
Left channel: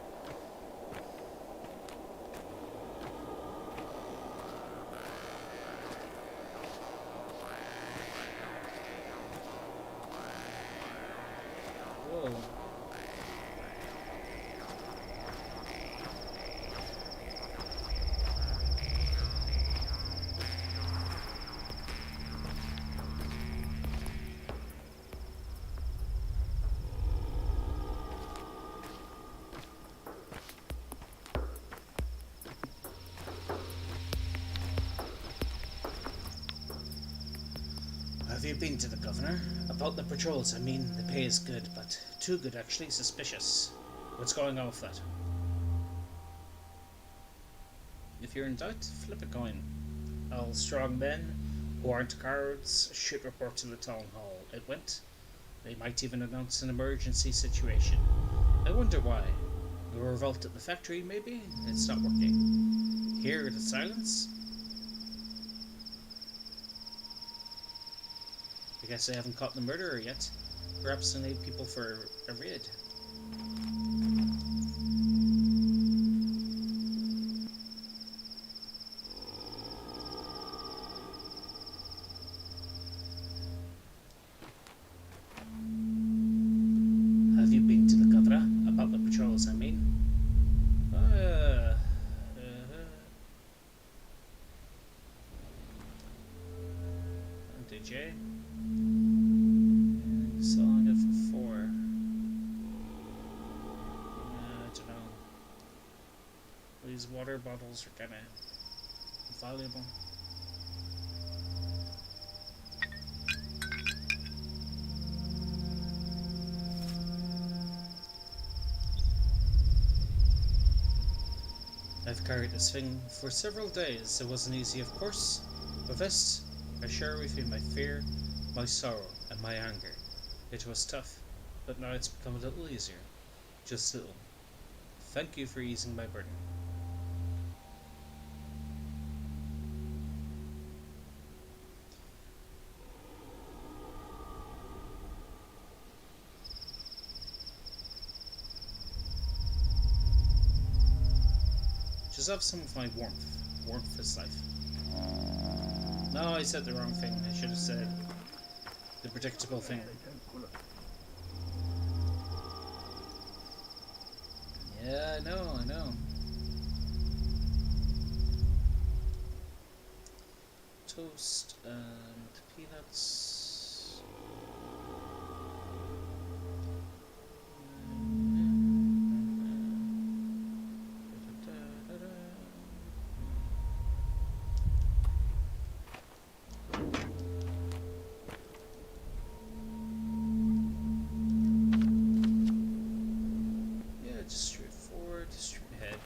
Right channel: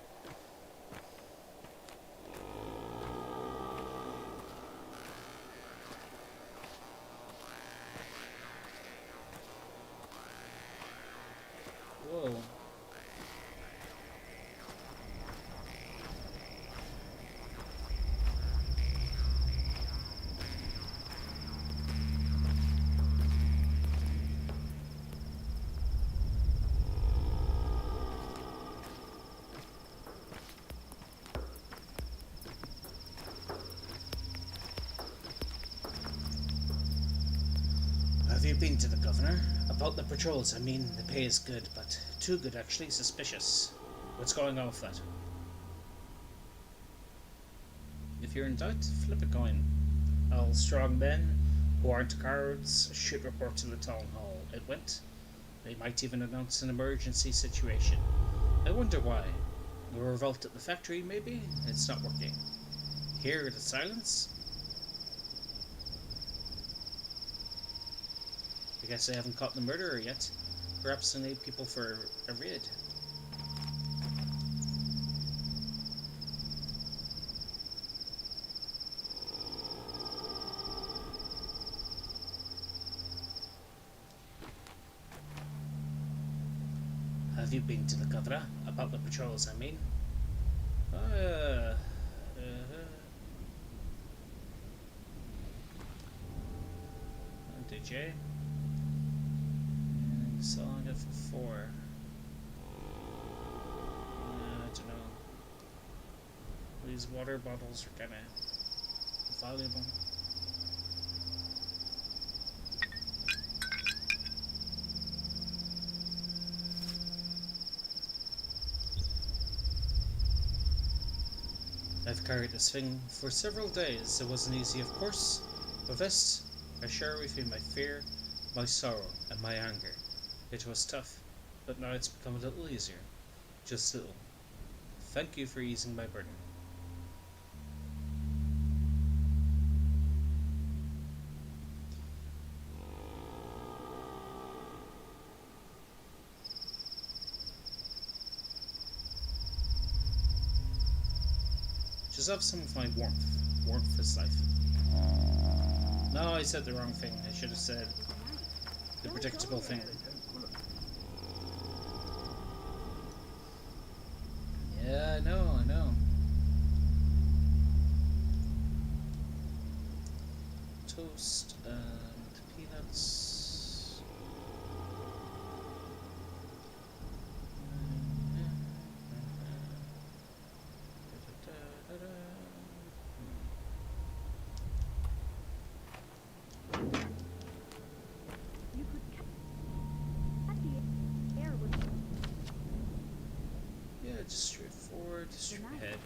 Whoa. Have you been to the governor? About the patrols, I mean, the pay is good, but too good actually, suspicious. What's going on with that? If you're in doubt, flip a coin. All strong men who aren't guards should report to the town hall. It went. They might even announce an emergency situation. I wonder why. The revolt at the factory, maybe? It's not working. Hear the silence? I guess they haven't caught the murderer yet. Perhaps they need people for a raid. Have you been to the governor? About the patrols, I mean. did you? Selling it for 4. I don't know. These water bottles are kinda valuable. I've carried this thing for several days. It wasn't easy, of course, but this, I share with you my fear, my sorrow, and my anger. It was tough, but now it's become a little easier. Just a little. Thank you for easing my burden. Just have some of my warmth. Warmth is life. No, I said the wrong thing. I should have said the predictable thing. Yeah, I know. Toast and peanuts. Yeah, just straight forward, straight ahead.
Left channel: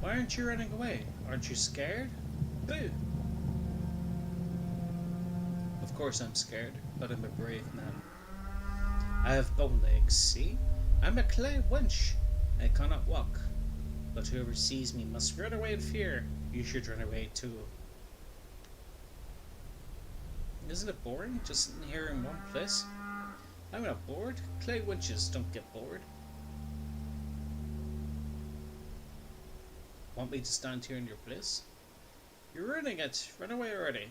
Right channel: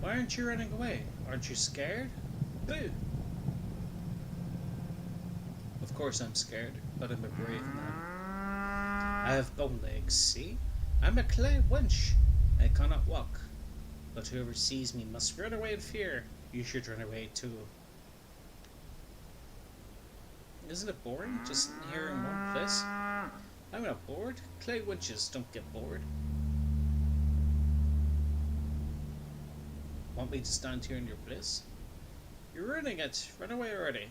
Why aren't you running away? Aren't you scared? Boo! Of course I'm scared, but I'm a brave man. I have bone legs, see? I'm a clay wench. I cannot walk. But whoever sees me must run away in fear. You should run away too. Isn't it boring just sitting here in one place? I'm not bored. Clay wenches don't get bored. Want me to stand here in your place? You're ruining it. Run away already.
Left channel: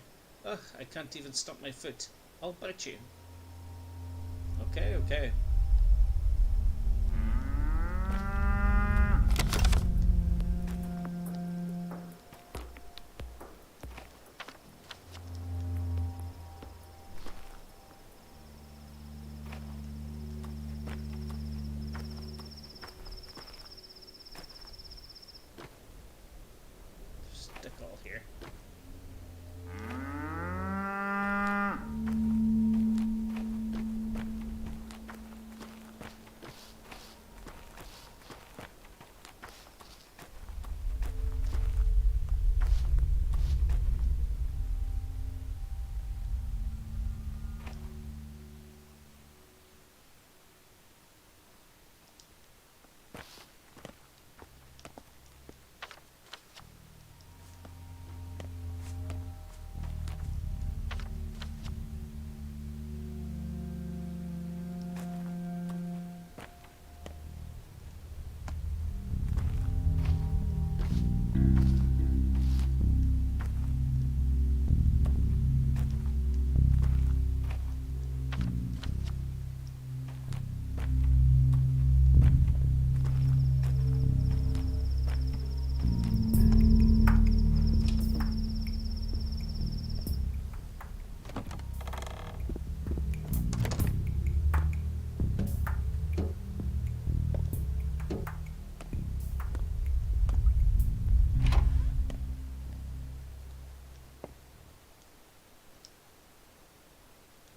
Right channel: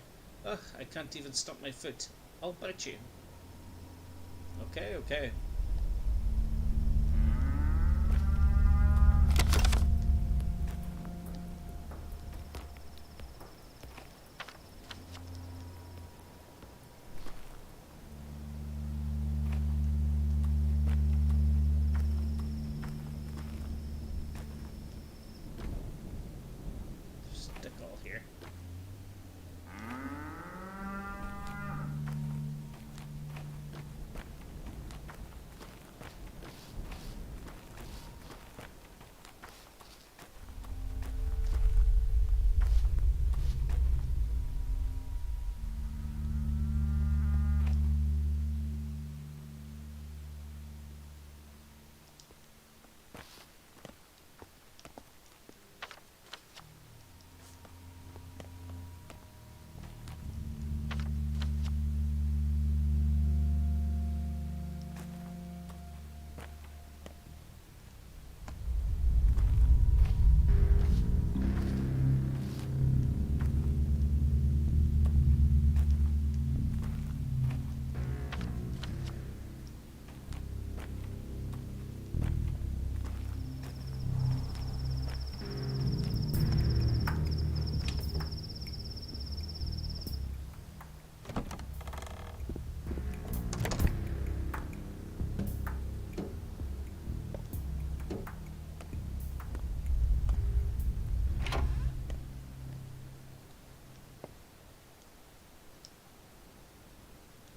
Ugh, I can't even stop my foot. I'll bite you. Okay. Stick all here.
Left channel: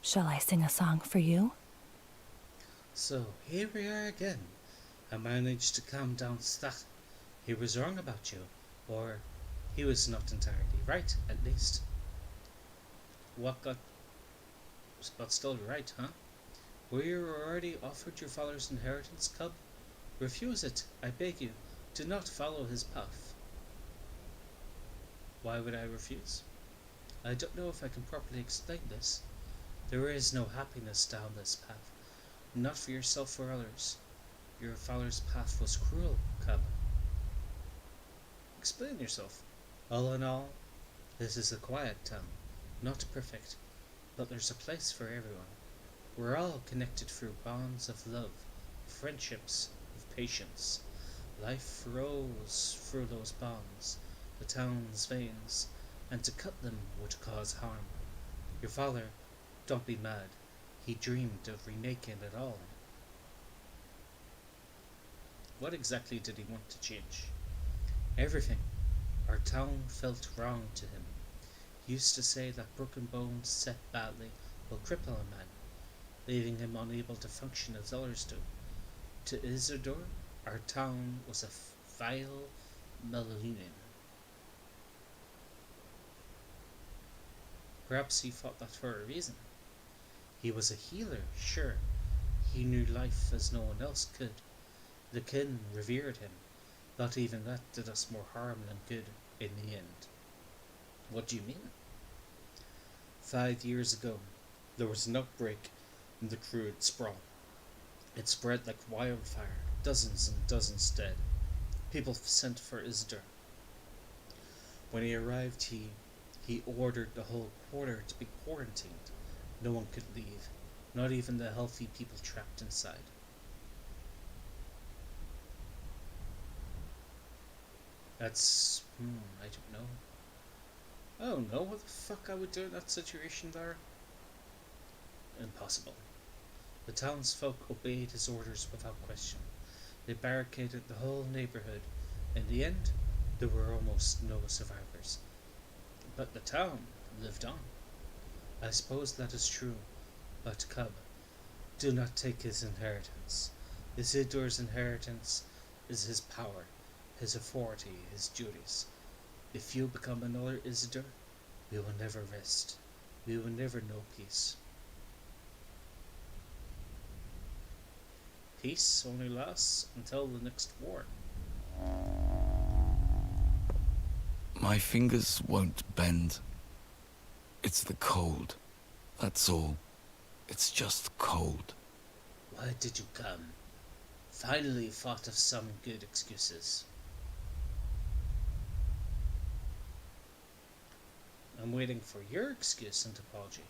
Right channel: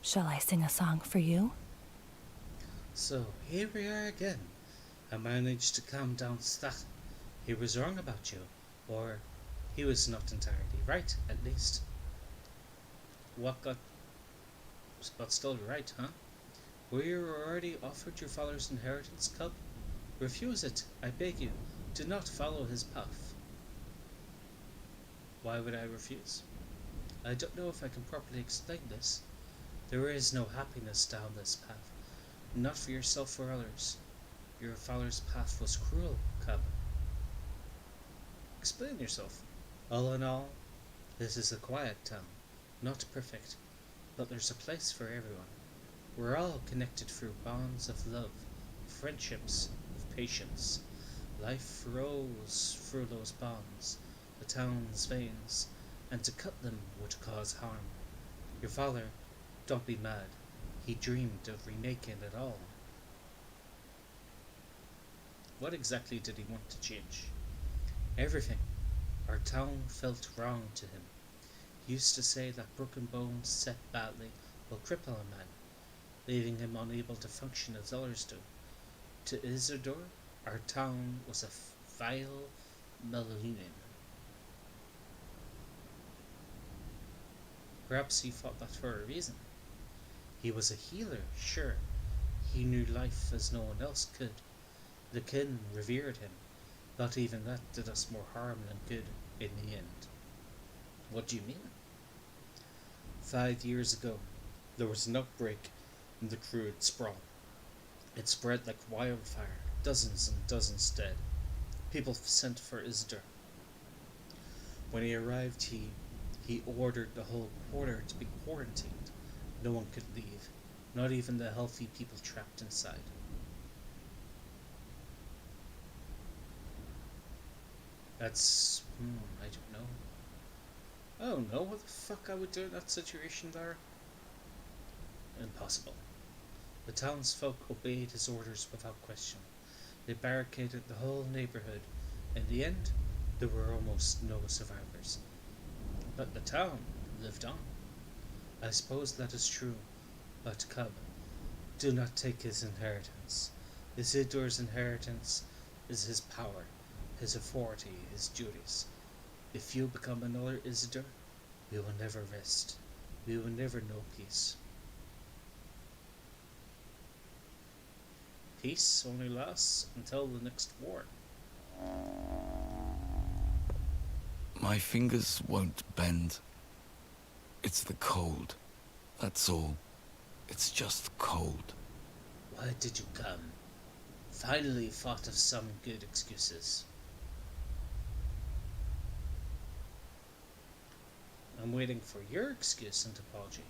Shall I sing a song for you? So here we are again. I managed to calm down that. He was wrong about you, or he was not entirely right, at least. But still right, huh? Were you already offered your father's inheritance, cub? Refuse it, I beg you. Do not follow his path. Why would I refuse? I don't know if I can properly explain this. There is no happiness down this path. Not for yourself or others. Your father's path was cruel, Cub. Explain yourself. All in all, this is a quiet town. Not perfect, but there's a place for everyone. We're all connected through bonds of love, friendships, of patience. Life flows through those bonds, the town's veins, and to cut them would cause harm. Your father, don't be mad. He dreamed of remaking it all. What exactly did he want to change? Everything. Our town felt wrong to him. He used to say that broken bones set badly will cripple a man, leaving him unable to function as others do. To Isidore, our town was a vile millennium. Perhaps he thought that for a reason. He was a healer, sure. He knew life as no one else could. The kin revered him, but even that did us more harm than good in the end. What do you mean? 5 years ago, there was an outbreak in the crude sprawl. It spread like wildfire, dozens and dozens dead. People sent for Isidore. When he arrived, he ordered the whole quarter to be quarantined. No one could leave, not even the healthy people trapped inside. That's, I don't know. I don't know what the fuck I would do in that situation there. Impossible. The townsfolk obeyed his orders without question. They barricaded the whole neighborhood. In the end, there were almost no survivors. But the town lived on. I suppose that is true, but Cub, do not take his inheritance. Isidore's inheritance is his power, his authority, his duties. If you become another Isidore, we will never rest. We will never know peace. Peace only lasts until the next war. My fingers won't bend. It's the cold. That's all. It's just cold. Why did you come? Finally thought of some good excuses. I'm waiting for your excuse and apology,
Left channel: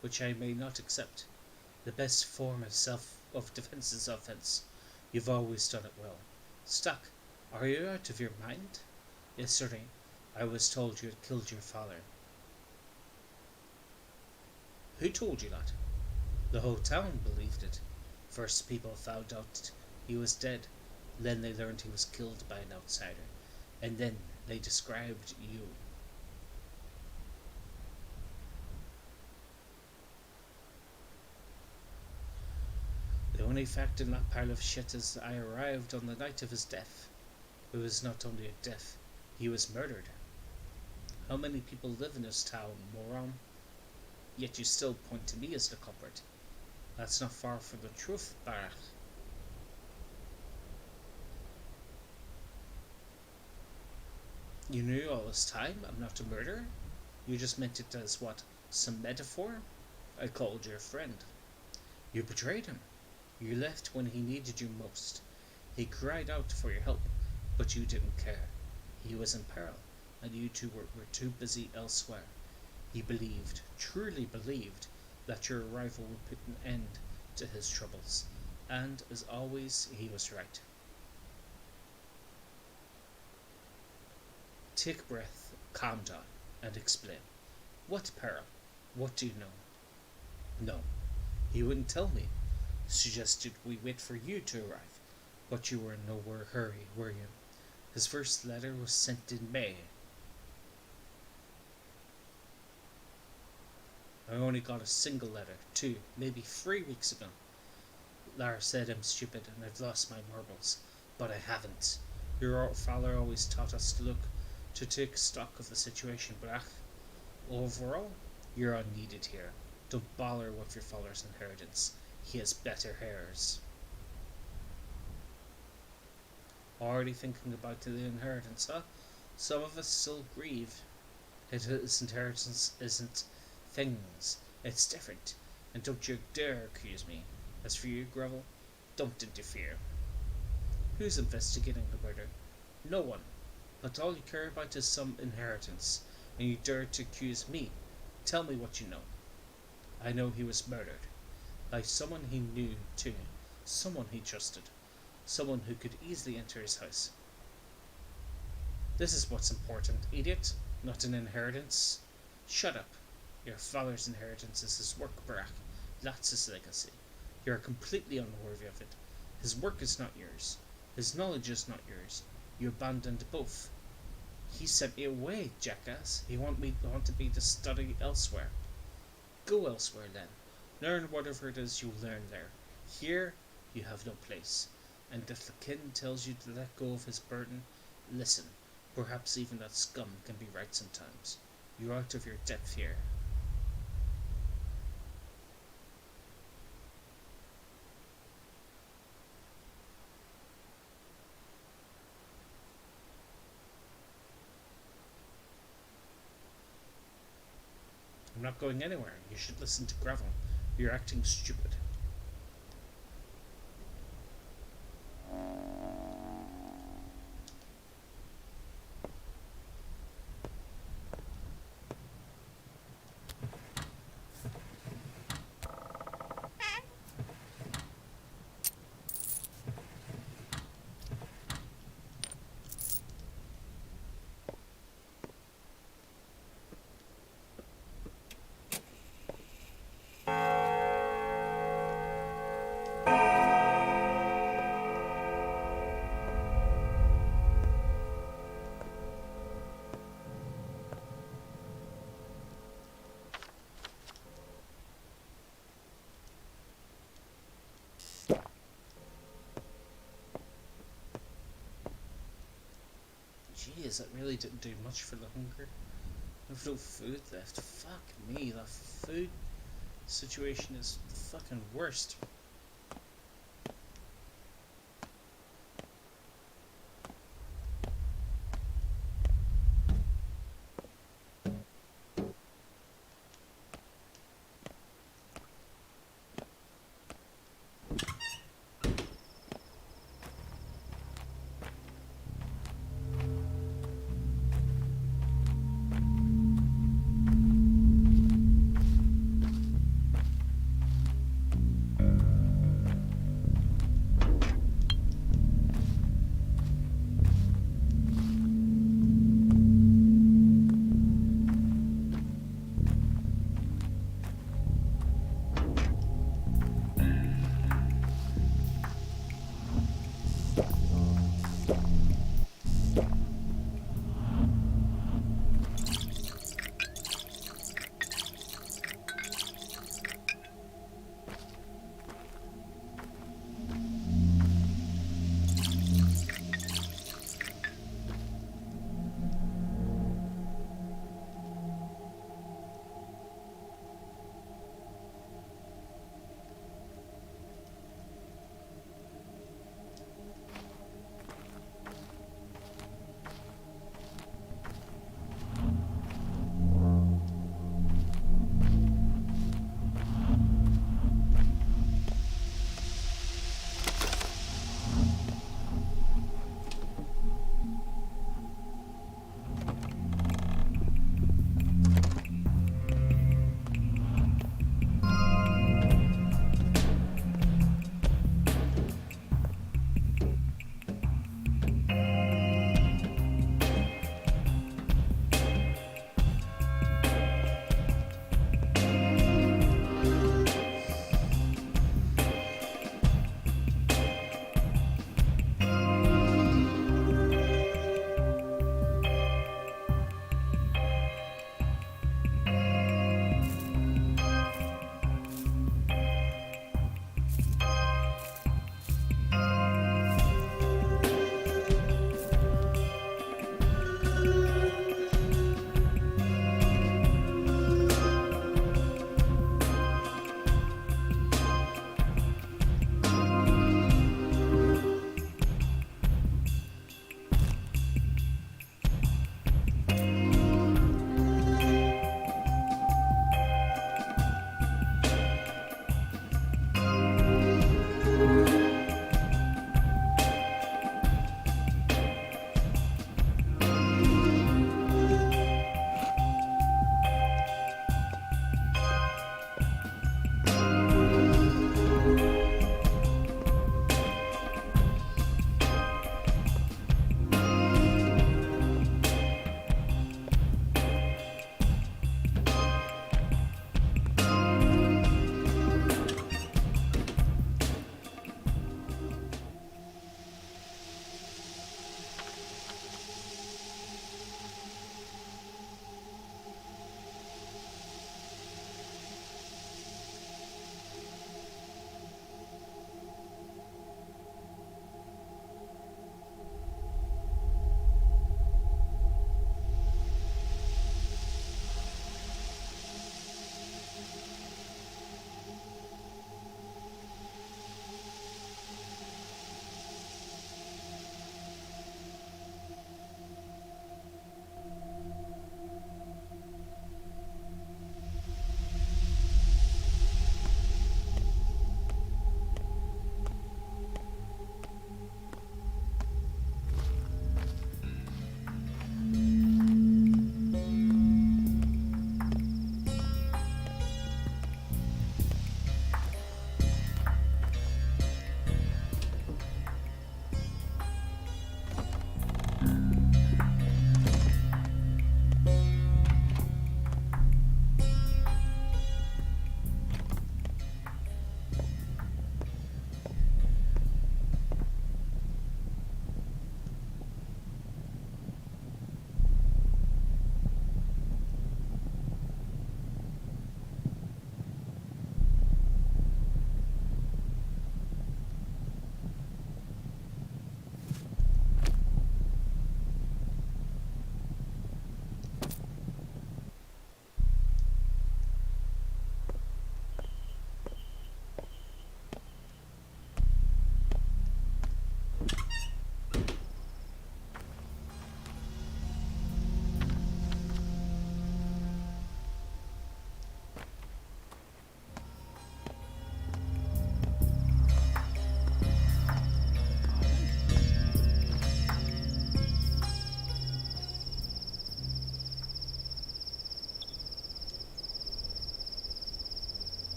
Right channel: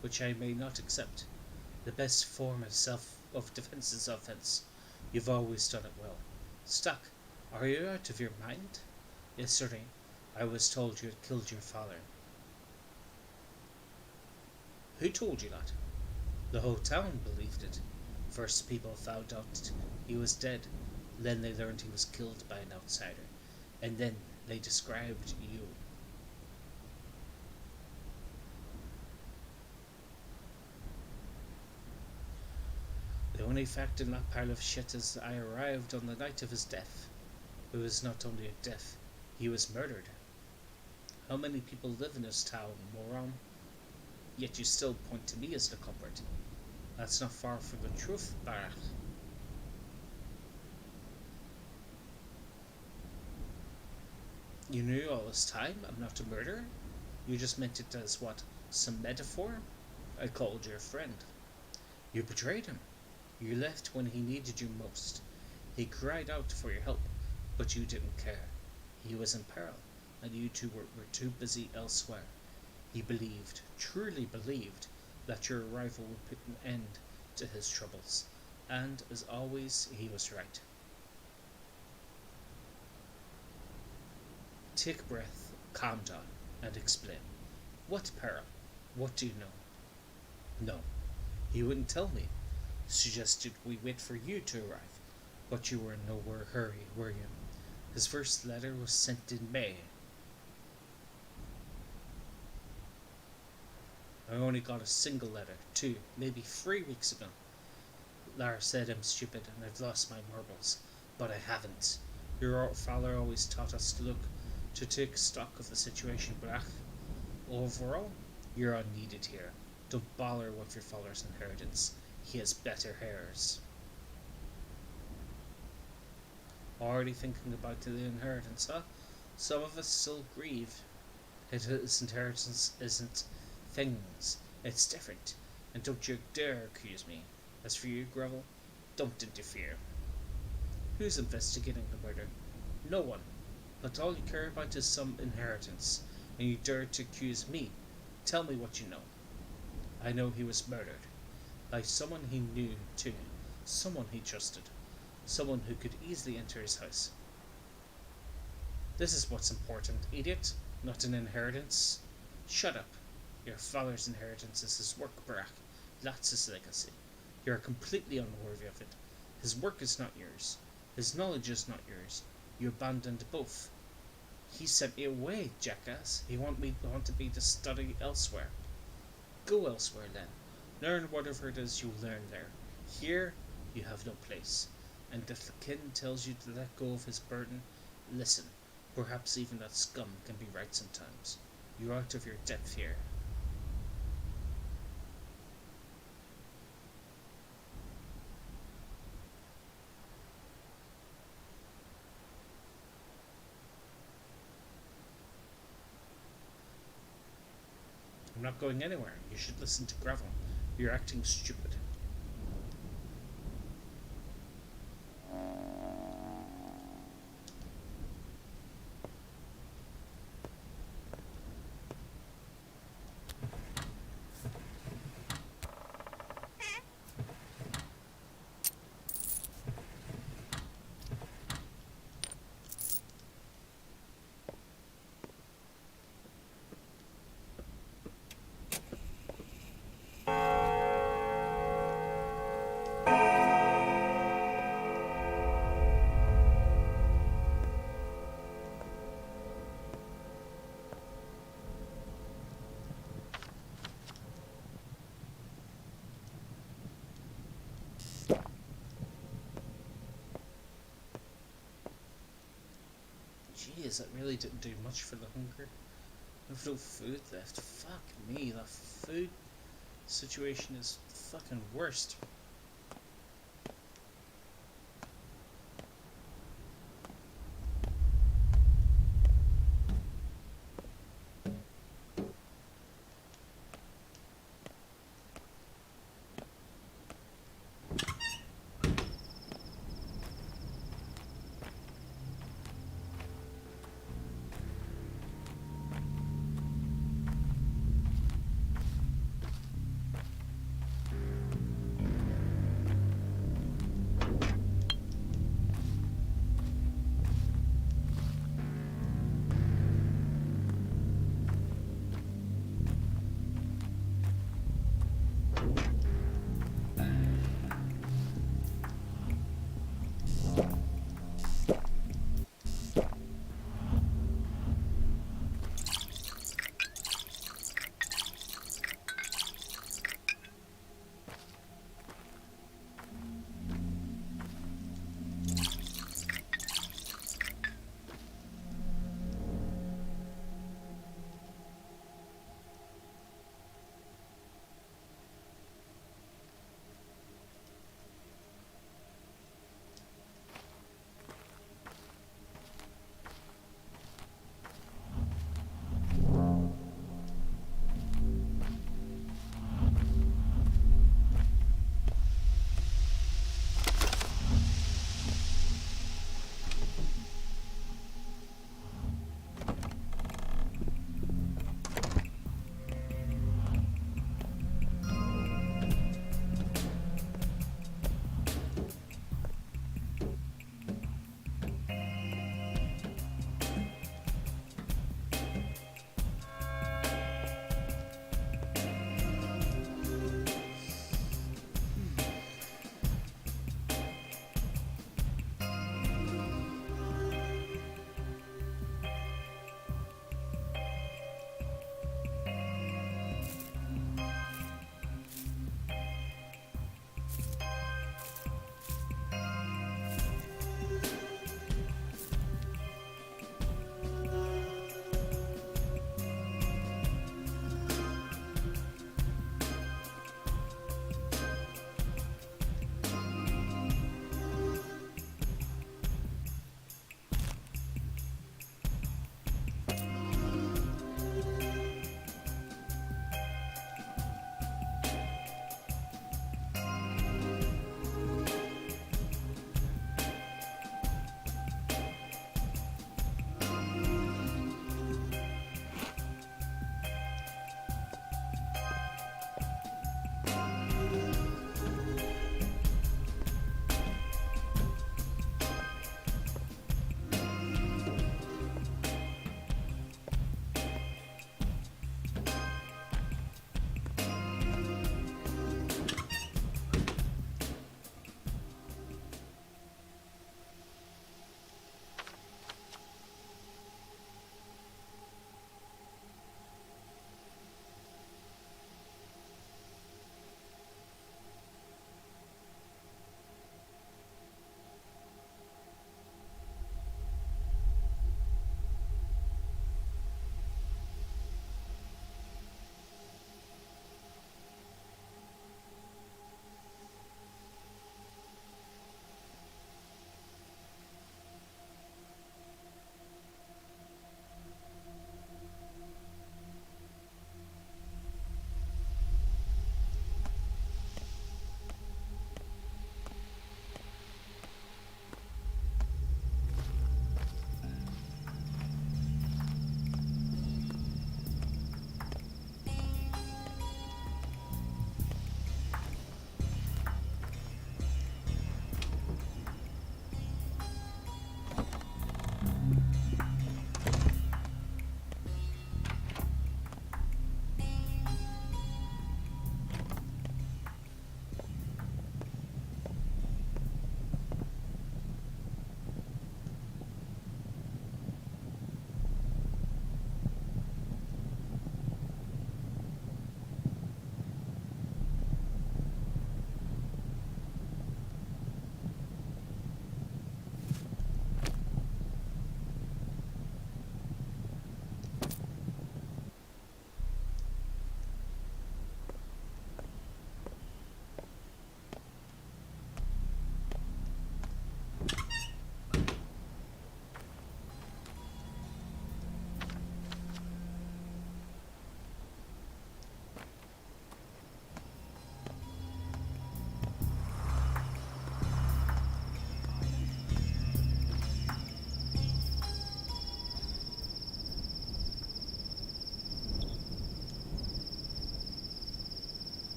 which I may not accept. The best form of defense is offense. You've always done it well. Stuck, are you out of your mind? Yesterday, I was told you had killed your father. Who told you that? The whole town believed it. First people found out he was dead, then they learned he was killed by an outsider, and then they described you. The only fact in that pile of shit is I arrived on the night of his death. It was not only a death, he was murdered. How many people live in this town, moron? Yet you still point to me as the culprit. That's not far from the truth, Barak. You knew all this time I'm not a murderer? You just meant it as what? Some metaphor? I called you a friend. You betrayed him. You left when he needed you most. He cried out for your help, but you didn't care. He was in peril, and you two were too busy elsewhere. He believed, truly believed, that your arrival would put an end to his troubles, and as always, he was right. Take a breath, calm down, and explain. What peril? What do you know? No, he wouldn't tell me. Suggested we wait for you to arrive, but you were in no hurry, were you? His first letter was sent in May. I only got a single letter, 2, maybe 3 weeks ago. Lara said I'm stupid and I've lost my marbles, but I haven't. Your father always taught us to take stock of the situation, but overall, you're unneeded here. Don't bother with your father's inheritance. He has better heirs. Already thinking about the inheritance, huh? Some of us still grieve. His inheritance isn't things, it's different. And don't you dare accuse me. As for you, Gravel, don't interfere. Who's investigating the murder? No one. But all you care about is some inheritance, and you dare to accuse me. Tell me what you know. I know he was murdered. By someone he knew, too. Someone he trusted. Someone who could easily enter his house. This is what's important, idiot. Not an inheritance. Shut up. Your father's inheritance is his work, Barack. That's his legacy. You are completely unworthy of it. His work is not yours. His knowledge is not yours. You abandoned both. He sent me away, jackass. He wanted me to study elsewhere. Go elsewhere, then. Learn whatever it is you learn there. Here, you have no place. And if the Kaine tells you to let go of his burden, listen. Perhaps even that scum can be right sometimes. You're out of your depth here. I'm not going anywhere. You should listen to Gravel. You're acting stupid. Jeez, that really didn't do much for the hunger. I've no food left. Fuck me, the food situation is the fucking worst.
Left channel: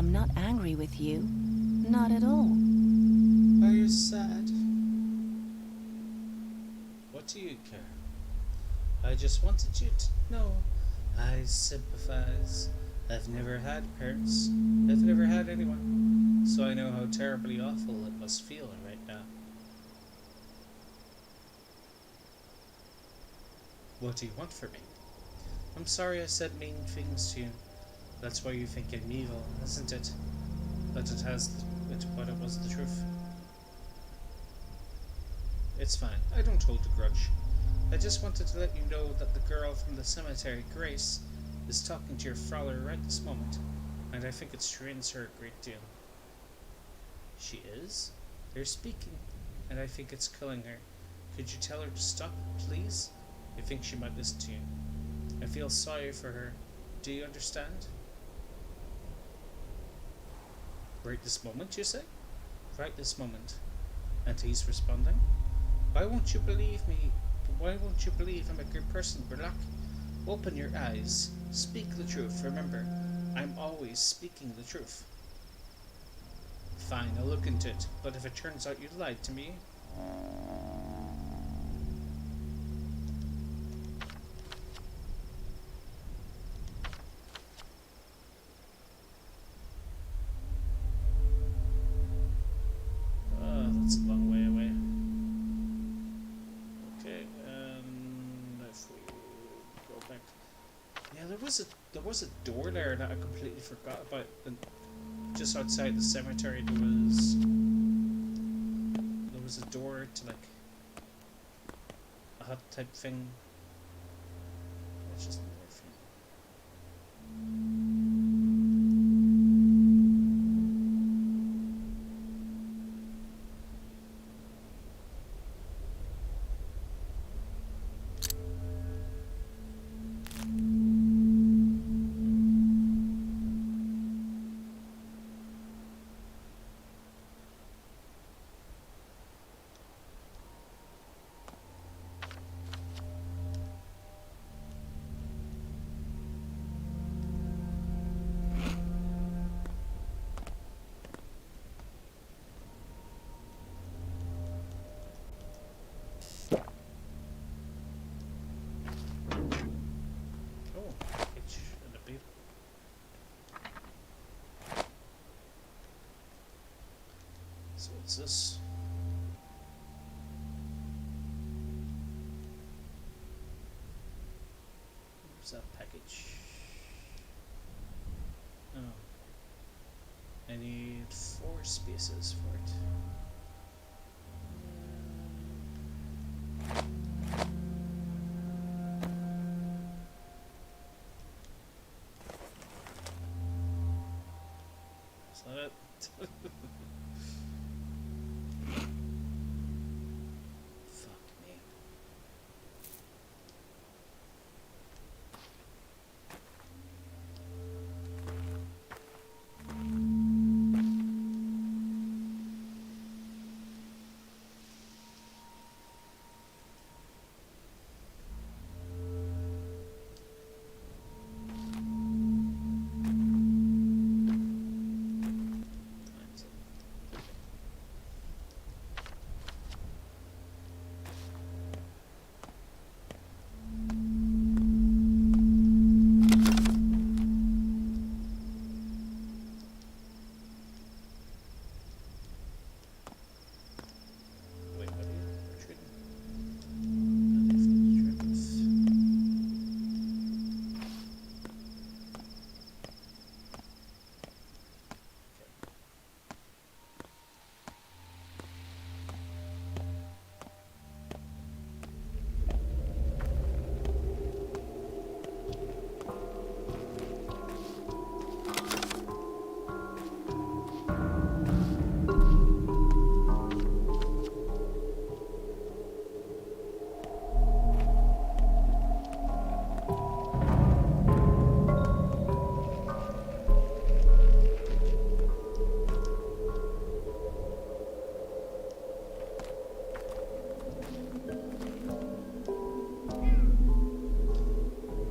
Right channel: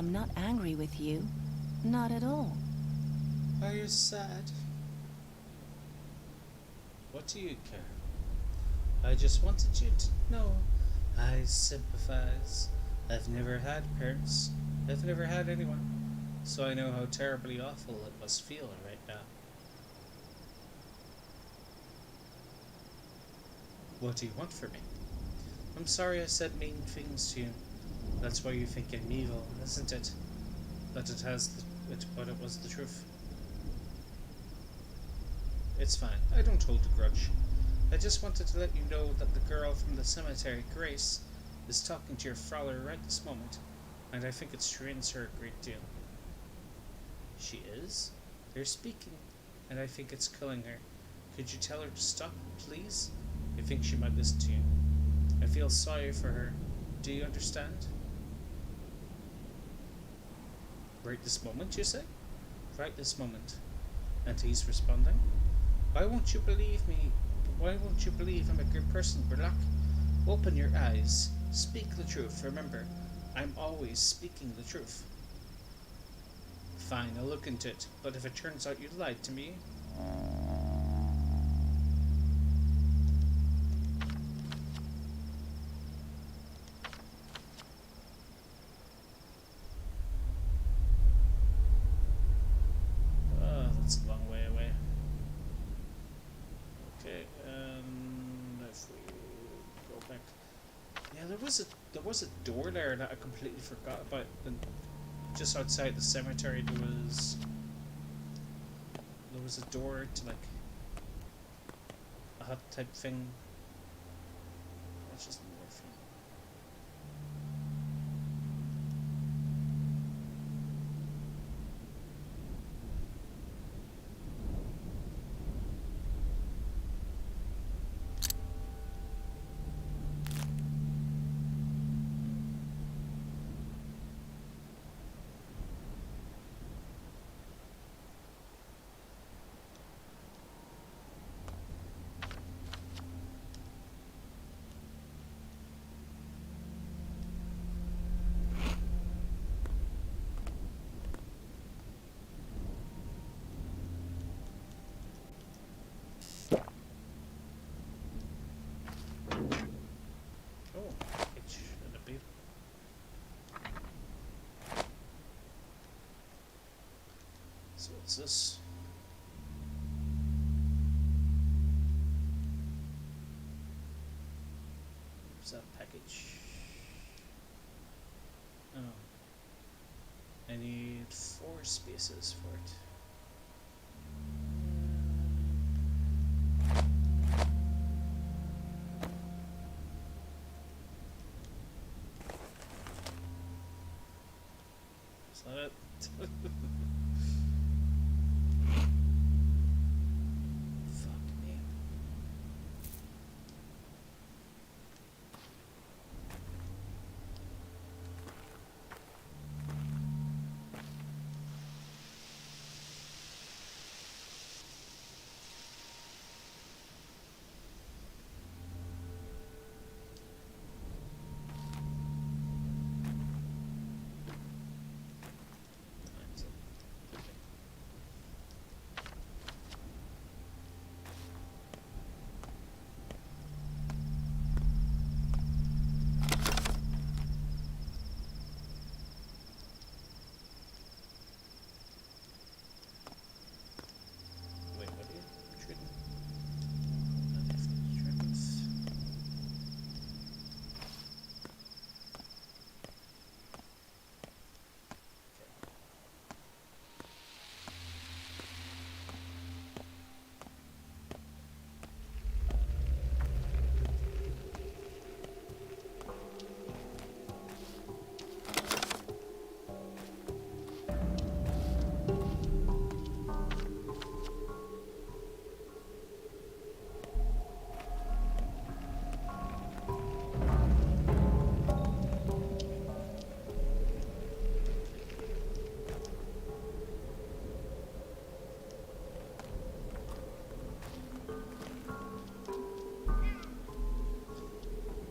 I'm not angry with you. Not at all. Are you sad? What do you care? I just wanted you to know I sympathize. I've never had parents. I've never had anyone. So I know how terribly awful it must feel right now. What do you want from me? I'm sorry I said mean things to you. That's why you think I'm evil, isn't it? But it was the truth. It's fine. I don't hold a grudge. I just wanted to let you know that the girl from the cemetery, Grace, is talking to your father right this moment, and I think it strains her a great deal. She is? They're speaking, and I think it's killing her. Could you tell her to stop, please? I think she might listen to you. I feel sorry for her. Do you understand? Right this moment, you say? Right this moment. And he's responding? Why won't you believe me? Why won't you believe I'm a good person, Burlock? Open your eyes. Speak the truth. Remember, I'm always speaking the truth. Fine, I'll look into it. But if it turns out you lied to me... that's a long way away. Okay, if we go back... Yeah, there was a door there that I completely forgot about. And just outside the cemetery there was a door to like a hut type thing. It's just morphine. So what's this? Where's that package? Oh. I need 4 spaces for it. Is that it?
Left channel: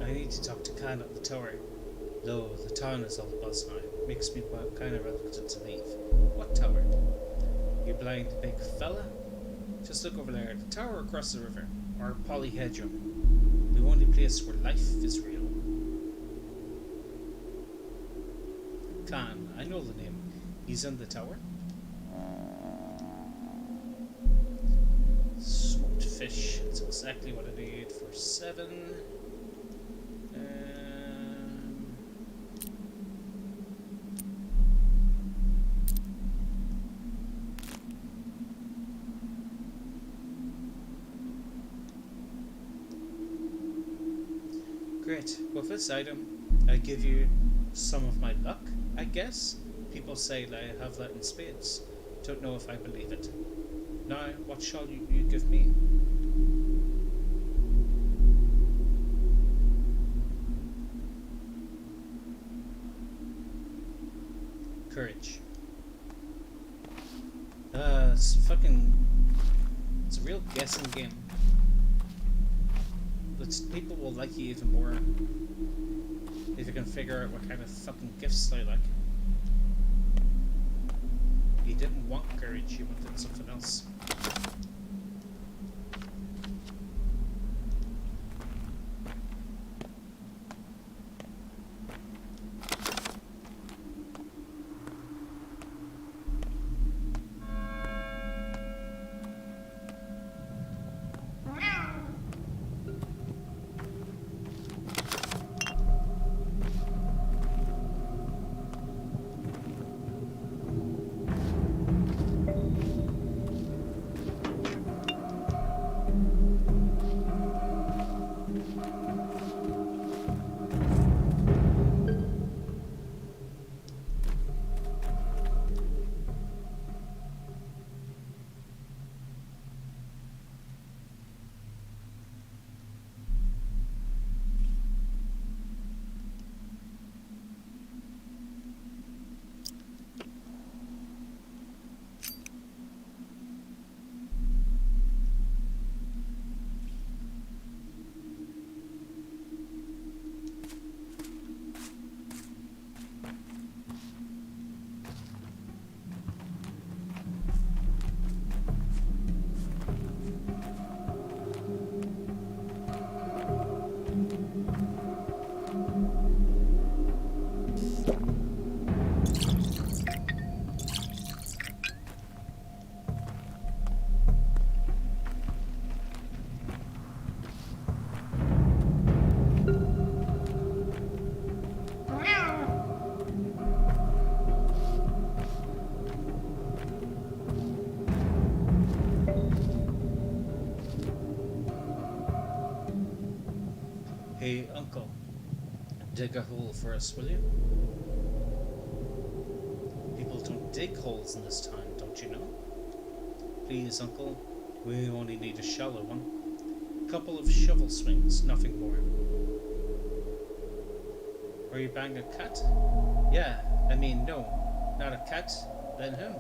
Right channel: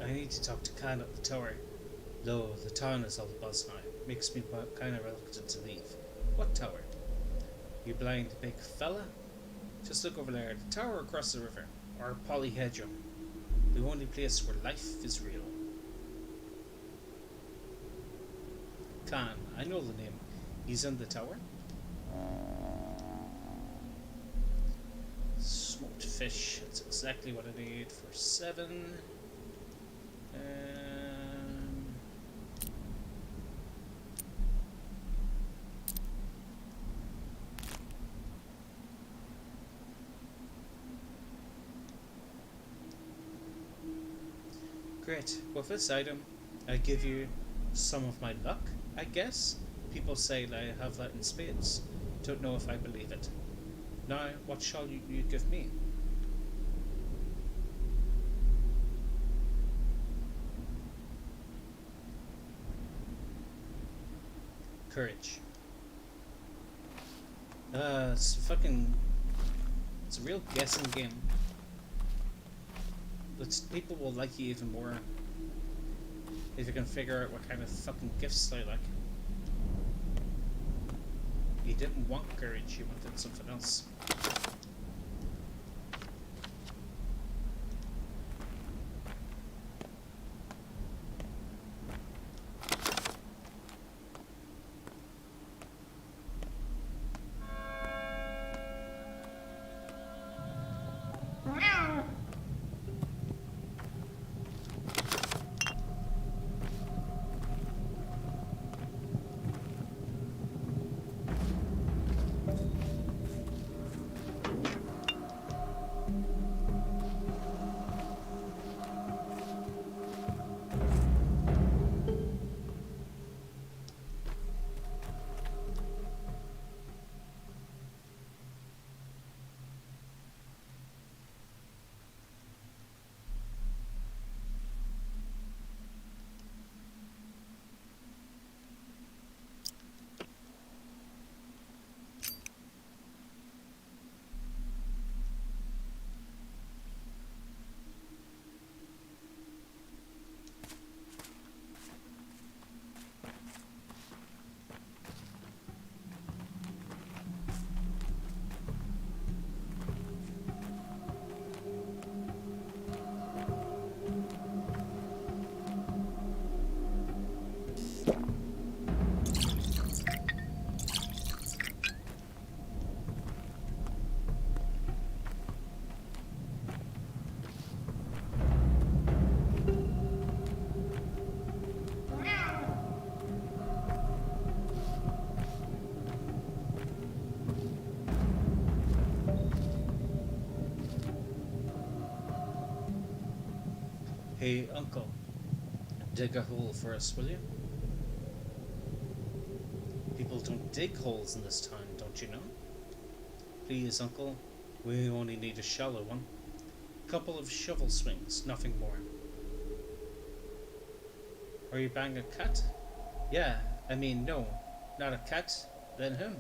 I need to talk to Kaine at the tower. Though the town is all abuzz now. makes me kind of reluctant to leave. What tower? You blind big fella? Just look over there, the tower across the river, or Polyhedron, the only place where life is real. Kaine, I know the name. He's in the tower. Smoked fish, that's exactly what I need for 7. Great. With this item, I give you some of my luck, I guess. People say that I have that in spades. Don't know if I believe it. Now, what shall you give me? Courage. It's a real guessing game. People will like you even more if you can figure out what kind of fucking gifts they like. You didn't want courage, you wanted something else. Hey, uncle, dig a hole for us, will you? People don't dig holes in this town, don't you know? Please, uncle, we only need a shallow one. Couple of shovel swings, nothing more. Are you bang a cat? Yeah, I mean, no, not a cat, then him.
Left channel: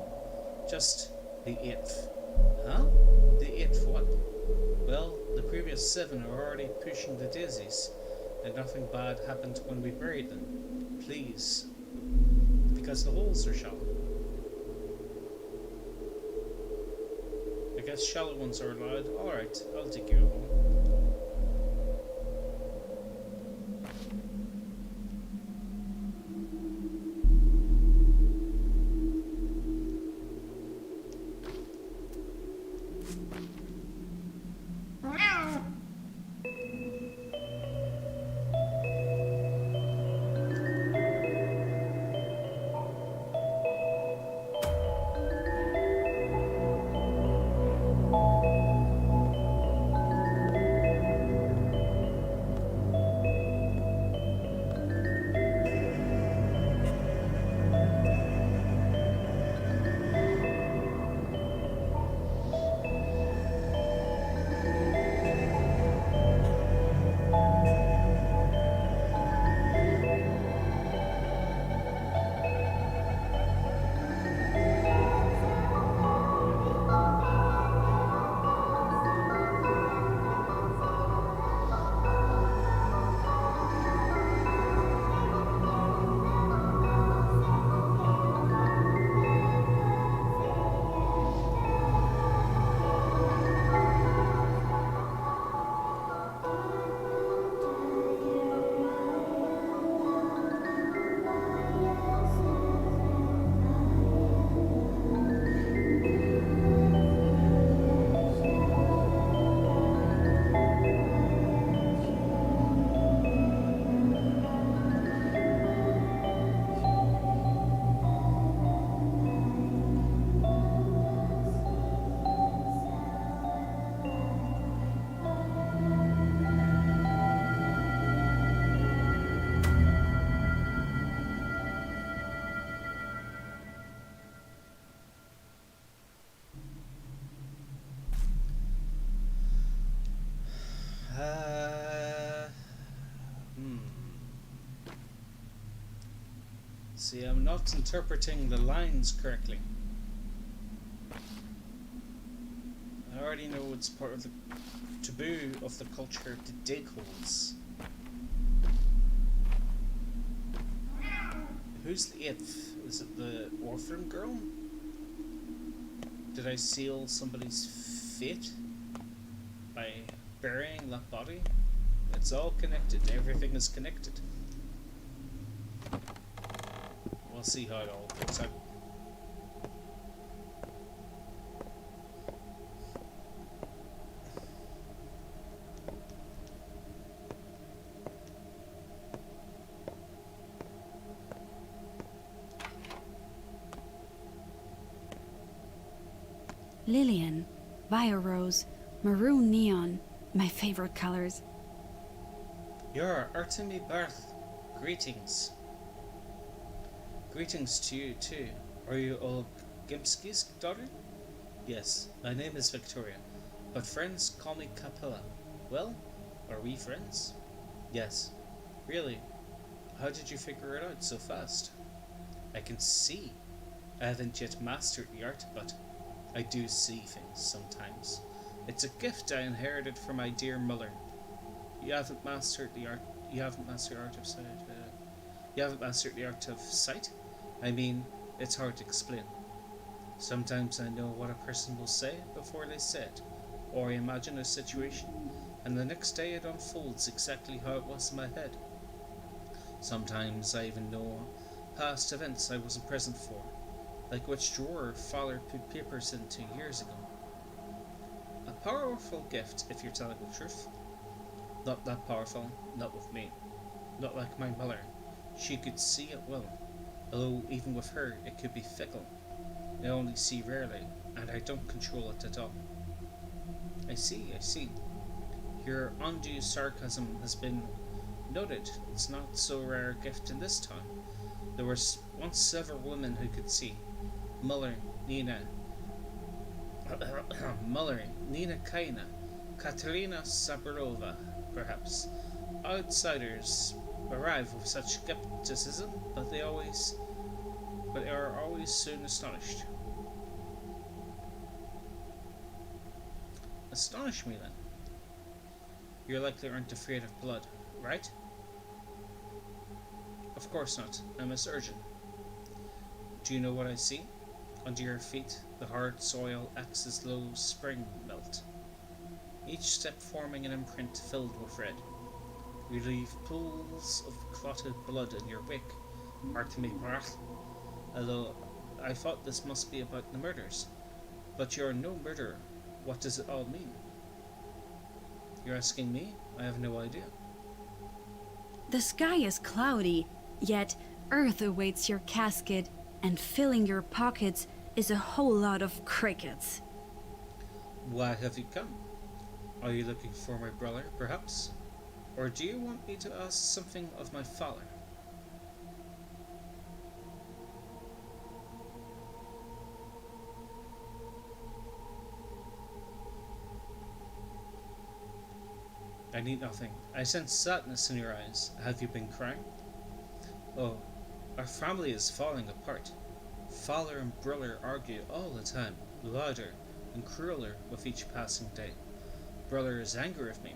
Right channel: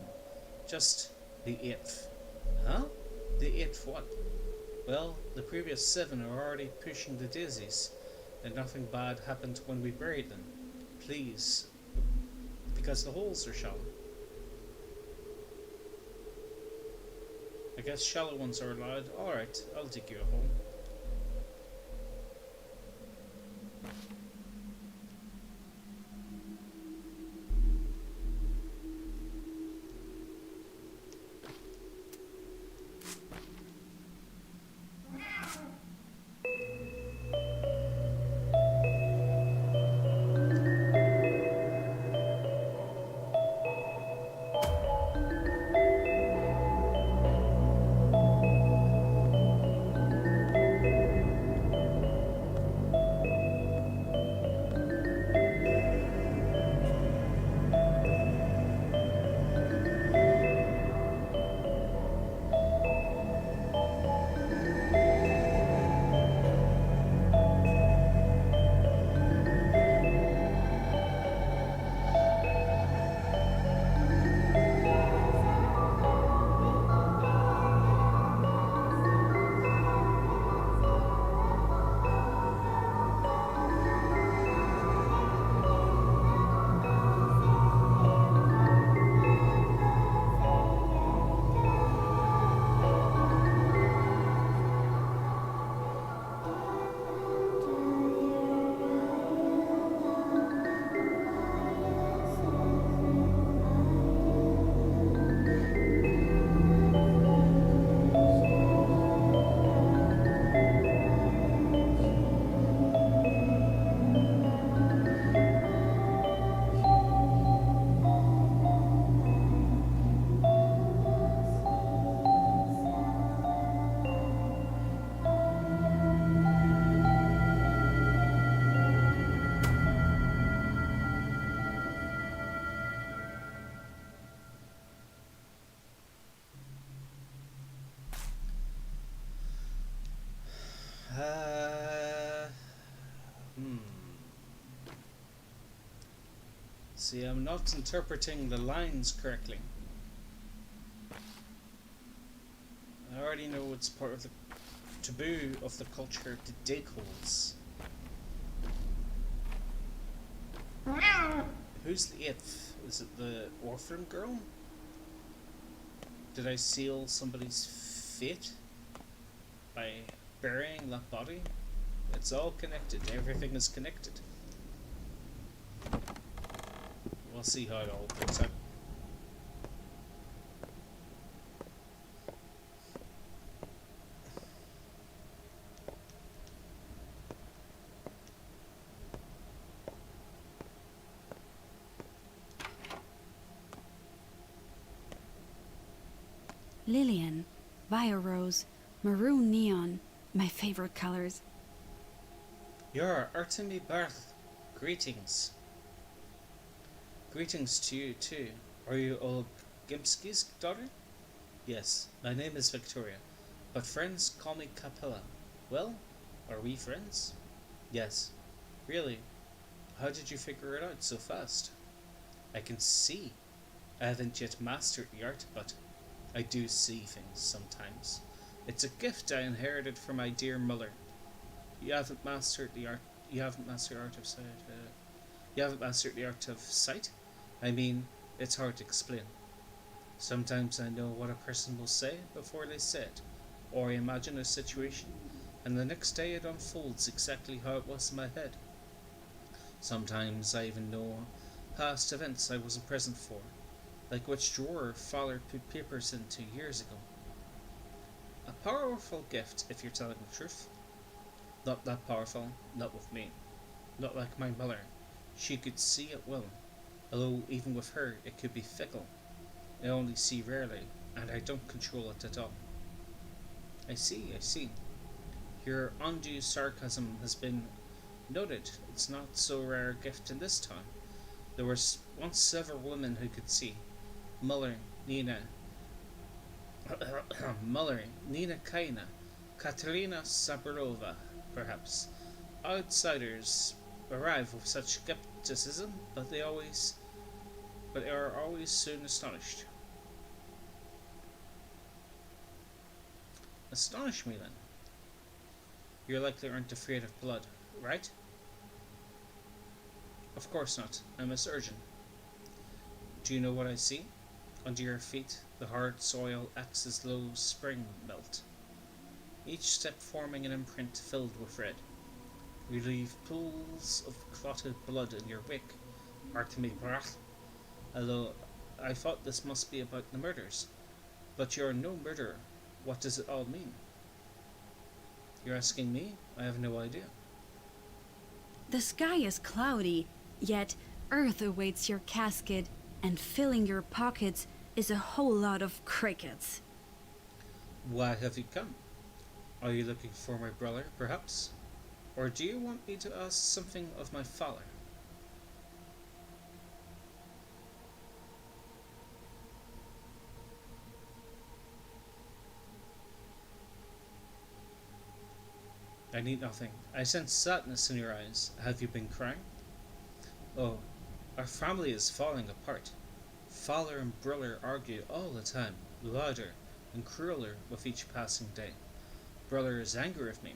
Just the 8th. Huh? The 8th what? Well, the previous 7 are already pushing the daisies, and nothing bad happened when we buried them. Please. Because the holes are shallow. I guess shallow ones are allowed. Alright, I'll dig you a hole. See, I'm not interpreting the lines correctly. I already know it's part of the taboo of the culture to dig holes. Who's the eighth? Is it the orphan girl? Did I seal somebody's fate by burying that body? It's all connected. Everything is connected. We'll see how it all works out. Lillian, Biorose, Maroon Neon, my favorite colors. You're Artemi Barth. Greetings. Greetings to you too. Are you Old Gimski's daughter? Yes, my name is Victoria, but friends call me Capella. Well, are we friends? Yes. Really? How did you figure it out so fast? I can see. I haven't yet mastered the art, but I do see things sometimes. It's a gift I inherited from my dear mother. You haven't mastered the art. You haven't mastered the art of sight. You haven't mastered the art of sight. I mean, it's hard to explain. Sometimes I know what a person will say before they say it, or I imagine a situation, and the next day it unfolds exactly how it was in my head. Sometimes I even know past events I wasn't present for, like which drawer father put papers into years ago. A powerful gift, if you're telling the truth. Not that powerful, not with me. Not like my mother. She could see it well, although even with her it could be fickle. I only see rarely, and I don't control it at all. I see. Your undue sarcasm has been noted. It's not so rare a gift in this town. There were once several women who could see. Muller, Nina Kaine, Katerina Saburova, perhaps. Outsiders arrive with such skepticism, but they are always soon astonished. Astonish me then. You likely aren't afraid of blood, right? Of course not. I'm a surgeon. Do you know what I see? Under your feet, the hard soil acts as low spring melt, each step forming an imprint filled with red. You leave pools of clotted blood in your wake, Artemi Brath. Although I thought this must be about the murders. But you're no murderer. What does it all mean? You're asking me? I have no idea. The sky is cloudy, yet Earth awaits your casket, and filling your pockets is a whole lot of crickets. Why have you come? Are you looking for my brother, perhaps? Or do you want me to ask something of my father? I need nothing. I sense sadness in your eyes. Have you been crying? Oh, our family is falling apart. Father and brother argue all the time, louder and crueler with each passing day. Brother is angry with me.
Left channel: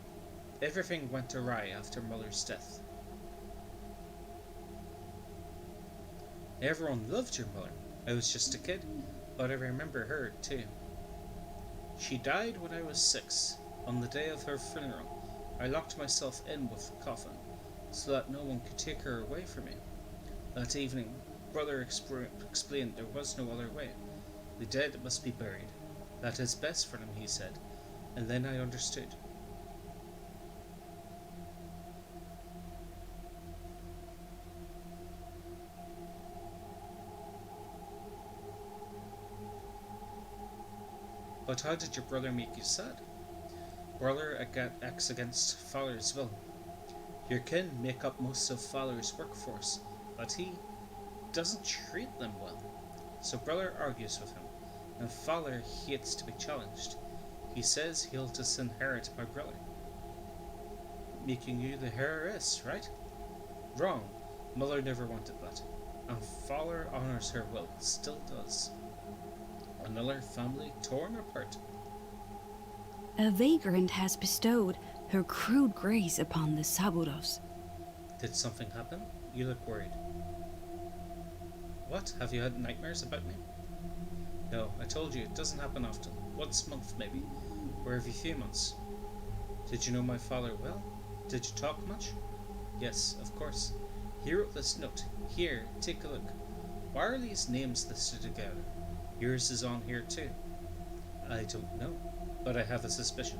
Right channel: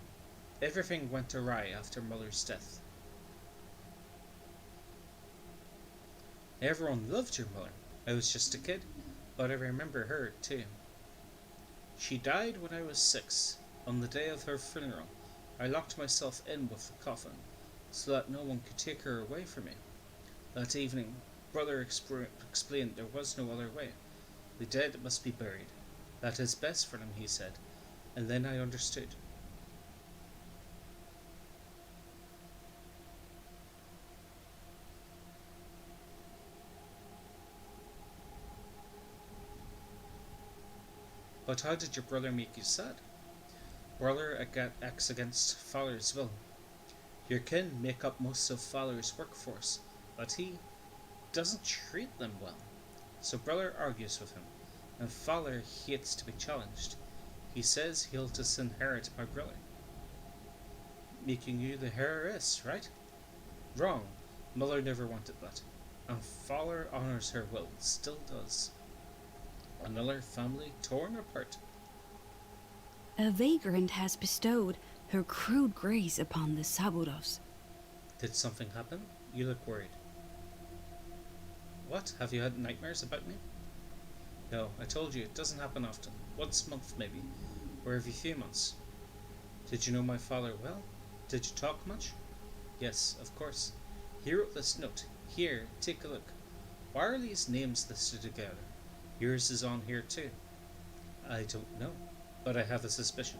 Everything went awry after mother's death. Everyone loved your mother. I was just a kid, but I remember her too. She died when I was 6. On the day of her funeral, I locked myself in with the coffin, so that no one could take her away from me. That evening, brother explained there was no other way. The dead must be buried. That is best for them, he said, and then I understood. But how did your brother make you sad? Brother acts against father's will. Your kin make up most of father's workforce, but he doesn't treat them well. So brother argues with him, and father hates to be challenged. He says he'll disinherit my brother. Making you the heiress, right? Wrong. Mother never wanted that. And Fowler honours her will, still does. Another family torn apart. A vagrant has bestowed her crude grace upon the Saburos. Did something happen? You look worried. What? Have you had nightmares about me? No, I told you, it doesn't happen often. Once a month, maybe. Or every few months. Did you know my father well? Did you talk much? Yes, of course. He wrote this note. Here, take a look. Why are these names listed together? Yours is on here too. I don't know, but I have a suspicion.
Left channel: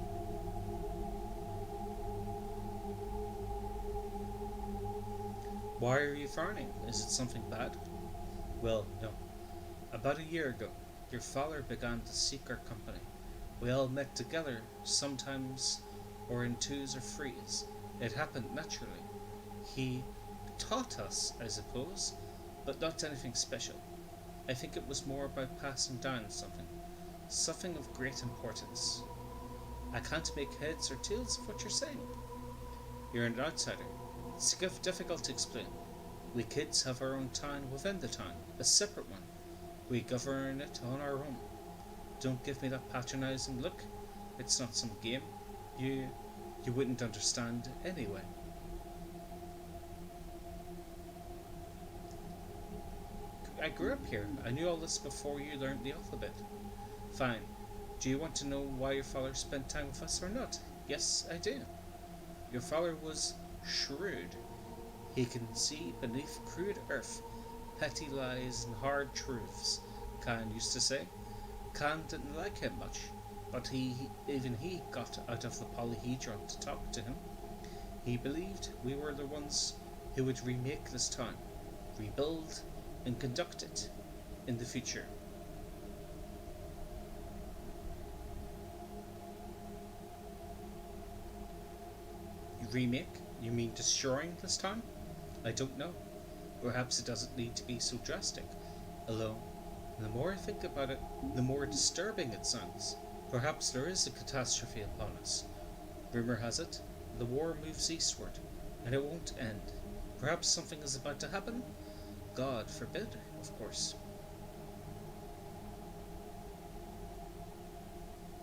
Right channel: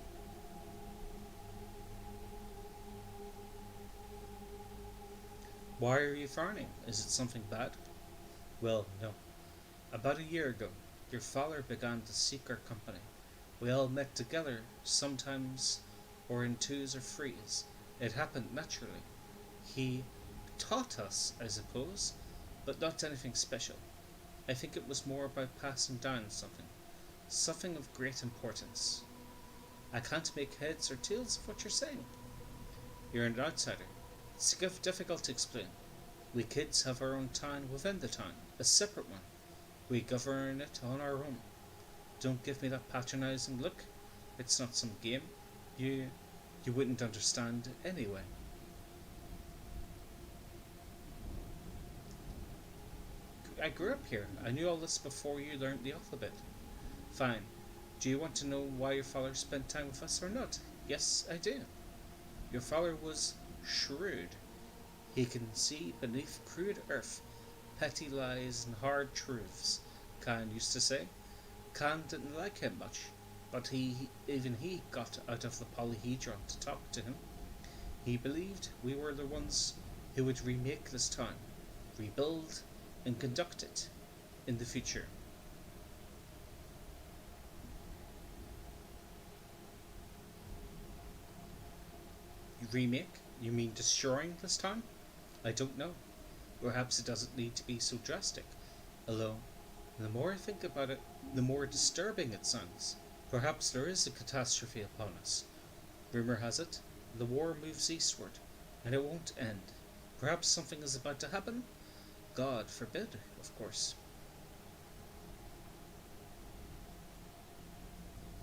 Why are you frowning? Is it something bad? Well, no. About a year ago, your father began to seek our company. We all met together, sometimes, or in twos or threes. It happened naturally. He taught us, I suppose, but not anything special. I think it was more about passing down something of great importance. I can't make heads or tails of what you're saying. You're an outsider. It's difficult to explain. We kids have our own town within the town, a separate one. We govern it on our own. Don't give me that patronizing look. It's not some game. You wouldn't understand anyway. I grew up here. I knew all this before you learned the alphabet. Fine. Do you want to know why your father spent time with us or not? Yes, I do. Your father was shrewd. He can see beneath crude earth petty lies and hard truths, Kaine used to say. Kaine didn't like him much, but even he got out of the polyhedron to talk to him. He believed we were the ones who would remake this town, rebuild and conduct it in the future. Remake? You mean destroying this town? I don't know. Perhaps it doesn't need to be so drastic. Although, the more I think about it, the more disturbing it sounds. Perhaps there is a catastrophe upon us. Rumour has it, the war moves eastward, and it won't end. Perhaps something is about to happen? God forbid, of course.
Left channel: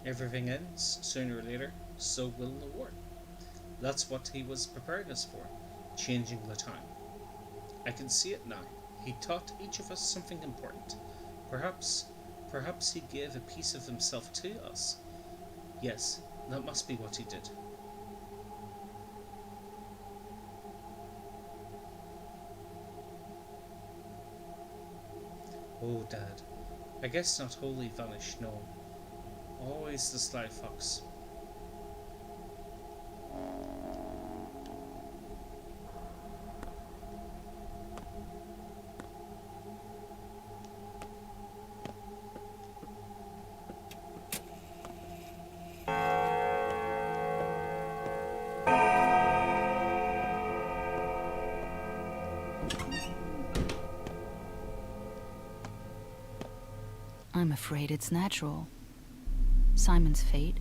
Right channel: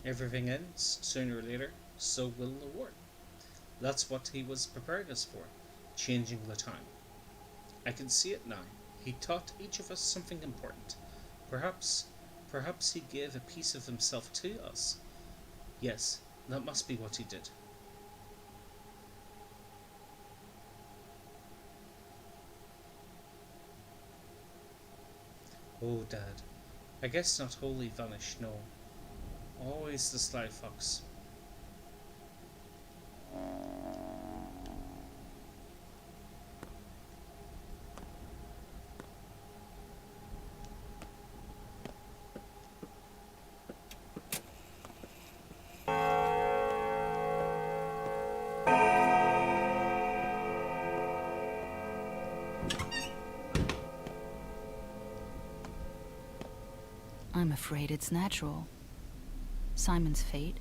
Everything ends, sooner or later, so will the war. That's what he was preparing us for, changing the time. I can see it now. He taught each of us something important. Perhaps he gave a piece of himself to us. Yes, that must be what he did. Oh, Dad. I guess not wholly vanished, no. Always the sly fox. I'm afraid it's natural. Simon's fate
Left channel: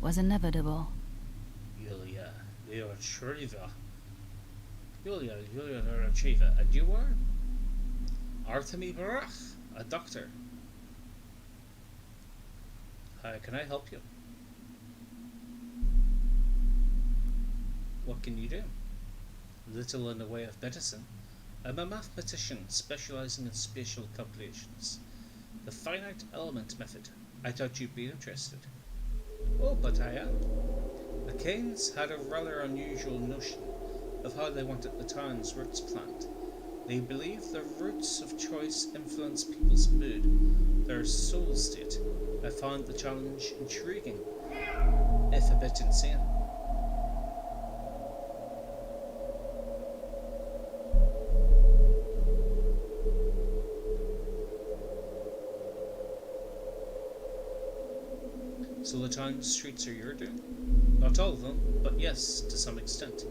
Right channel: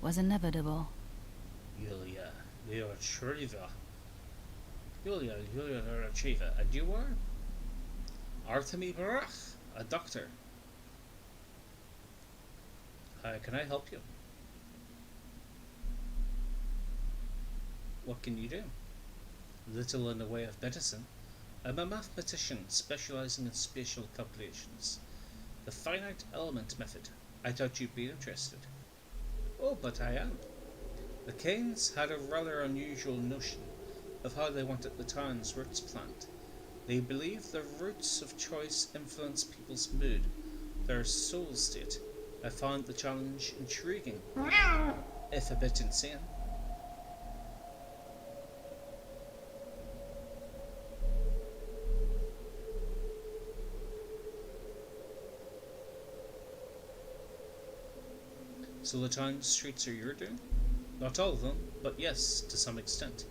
was inevitable. Julia Retriever. Julia Retriever. And you are? Artemi Barach, a doctor. How can I help you? What can you do? Little in the way of medicine. I'm a mathematician specializing in spatial calculations. The finite element method. I thought you'd be interested. Oh, but I am. The Kaines had a rather unusual notion of how they wanted the town's roots planned. They believed the roots of choice influence people's mood, their soul state. I found the challenge intriguing, if a bit insane. So the town's streets are your doing? Not all of them, but yes, to some extent.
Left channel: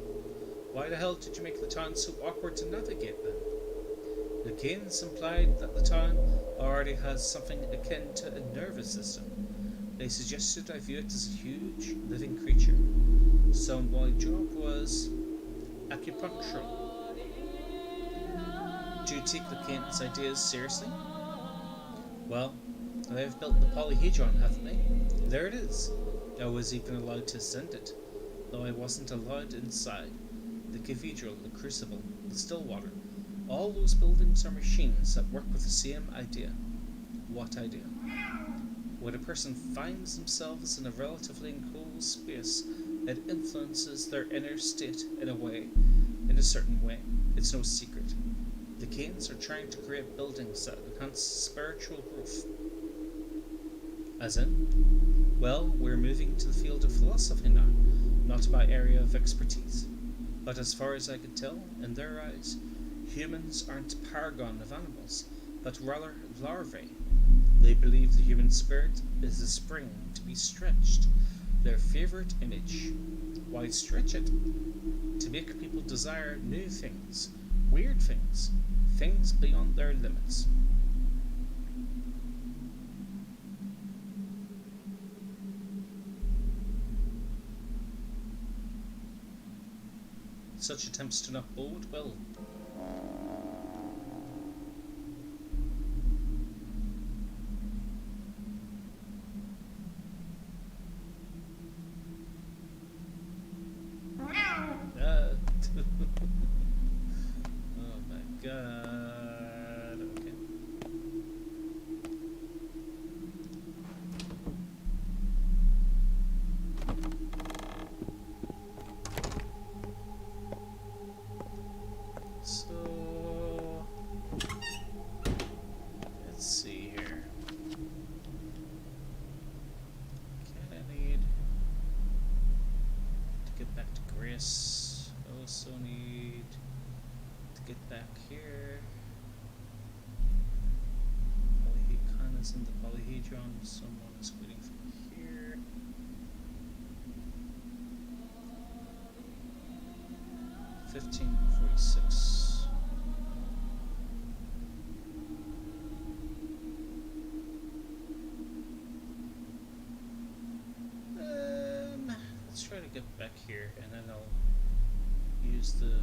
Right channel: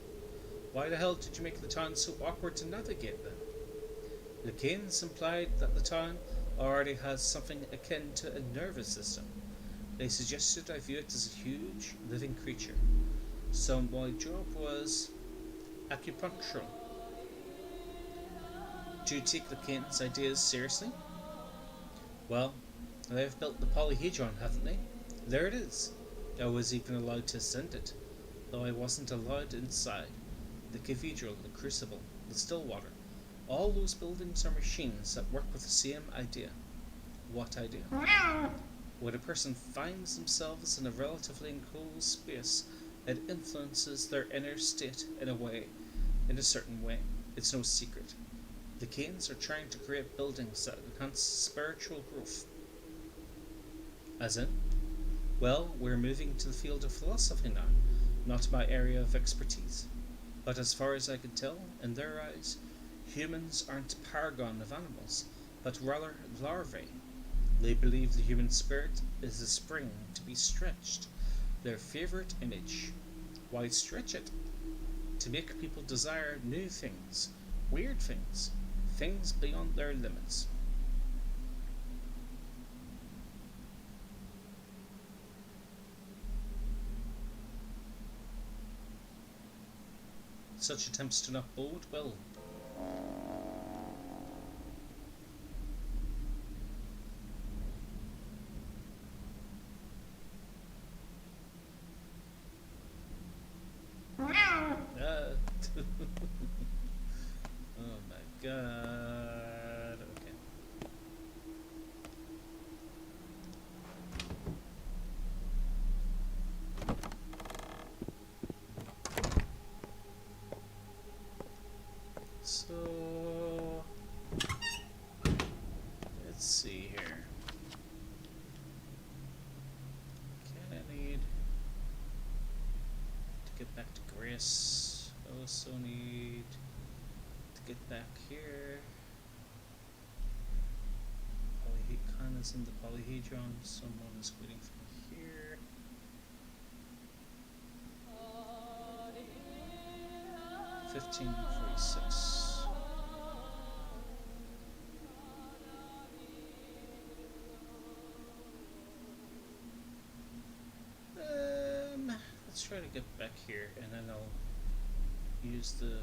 Why the hell did you make the town so awkward to navigate then? The Kaines implied that the town already has something akin to a nervous system. They suggested I view it as a huge, living creature. So my job was acupunctural. Do you take the Kaine's ideas seriously? Well, they've built the polyhedron, haven't they? There it is. I was even allowed to ascend it, though I wasn't allowed inside. The cathedral, the crucible, the Stillwater. All those buildings are machines that work with the same idea. What idea? When a person finds themselves in a relatively enclosed space, it influences their inner state in a certain way. It's no secret. The Kaines are trying to create buildings that enhance spiritual growth. As in? Well, we're moving to the field of philosophy now, not my area of expertise. But as far as I can tell, in their eyes, humans aren't a paragon of animals, but rather larvae. They believe the human spirit is a spring to be stretched, their favourite image. Why stretch it? To make people desire new things, weird things, things beyond their limits. Such attempts do not bode well. Oh my god. Okay. So let's see here. Okay, I need to get back to Grace. I also need to get back here. Kaine is in the polyhedron. Someone is waiting for me here. $15.46. Let's try to get back here, and then I'll use the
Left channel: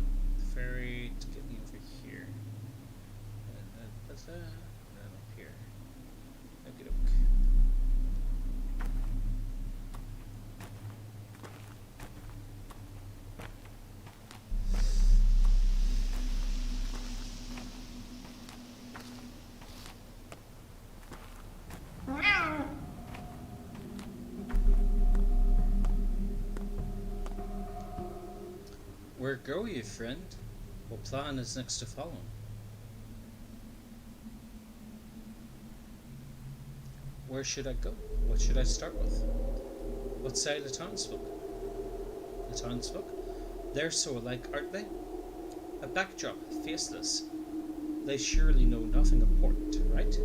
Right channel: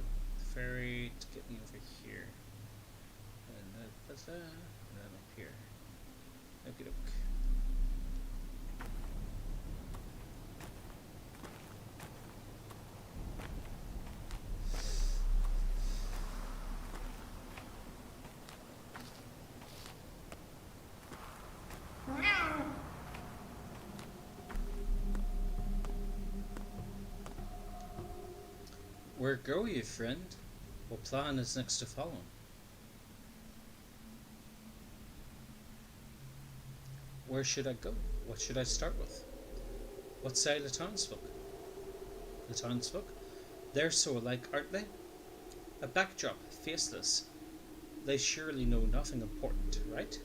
ferry to get me over here, and then up here. Okie doke. Where go you, friend? What plan is next to follow? Where should I go? What should I start with? What say the townsfolk? The townsfolk? They're so alike, aren't they? A backdrop, faceless. They surely know nothing important, right?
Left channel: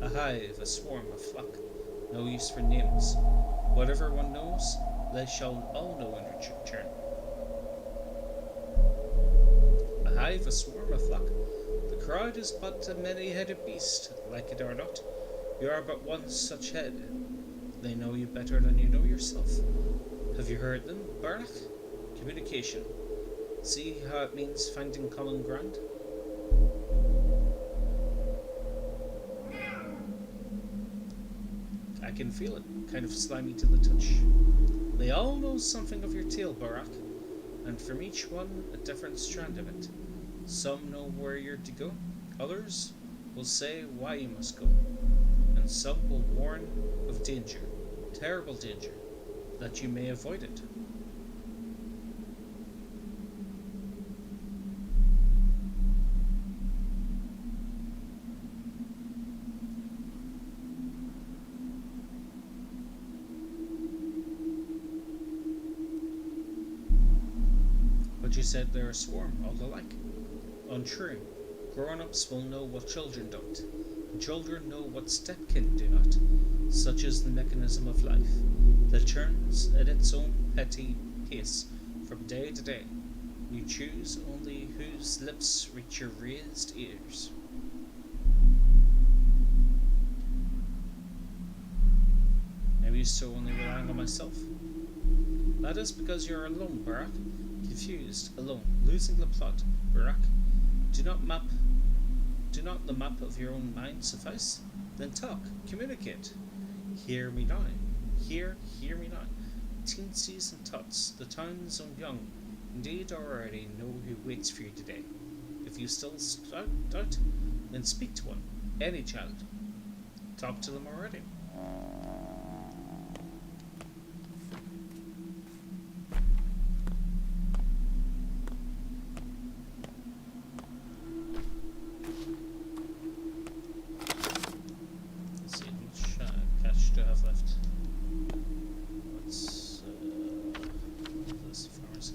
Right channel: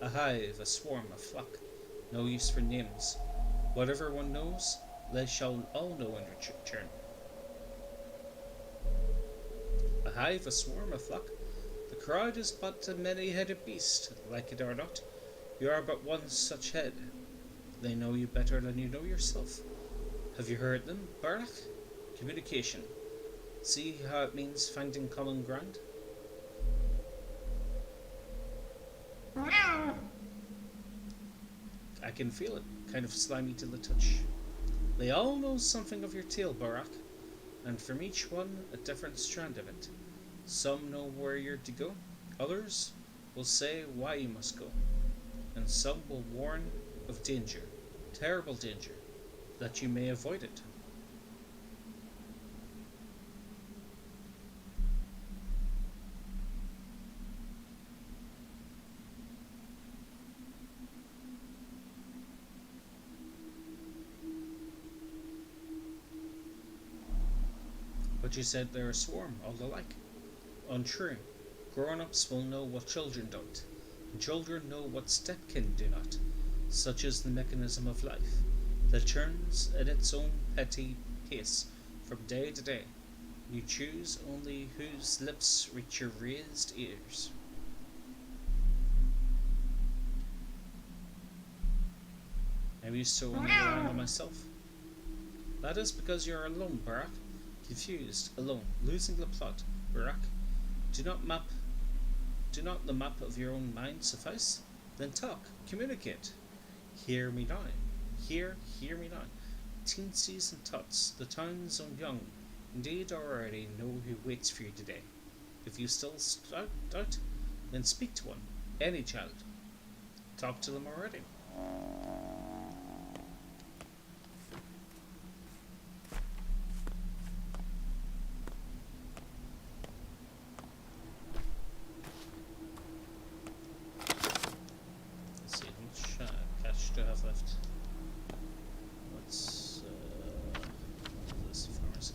A hive, a swarm, a flock. No use for names. Whatever one knows, they shall all know in return. A hive, a swarm, a flock. The crowd is but a many-headed beast, like it or not. You are but one such head. They know you better than you know yourself. Have you heard them, Barak? Communication. See how it means finding common ground? I can feel it, kind of slimy to the touch. They all know something of your tale, Barak, and from each one a different strand of it. Some know where you're to go, others will say why you must go, and some will warn of danger, terrible danger, that you may avoid it. But you said they're a swarm, all alike. Untrue. Grown-ups will know what children don't, and children know what stepkin do not. Such is the mechanism of life, that turns at its own petty pace from day to day. You choose only whose lips reach your raised ears. I'm used to only relying on myself. That is because you are alone, Barak. Confused, alone, losing the plot. Barak, do not map Do not the map of your own mind suffice? Then talk, communicate. Hear me now. Hear me now. Teensies and tots, the town's own young, indeed already know who waits for you today. If you still doubt, then speak to one, any child. Talk to them already. Let's see, how much cash do I have left? What's this pharmacy?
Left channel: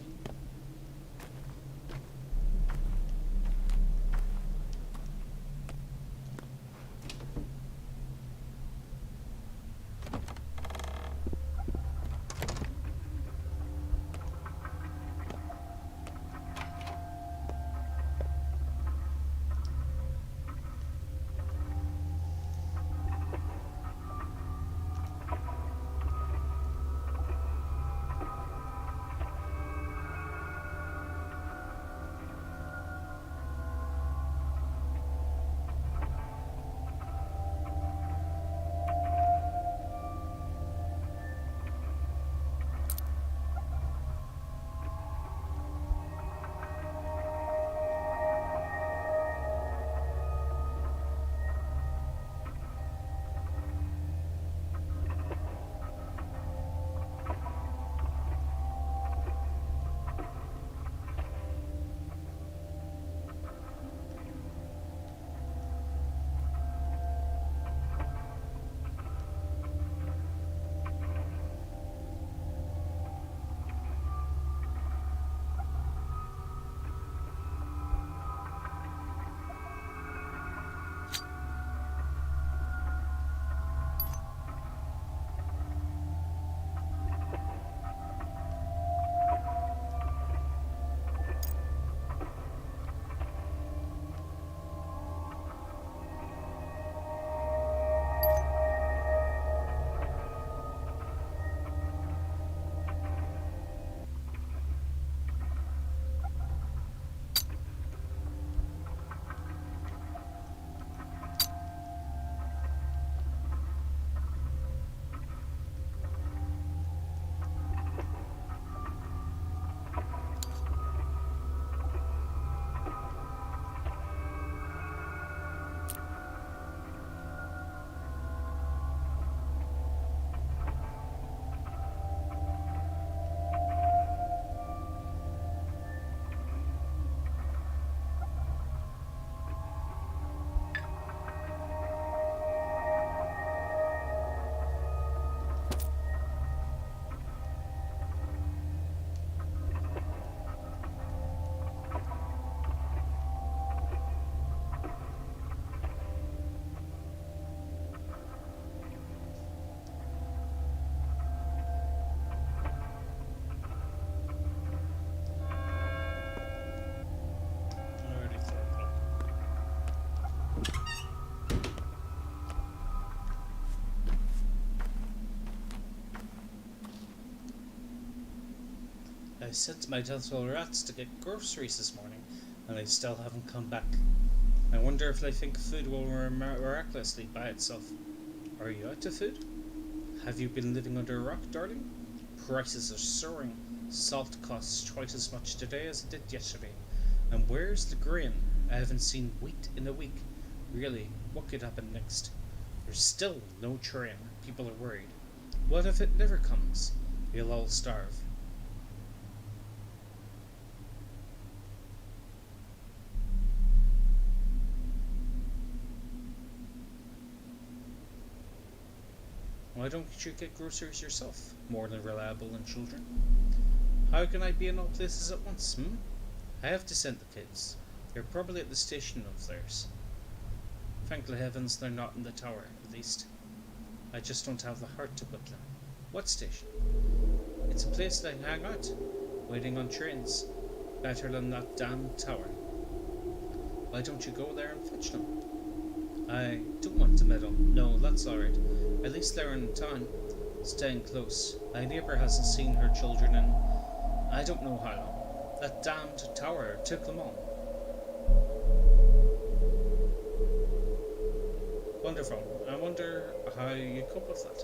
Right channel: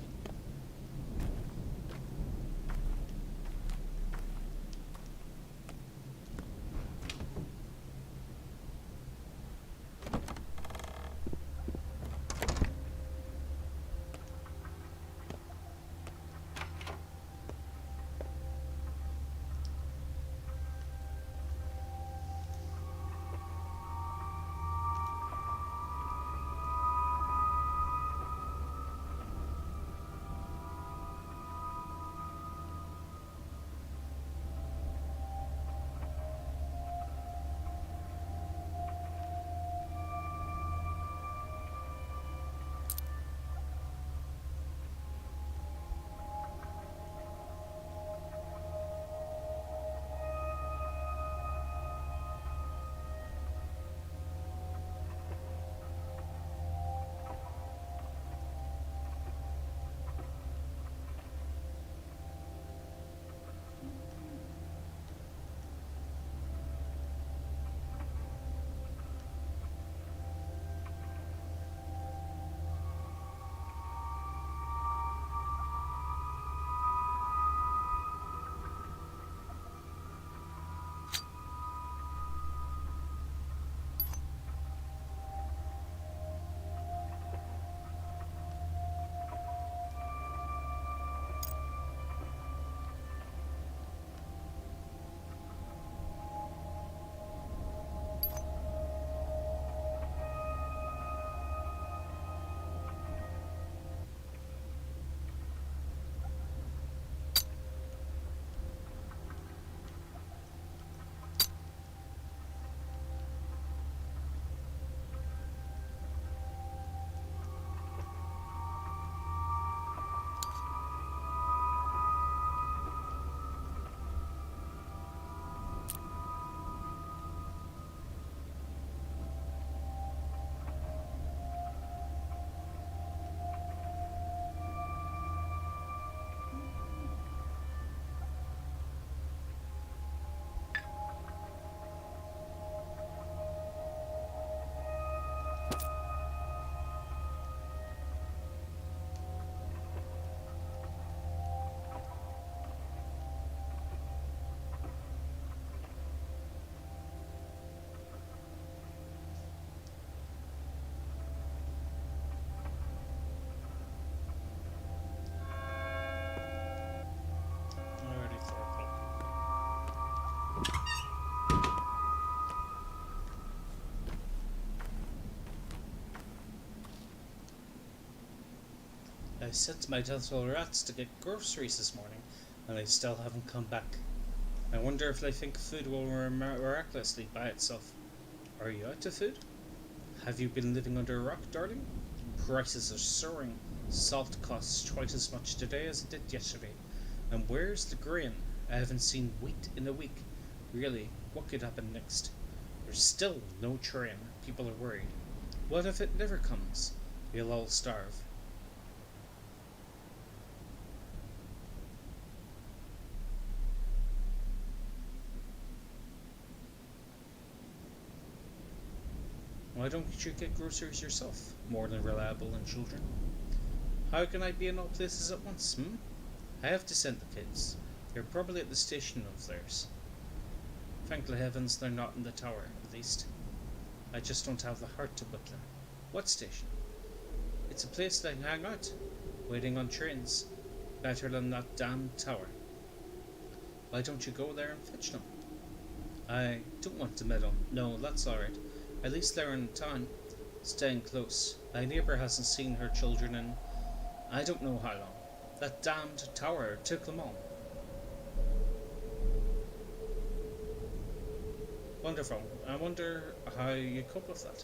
Already 4 o'clock. I sent my little rats to get groceries this morning, and they still haven't come back. I wonder if they think food will miraculously by itself. Are you out of food? Have you been living under a rock, darling? Prices are soaring. Salt costs twice as much today as it did yesterday. And where's the grain? I haven't seen wheat in a week. Really, what could happen next? There's still no train. People are worried. What if it never comes? We'll all starve. Why don't you get groceries yourself? More than reliable in children. How can I be in all places at once, I have to send the kids. They're probably at the station of theirs. Thank the heavens they're not in the tower, at least. I just don't have the heart to whip them. What station? It's a place they hang out, waiting on trains. Better than that damned tower. Why don't you go there and fetch them? I don't want to meddle. No, that's alright. At least they're in town, staying close. My neighbour hasn't seen her children in I don't know how long. That damned tower took them all. Wonderful. I wonder how you cope with that.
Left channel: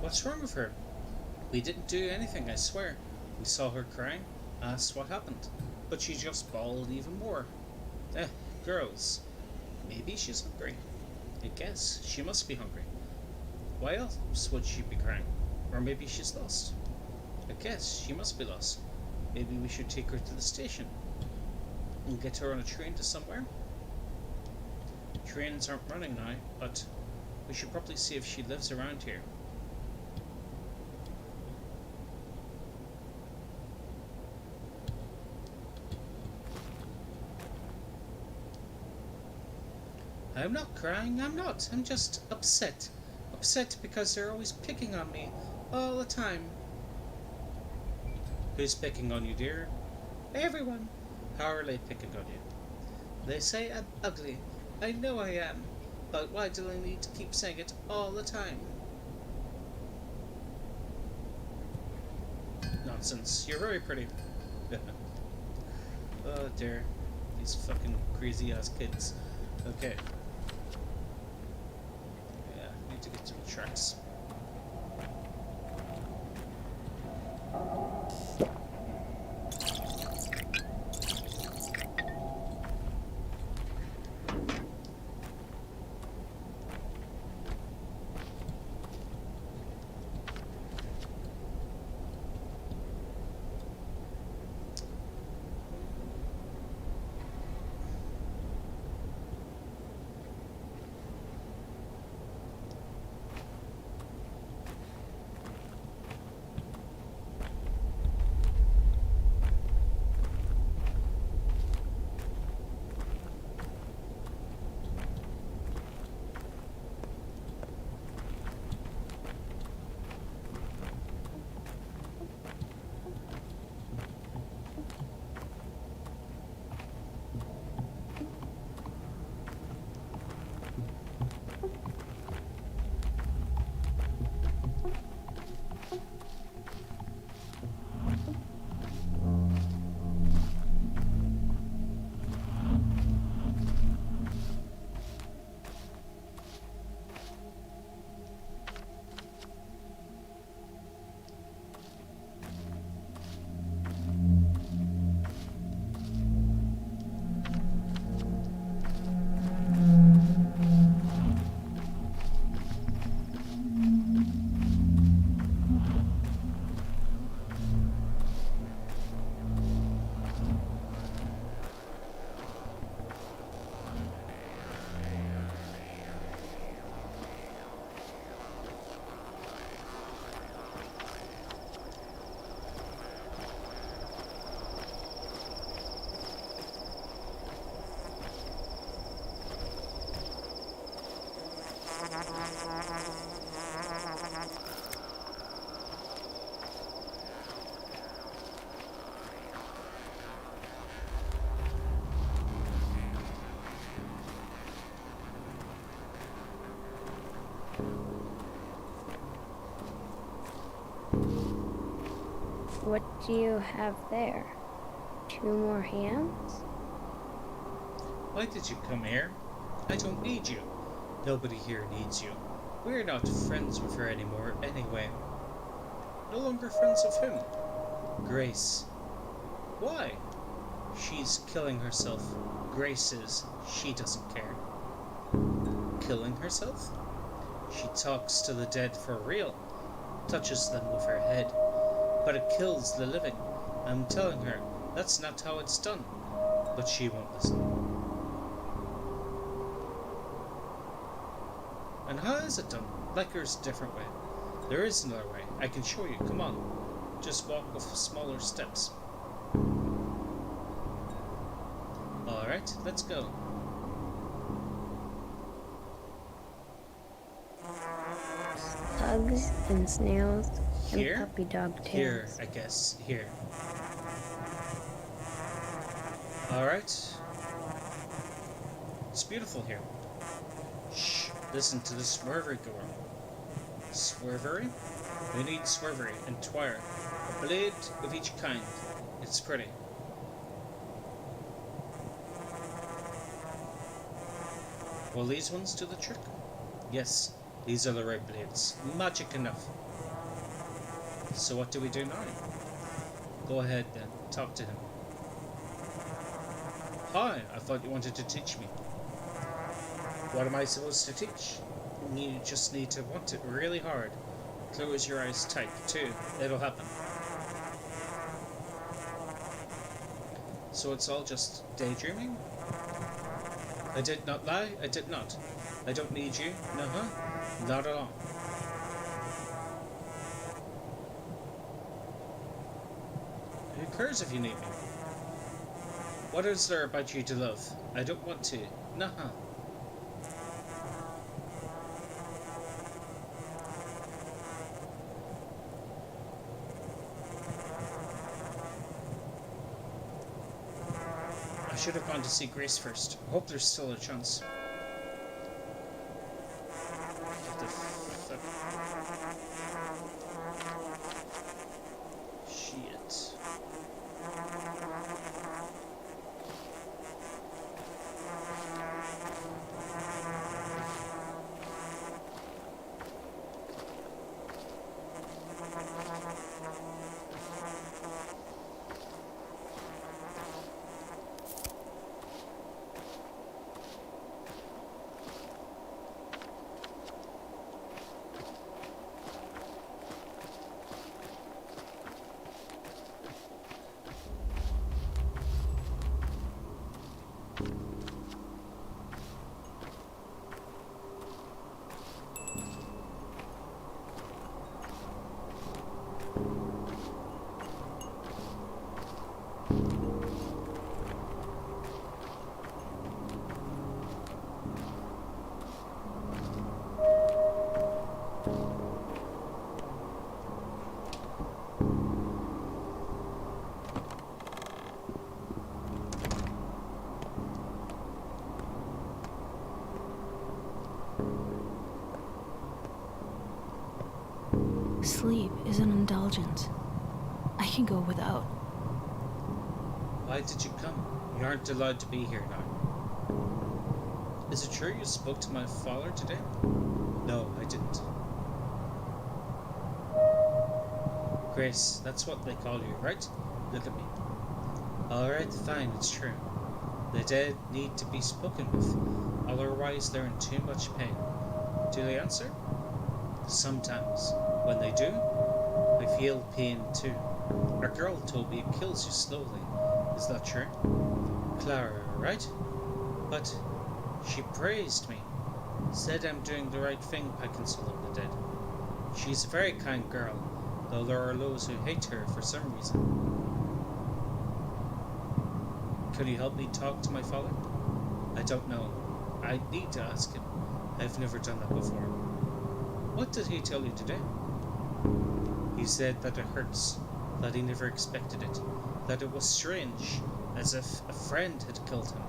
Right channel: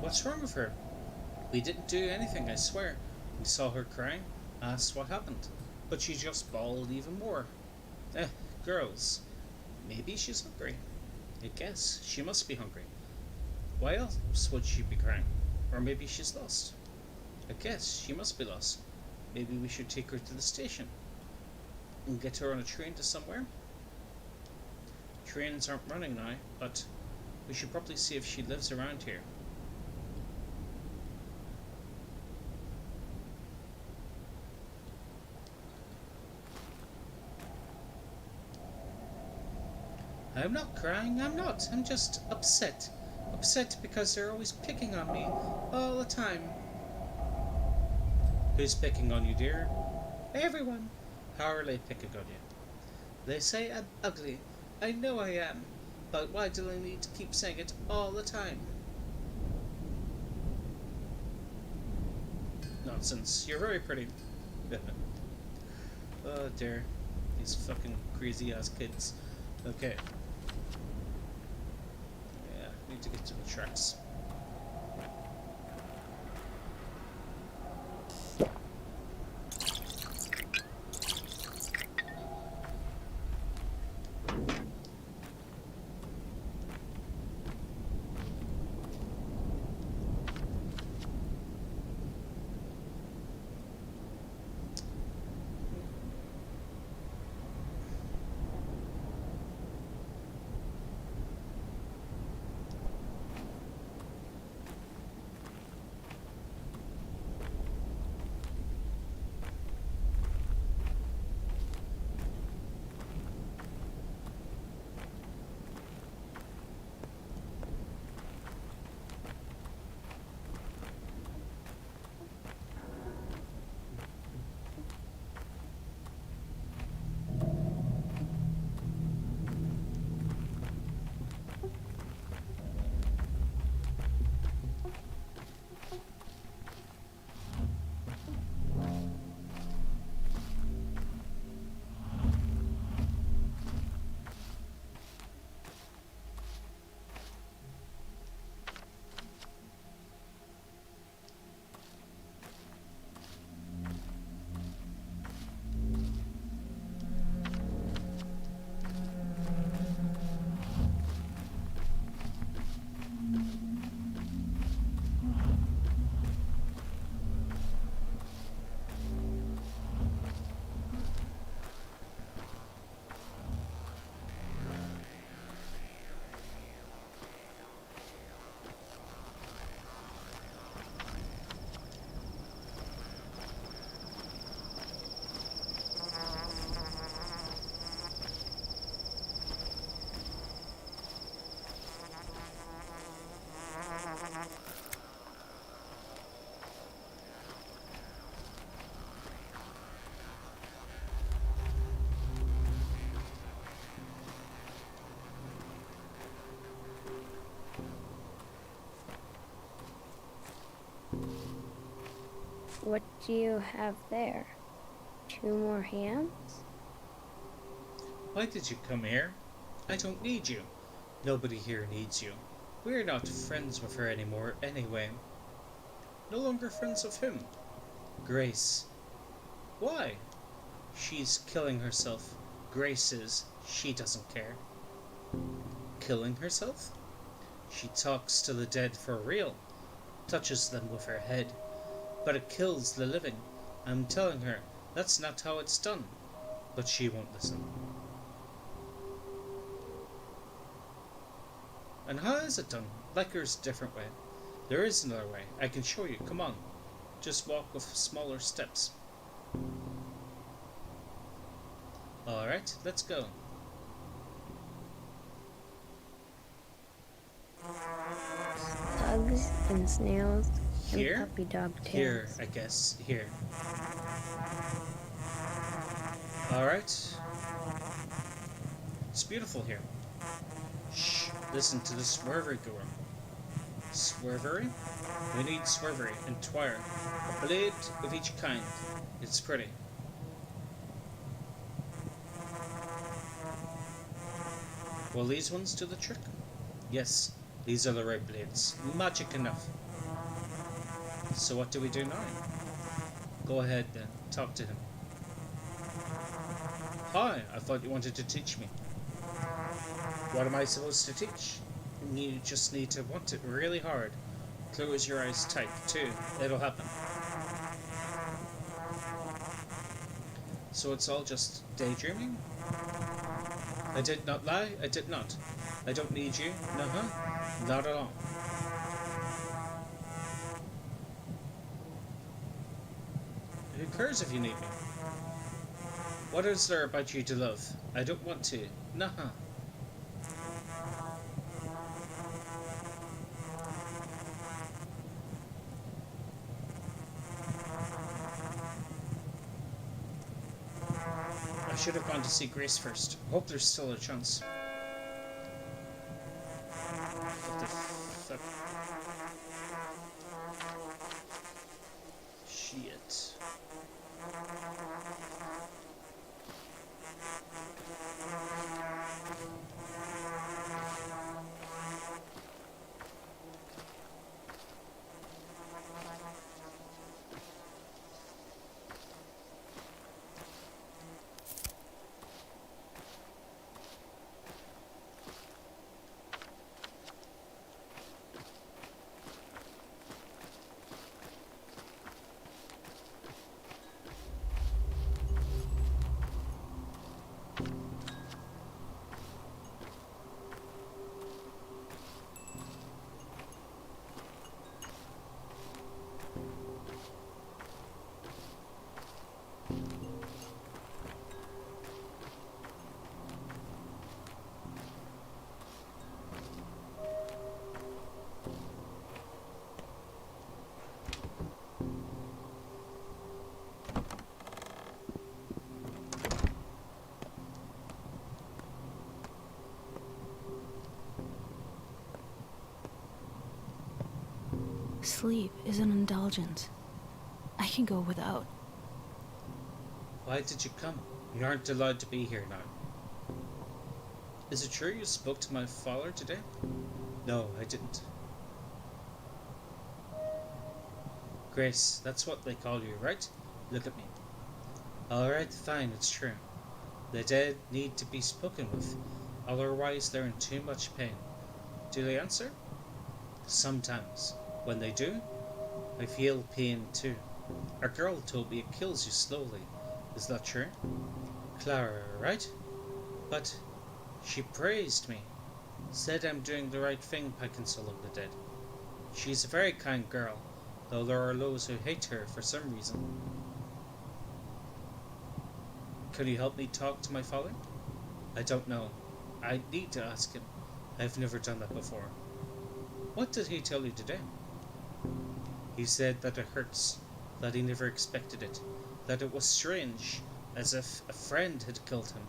What's wrong with her? We didn't do anything, I swear. We saw her crying, asked what happened, but she just bawled even more. Eh, girls. Maybe she's hungry. I guess she must be hungry. Why else would she be crying? Or maybe she's lost. I guess she must be lost. Maybe we should take her to the station and get her on a train to somewhere. Trains aren't running now, but we should probably see if she lives around here. I'm not crying, I'm not. I'm just upset. Upset because they're always picking on me. All the time. Who's picking on you, dear? Everyone. How are they picking on you? They say I'm ugly. I know I am. But why do they need to keep saying it all the time? Nonsense. You're very pretty. Oh dear. These fucking crazy ass kids. Okay. Need to get to the tracks. What do you have there? 2 more hands? Why did you come here? I don't need you. Nobody here needs you. We're not friends with her anymore anyway. No longer friends of whom? Grace. Why? She's killing herself. Grace is. She doesn't care. Killing herself? She talks to the dead for real. Touches them with her head. But it kills the living. I'm telling her that's not how it's done. But she won't listen. And how is it done? Like there's a different way. There is another way. I can show you. Come on. Just walk with smaller steps. Alright, let's go. Bugs and snails Here? and puppy dog tails. Here, I guess. Here. Alright. It's beautiful here. Shh. Listen to the swervery go on. Swervery? We need swervery and twire. A blade of each kind. It's pretty. Will these ones do the trick? Yes, these are the right blades. Magic enough. So what do we do now? Go ahead then, talk to him. Hi, I thought you wanted to teach me. What am I supposed to teach? You just need to want it really hard. Close your eyes tight, too. It'll happen. So it's all just daydreaming? I did not lie, I did not. I don't need you, nuh-huh, not at all. Who cares if you need me? What is there about you to love? I don't want to, nuh-huh. I should have gone to see Grace first. Hope there's still a chance. What the fuck? Shit. Sleep is an indulgence. I can go without. Why did you come? You aren't allowed to be here now. Is it true you spoke to my father today? No, I didn't. Grace, that's what they call you, right? Look at me. Alright, fine, it's true. The dead need to be spoken with, otherwise they're in too much pain. Do they answer? Sometimes. When they do, I feel pain too. A girl told me it kills you slowly. Is that true? Clara, right? But she praised me. Said I'm doing the right thing by consoling the dead. She's a very kind girl, though there are those who hate her for some reason. Can you help me talk to my father? I don't know. I need to ask him. I've never done that before. What did he tell you today? He said that it hurts, that he never expected it, that it was strange, as if a friend had killed him.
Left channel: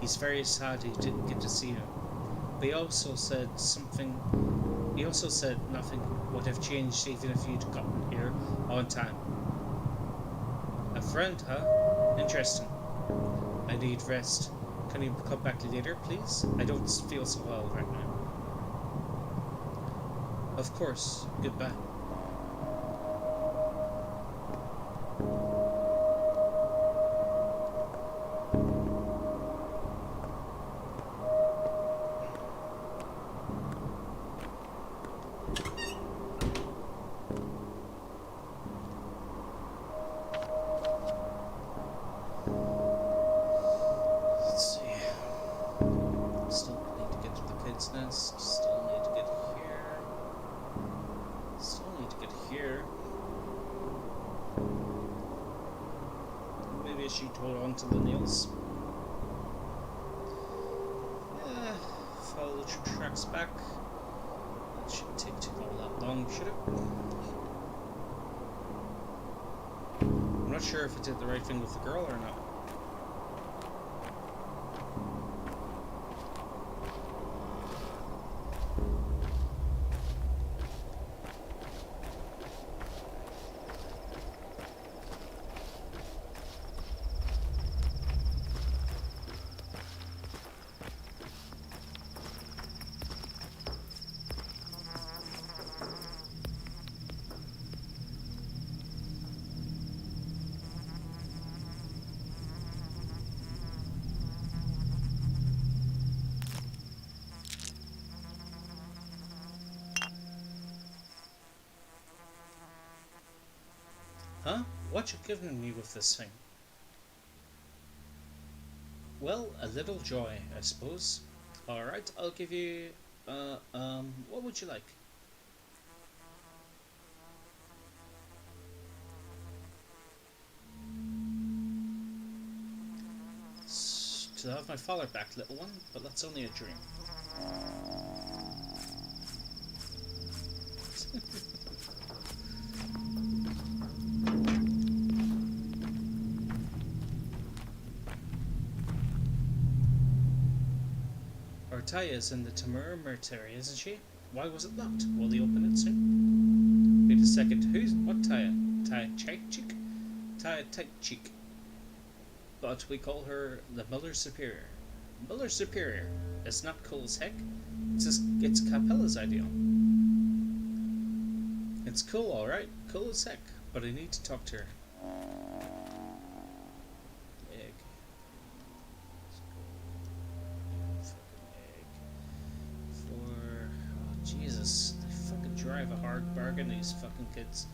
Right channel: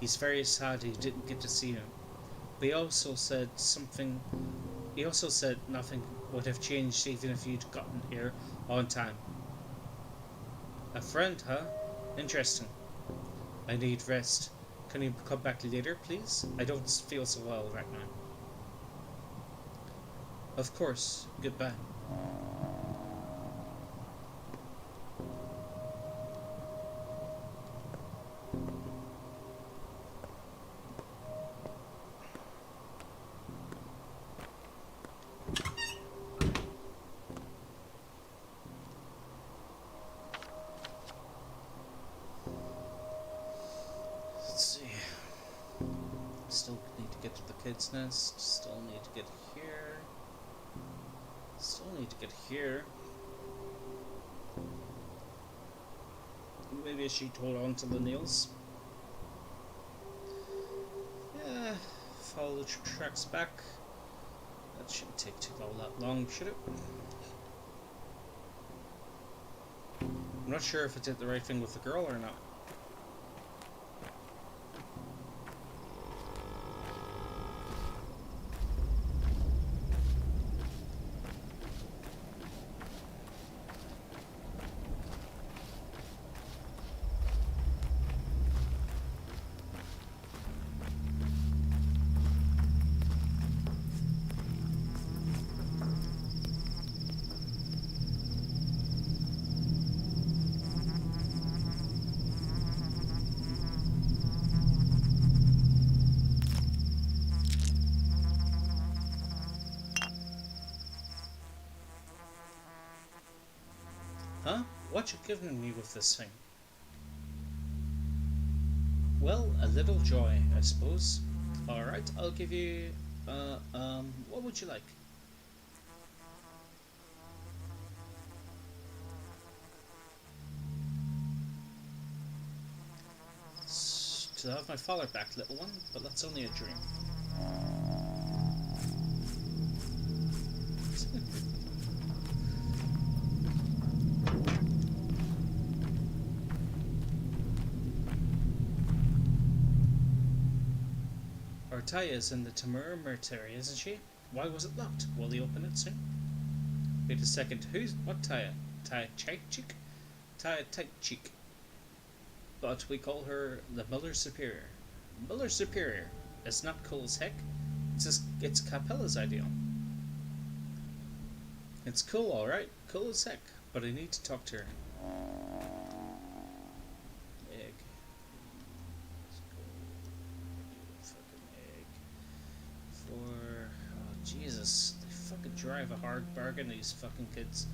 He's very sad he didn't get to see you. But he also said nothing would have changed even if you'd gotten here on time. A friend, huh? Interesting. I need rest. Can you come back later, please? I don't feel so well right now. Of course. Goodbye. Kid's Nest. Still need to get here. Still need to get here. Maybe she hold on to the nails. Yeah, follow the tracks back. That shouldn't take all that long, should it? I'm not sure if I did the right thing with the girl or not. Huh? What you giving me with this thing? Well, a little joy, I suppose. Alright, I'll give you, what would you like? To have my father back, little one, but that's only a dream. Taya is in the Tamura Mertary, isn't she? Why was it locked? Will they open it soon? Wait a second, who's... what Taya? Taya Cheek? Taya Tight Cheek. But we call her the Mother Superior. Mother Superior. It's not cool as heck. It's Capella's ideal. It's cool, alright. Cool as heck. But I need to talk to her. Egg. Oh, Jesus, they fucking drive a hard bargain, these fucking kids.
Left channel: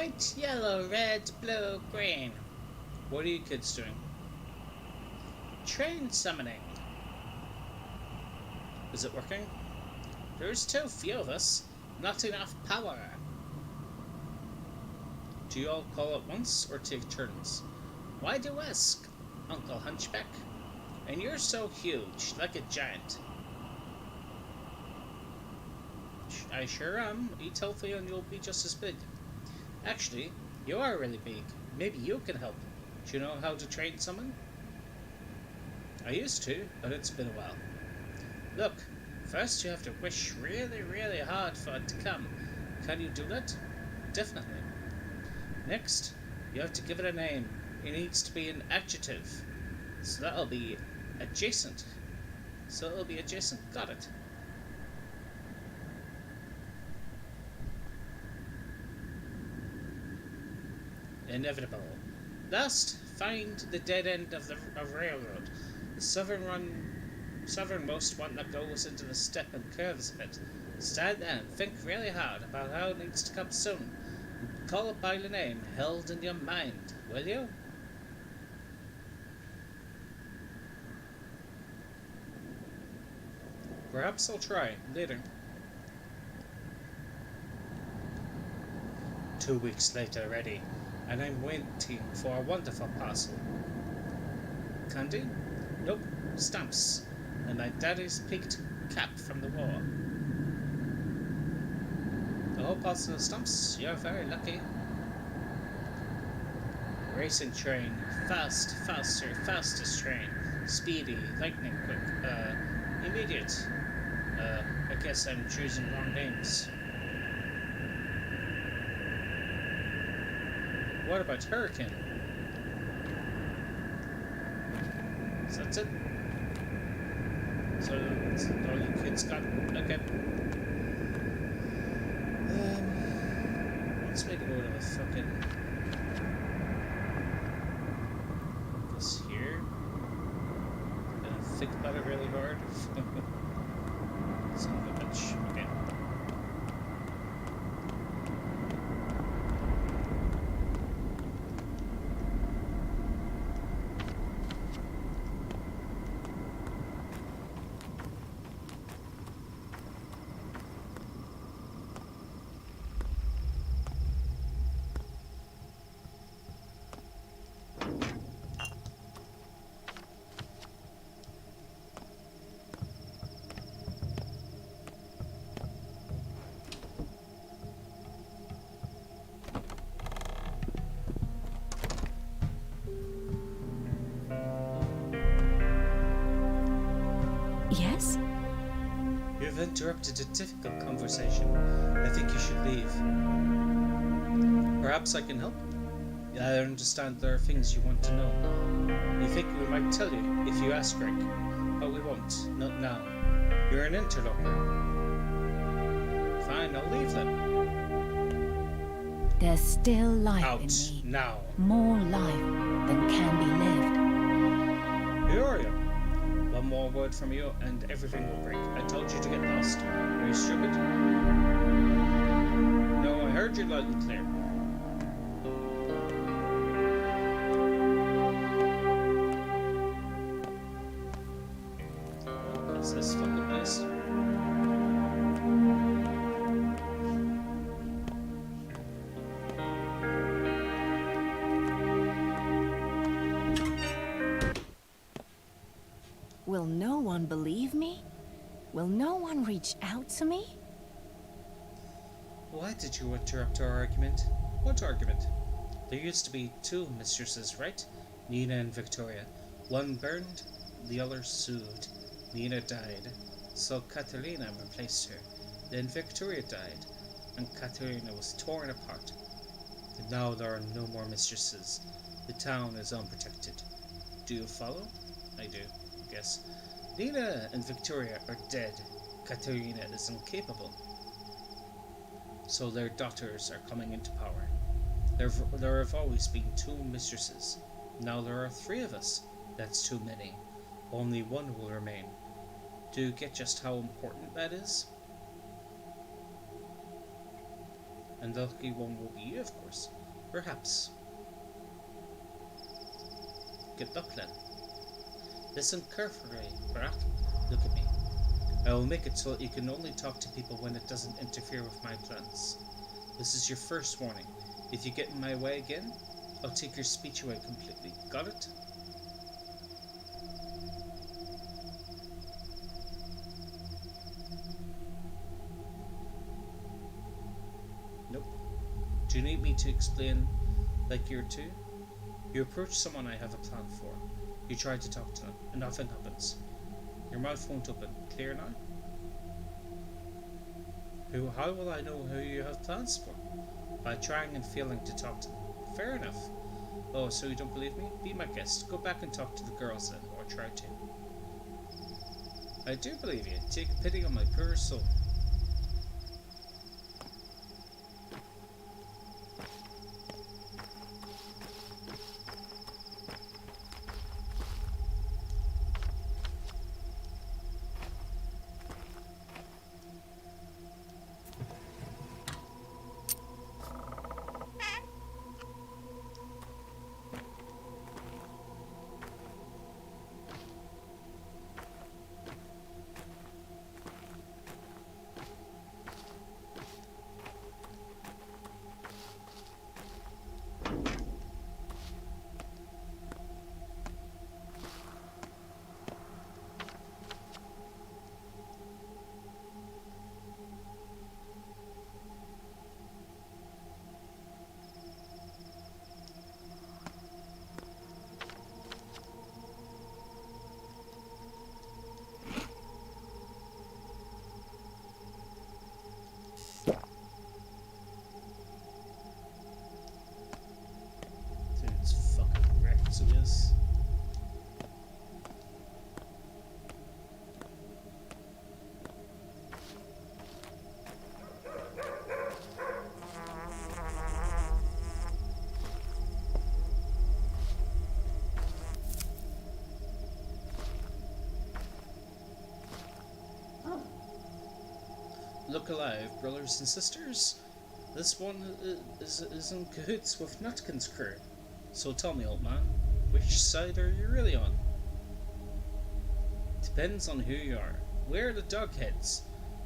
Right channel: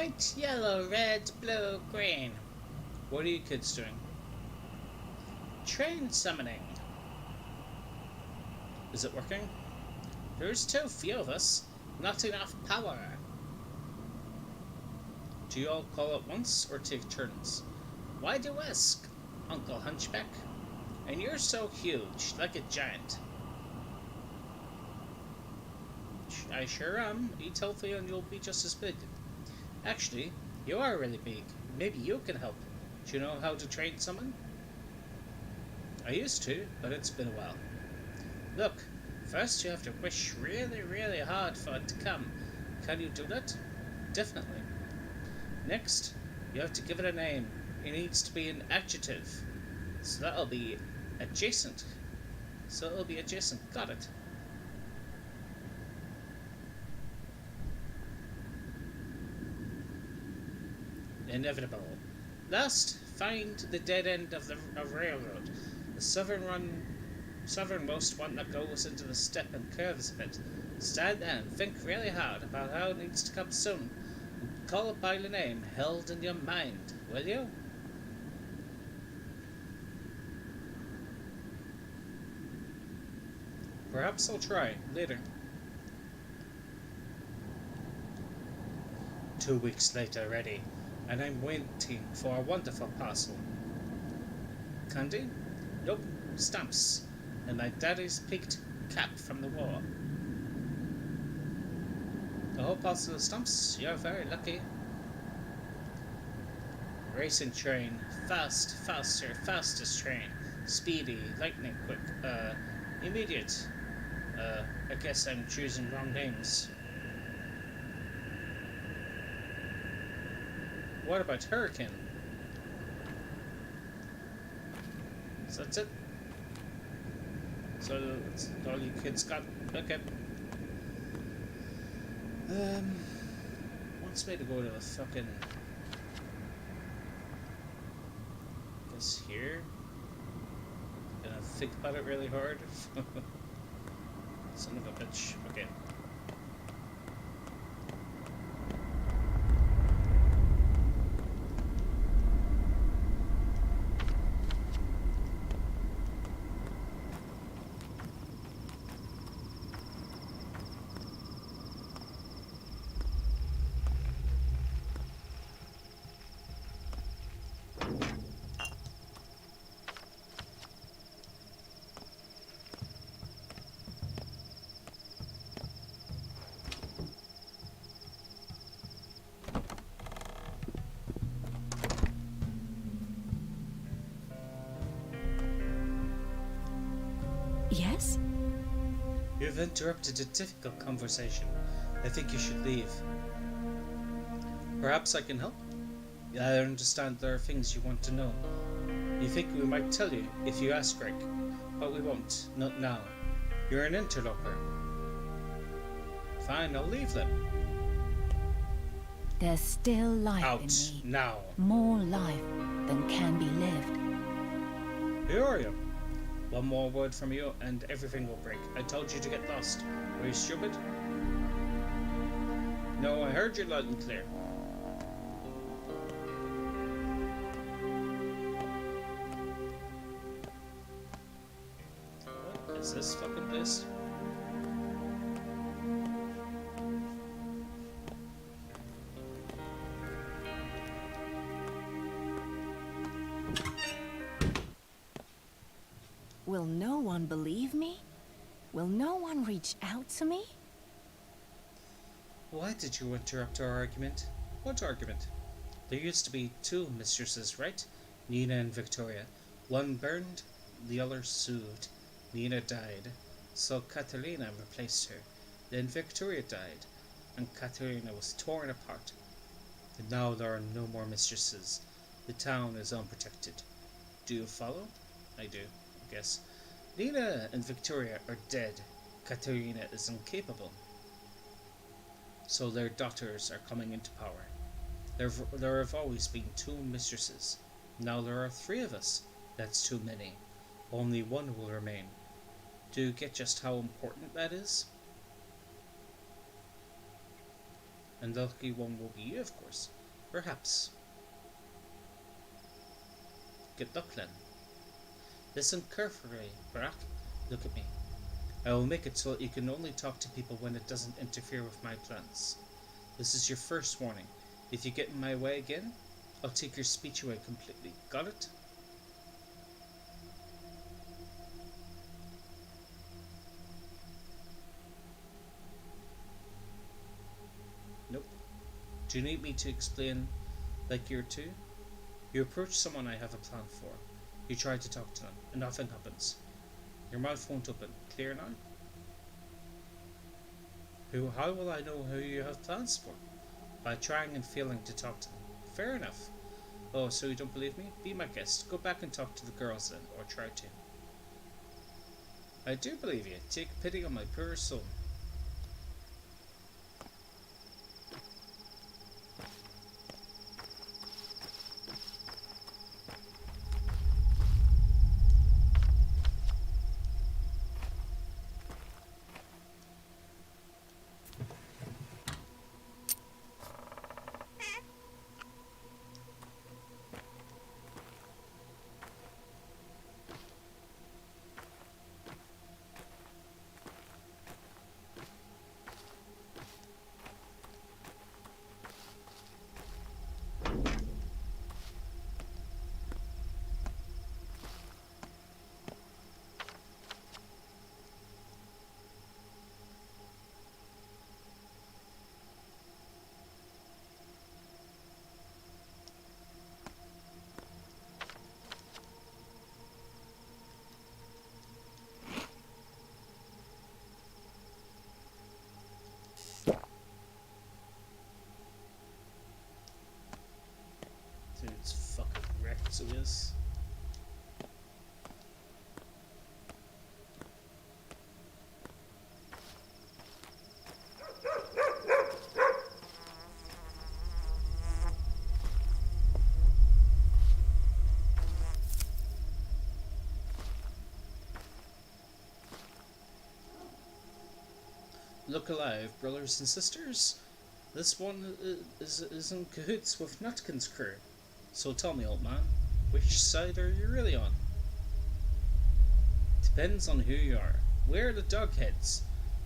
White, yellow, red, blue, green. What are you kids doing? Train summoning. Is it working? There's too few of us. Not enough power. Do you all call at once or take turns? Why do you ask, Uncle Hunchback? And you're so huge, like a giant. I sure am. Eat healthy and you'll be just as big. Actually, you are really big. Maybe you can help. Do you know how to train someone? I used to, but it's been a while. Look, first you have to wish really, really hard for it to come. Can you do that? Definitely. Next, you have to give it a name. It needs to be an adjective. So that'll be adjacent. Got it. Inevitable. Last, find the dead end of the railroad. The southernmost one that goes into the steppe and curves a bit. Stand there and think really hard about how it needs to come soon. And call it by the name held in your mind, will you? Perhaps I'll try later. 2 weeks later already, and I'm waiting for a wonderful parcel. Candy? Nope. Stamps. And my daddy's peaked cap from the war. A whole parcel of stamps? You're very lucky. Racing train. Fast, faster, fastest train. Speedy, lightning quick. Immediate. I guess I'm choosing wrong names. What about Hurricane? So that's it? So that's all you kids got? Okay. Wants me to go to the fucking... I guess here? Gonna think about it really hard. Son of a bitch. Okay. Yes? You've interrupted a difficult conversation. I think you should leave. Perhaps I can help? I understand there are things you want to know. You think we might tell you if you ask Rick, but we won't. Not now. You're an interloper. Fine, I'll leave then. There's still life Out in me. now. More life than can be lived. Who are you? One more word from you and everything will break. I told you to get lost. Are you stupid? No, I heard you loud and clear. What is this fucking place? Will no one believe me? Will no one reach out to me? Why did you interrupt our argument? What argument? There used to be two mistresses, right? Nina and Victoria. One burned, the other soothed. Nina died, so Catalina replaced her. Then Victoria died, and Catalina was torn apart. And now there are no more mistresses. The town is unprotected. Do you follow? I do, I guess. Nina and Victoria are dead. Catalina is incapable. So their daughters are coming into power. There have always been two mistresses. Now there are three of us. That's too many. Only one will remain. Do you get just how important that is? And the lucky one will be you, of course. Perhaps. Good luck, then. Listen carefully, Barack. Look at me. I will make it so that you can only talk to people when it doesn't interfere with my plans. This is your first warning. If you get in my way again, I'll take your speech away completely. Got it? Nope. Do you need me to explain like you're two? You approach someone I have a plan for. You try to talk to them, and nothing happens. Your mouth won't open. Clear now? How will I know who you have plans for? By trying and failing to talk to them. Fair enough. Oh, so you don't believe me? Be my guest. Go back and talk to the girls then, or try to. I do believe you. Take pity on my poor soul. Dude's fucking wrecked, so he is. Look alive, brothers and sisters. This one is in cahoots with Nutkin's crew. So tell me, old man, which side are you really on? Depends on who you are. We're the dogheads,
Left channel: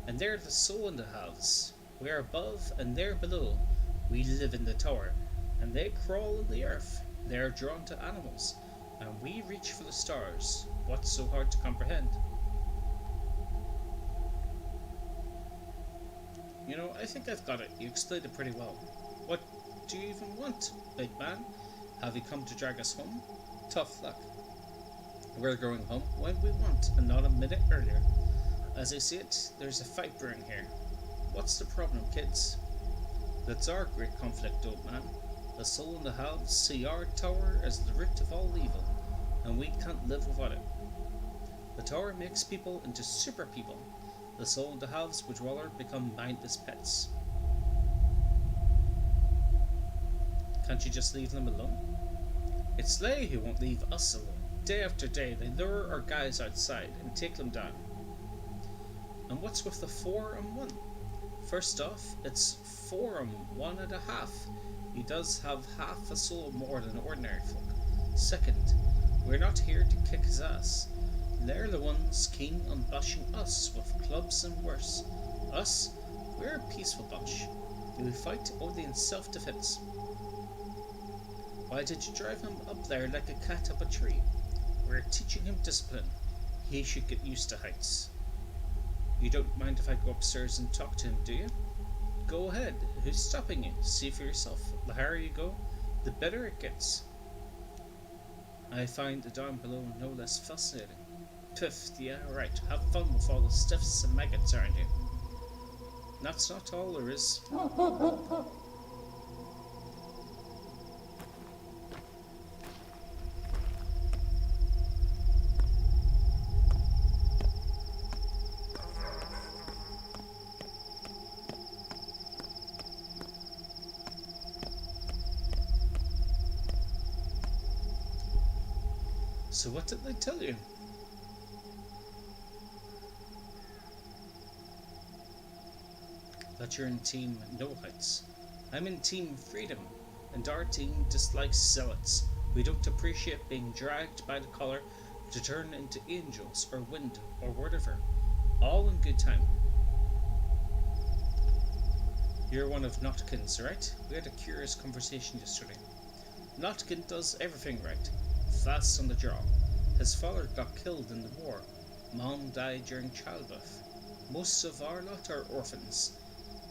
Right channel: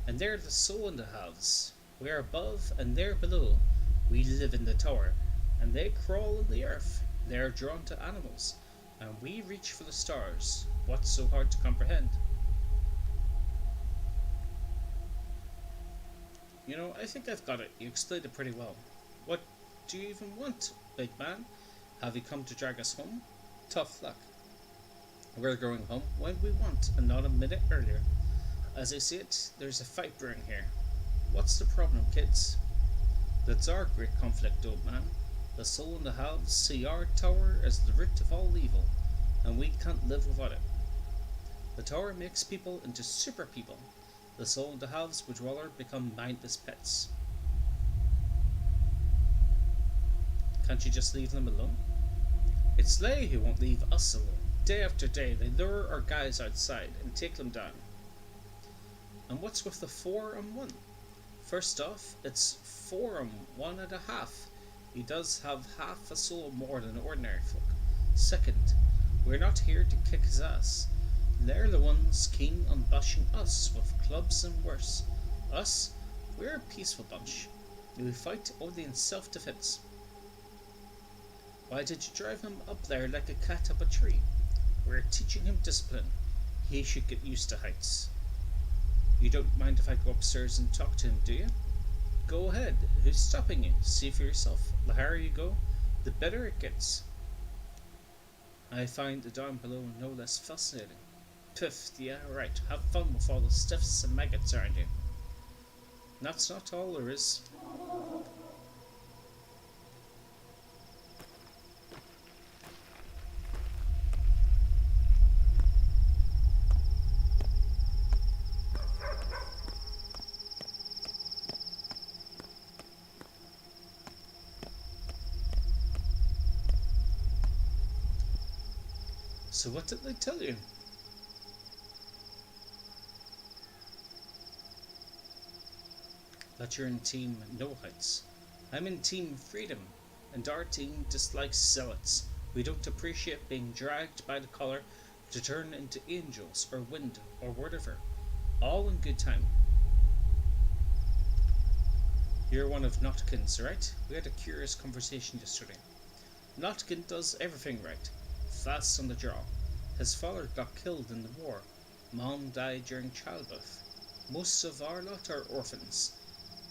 and they're the soul in the halves. We're above, and they're below. We live in the tower, and they crawl in the earth. They're drawn to animals, and we reach for the stars. What's so hard to comprehend? You know, I think I've got it. You explained it pretty well. What do you even want, big man? Have you come to drag us home? Tough luck. We're going home when we want, and not a minute earlier. As I see it, there's a fight brewing here. What's the problem, kids? That's our great conflict, old man. The soul and the halves see our tower as the root of all evil, and we can't live without it. The tower makes people into super people. The soul and the halves would rather become mindless pets. Can't you just leave them alone? It's they who won't leave us alone. Day after day, they lure our guys outside and take them down. And what's with the 4 and 1? First off, it's 4 and 1.5. He does have half a soul more than ordinary folk. Second, we're not here to kick his ass. They're the ones keen on bashing us with clubs and worse. Us? We're a peaceful bunch. We fight only in self-defense. Why did you drive him up there like a cat up a tree? We're teaching him discipline. He should get used to heights. You don't mind if I go upstairs and talk to him, do you? Go ahead. Who's stopping you? See for yourself. The higher you go, the better it gets. I find the down below no less fascinating. Piff, yeah, right. Have fun with all the stiffs and maggots around you. That's not all there is. So what did they tell you? That you're in Team No Heights. I'm in Team Freedom, and our team dislikes zealots. We don't appreciate being dragged by the collar to turn into angels or wind or whatever. All in good time. You're one of Notkin's, right? We had a curious conversation yesterday. Notkin does everything right. Fast on the draw. His father got killed in the war. Mom died during childbirth. Most of our lot are orphans.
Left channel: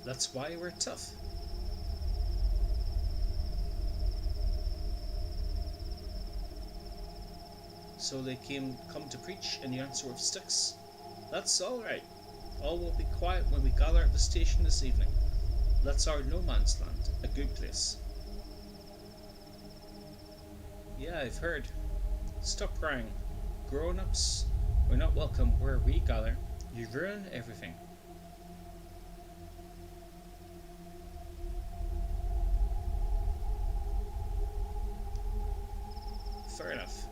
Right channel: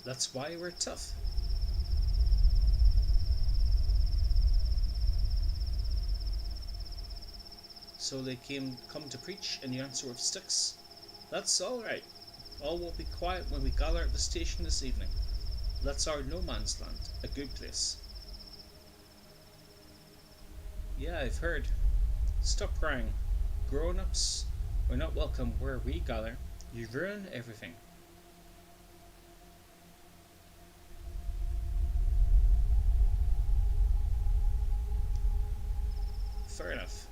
That's why we're tough. So they come to preach and you answer with sticks? That's alright. All will be quiet when we gather at the station this evening. That's our no man's land, a good place. Yeah, I've heard. Stop crying. Grown-ups are not welcome where we gather. You ruin everything. Fair enough.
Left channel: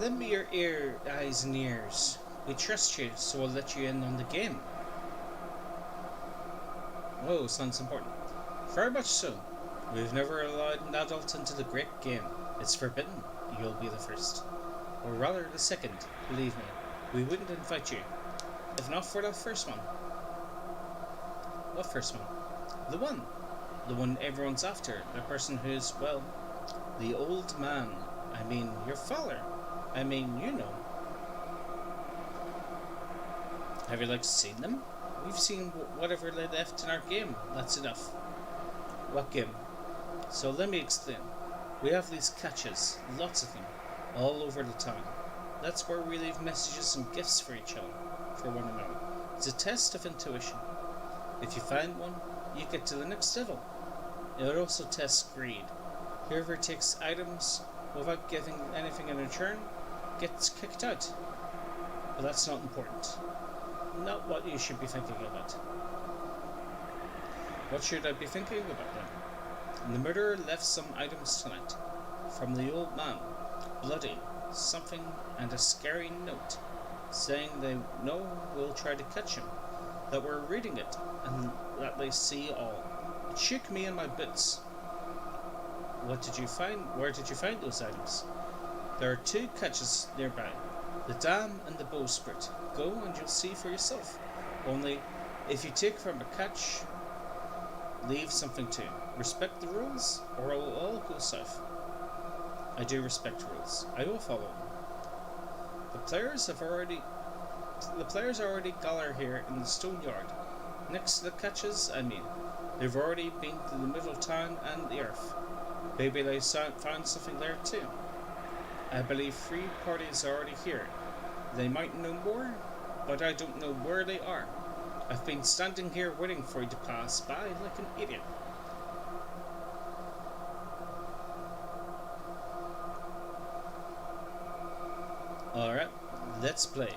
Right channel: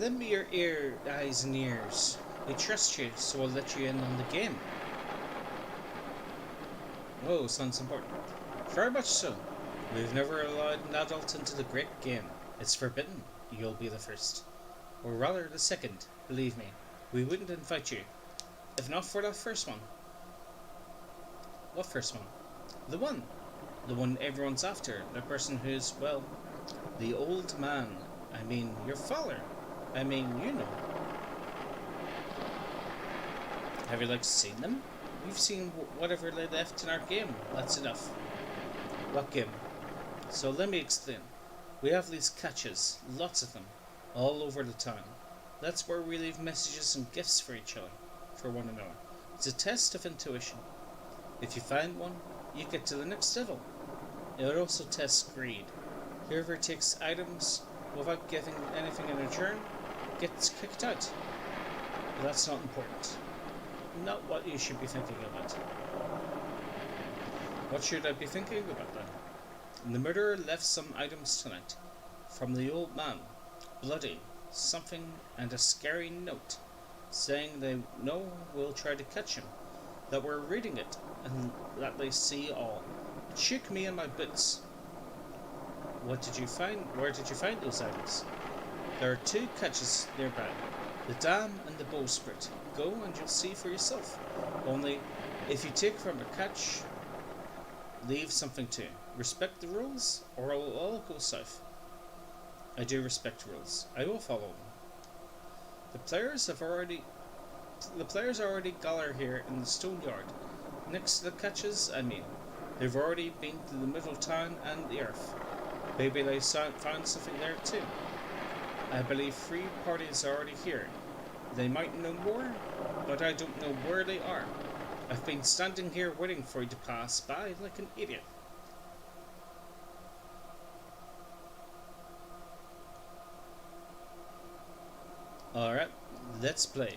Lend me your eyes and ears. We trust you, so we'll let you in on the game. Oh, sounds important. Very much so. We've never allowed an adult into the great game. It's forbidden. You'll be the first. Or rather, the second. Believe me, we wouldn't invite you. If not for that first one. What first one? The one. The one everyone's after. The person who's, well, the old man. I mean, your father. I mean, you know. Have you, seen them? We've seen whatever they left in our game. That's enough. What game? So let me explain. We have these catches, lots of them, all over the town. That's where we leave messages and gifts for each other, for one another. It's a test of intuition. If you find one, you get to the next level. It also tests greed. Whoever takes items without giving anything in return gets kicked out. But that's not important. Not what you should be thinking about. What should I be thinking about then? The murderer left some items tonight. From the old man. Bloody. Something and a scary note. Saying they know we'll try to catch him. That we're reading it. And that they see all. It shook me in my boots. What did you find? Where did you find those items? There are 2 catches nearby. The dam and the bowsprit. Go and you'll see for yourself. Only, if you take from a catch, leave something too. Respect the rules, or it'll all go south. I do respect rules. I will follow them. The players are already gathered here in the stone yard. Next to the catches, I mean. They've already been to the middle town and the earth. Maybe they found something there too. I believe 3 parties are already here. They might know more, but I don't know where they are. I've been standing here waiting for you to pass by like an idiot. Alright, let's play.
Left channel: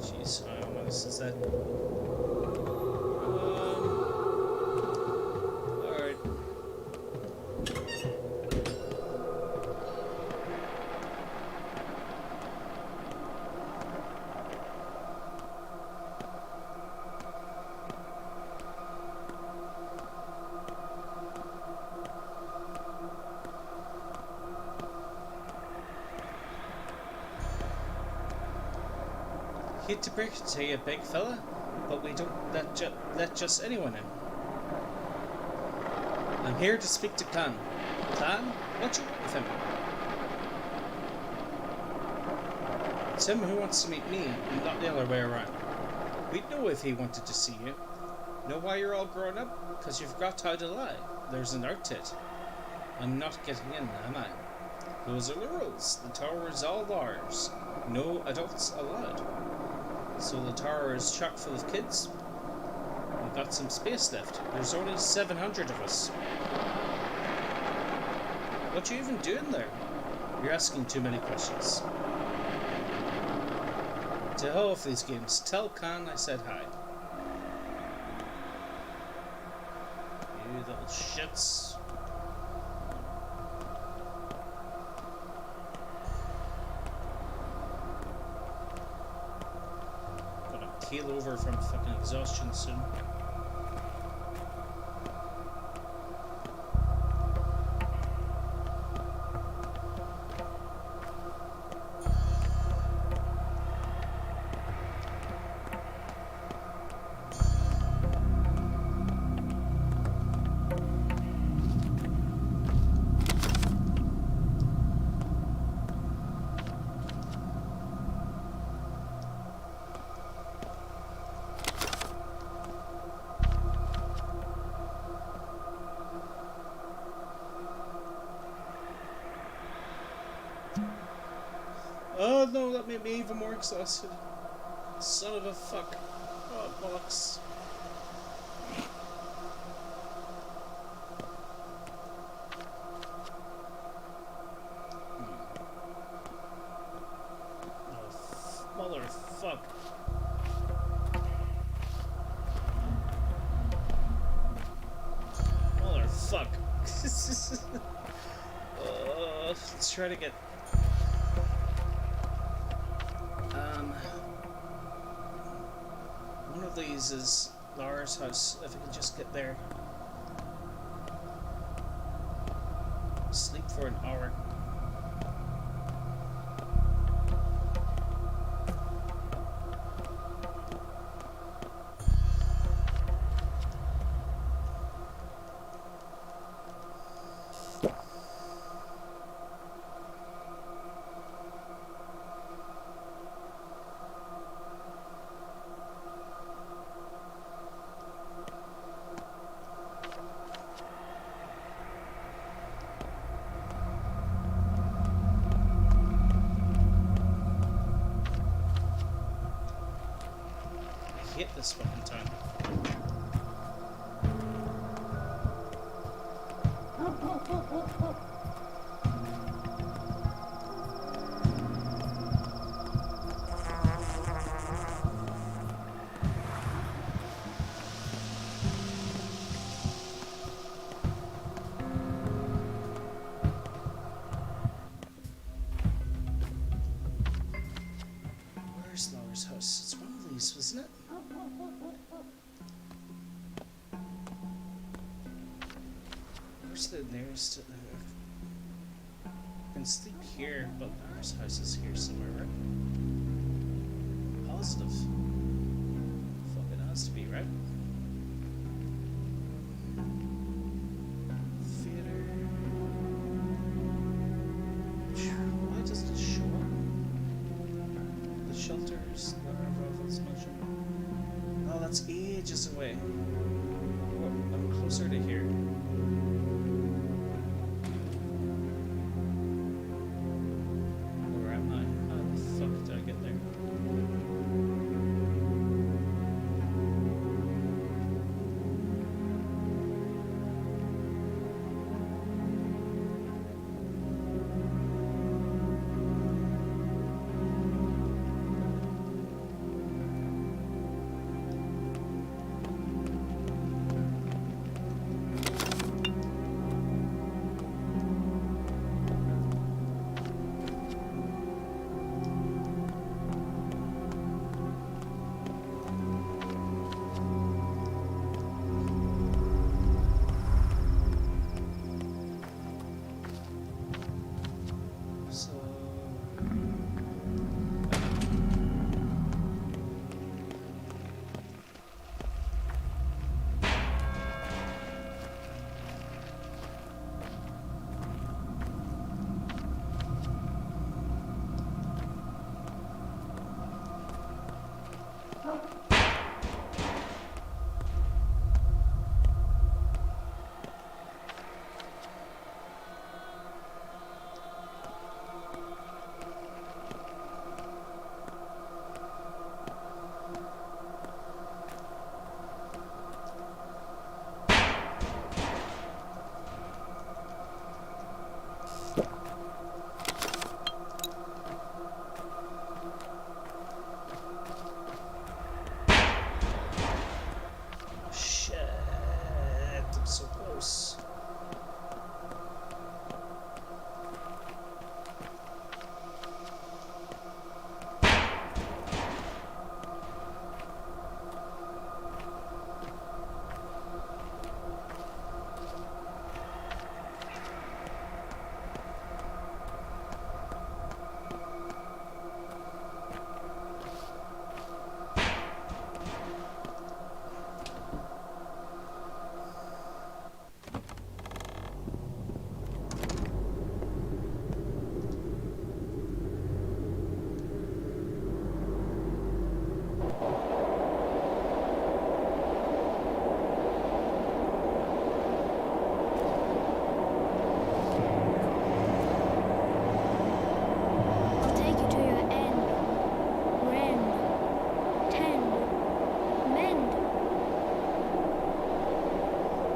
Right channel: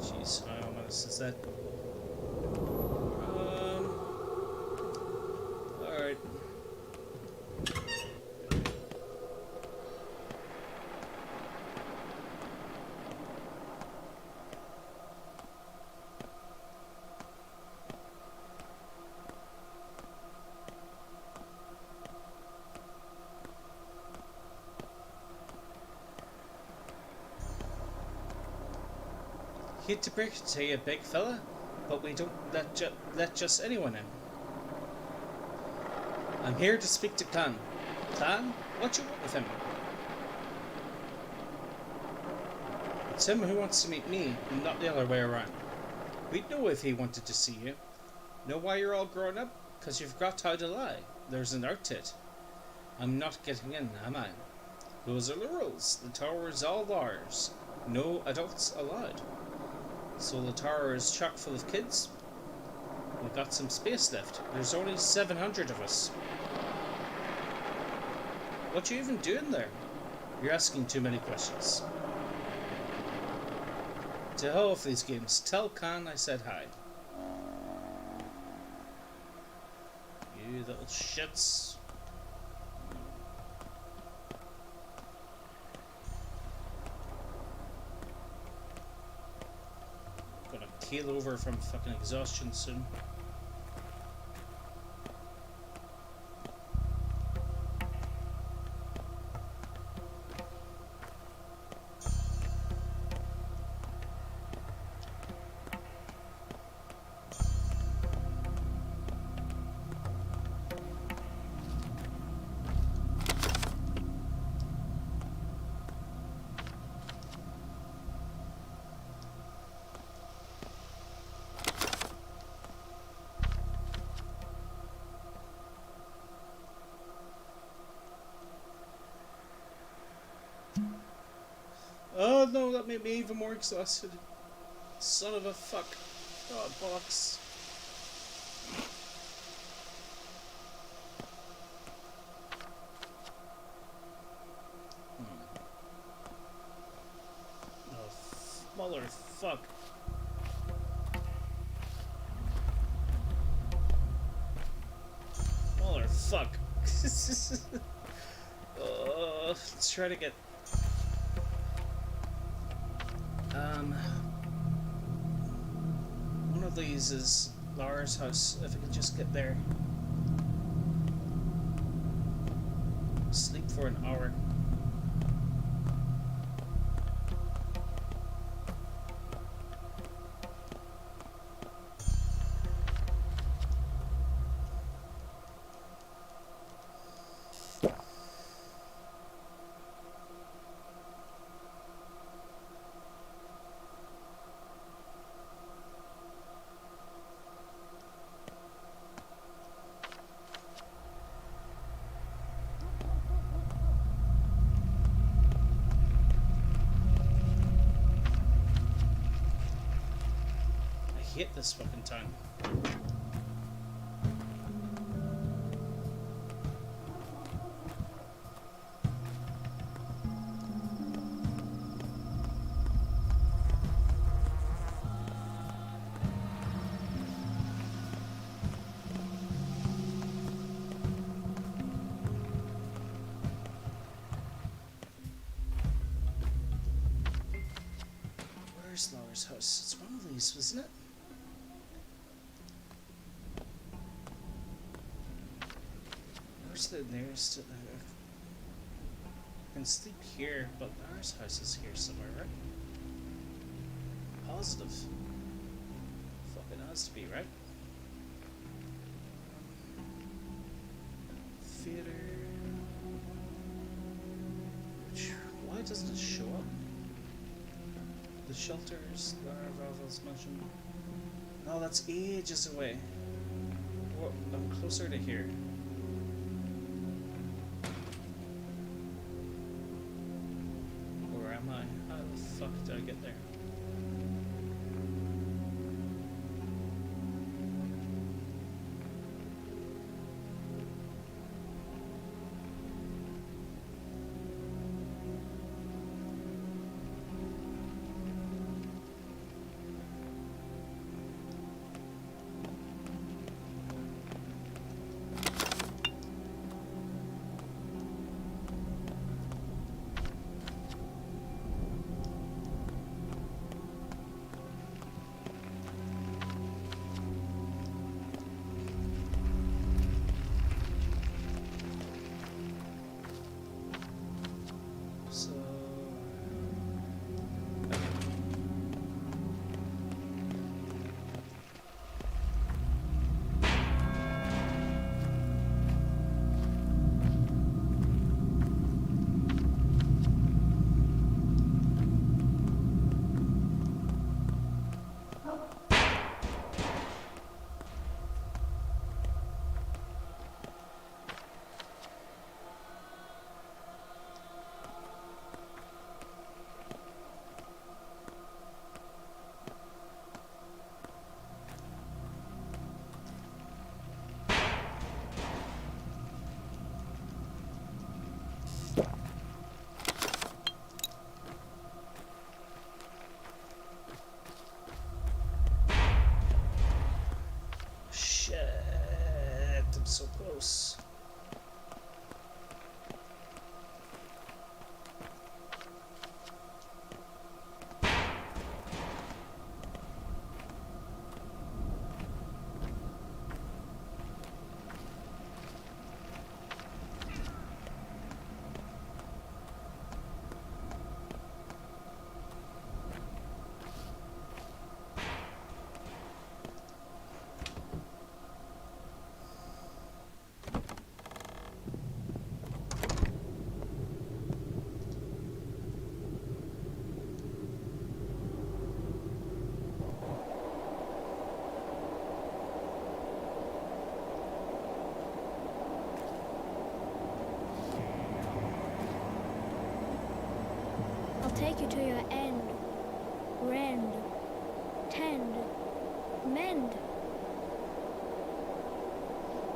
Jeez, how ominous is that? Alright. Hate to break it to you, big fella, but we don't let just anyone in. I'm here to speak to Kaine. Kaine? What you want with him? It's him who wants to meet me, and not the other way around. We'd know if he wanted to see you. Know why you're all grown up? Because you forgot how to lie. There's an art to it. I'm not getting in, am I? Those are the rules. The tower is all ours. No adults allowed. So the tower is chock full of kids. We've got some space left. There's only 700 of us. What you even doing there? You're asking too many questions. To hell with these games. Tell Kaine I said hi. You little shits. Keel over from fucking exhaustion soon. Oh no, that made me even more exhausted. Son of a fuck. Oh, bollocks. Oh, motherfuck. Motherfuck. Let's try to get... One of these is Lara's house, if I can just get there. Sleep for an hour. I hate this fucking town. Where's Laura's house? It's one of these, wasn't it? Where's the nearest? I can sleep here, but Laura's house is here somewhere, right? Positive. Fucking has to be, right? Theater. Why doesn't it show up? The shelters, Lara Valvel's mansion. Oh, that's ages away. Oh, I'm closer to here. Where am I? How the fuck did I get there?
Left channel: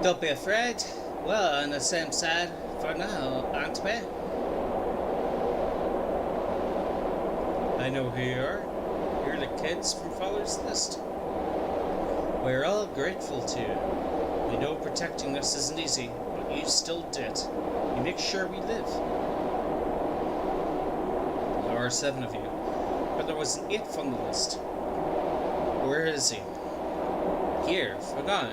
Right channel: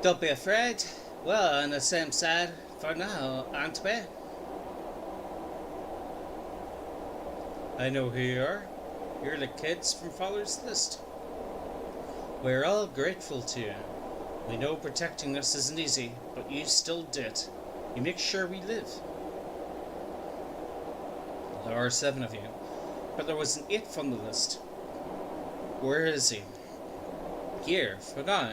Don't be afraid. We're on the same side for now, aren't we? I know who you are. You're the kids from Fowler's List. We're all grateful to you. We know protecting us isn't easy, but you still did. You make sure we live. There are 7 of you, but there was an 8th on the list. Where is he? Here, for now.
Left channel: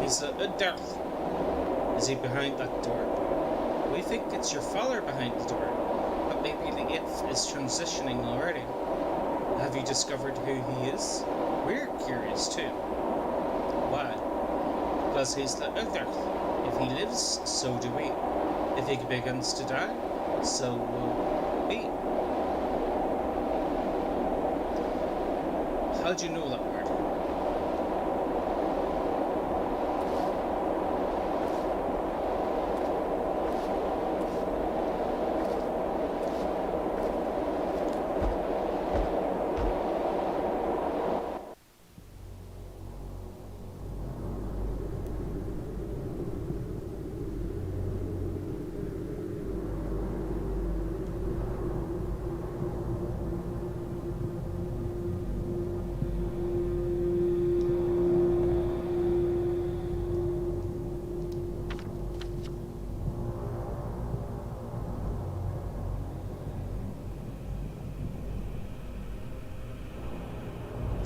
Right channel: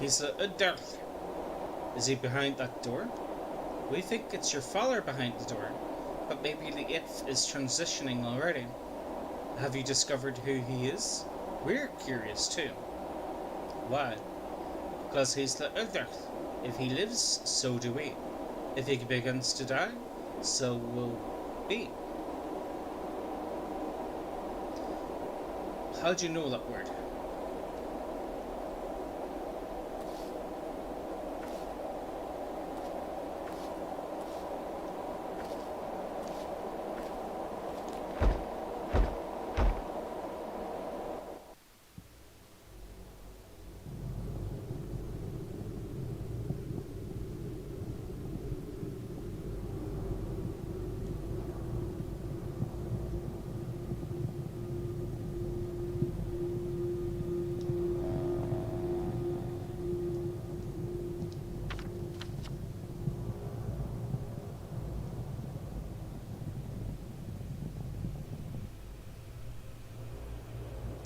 He's a Darth. Is he behind that door? We think it's your father behind the door, but maybe the 8th is transitioning already. Have you discovered who he is? We're curious too. Why? Because he's the other. If he lives, so do we. If he begins to die, so will we. How do you know that word?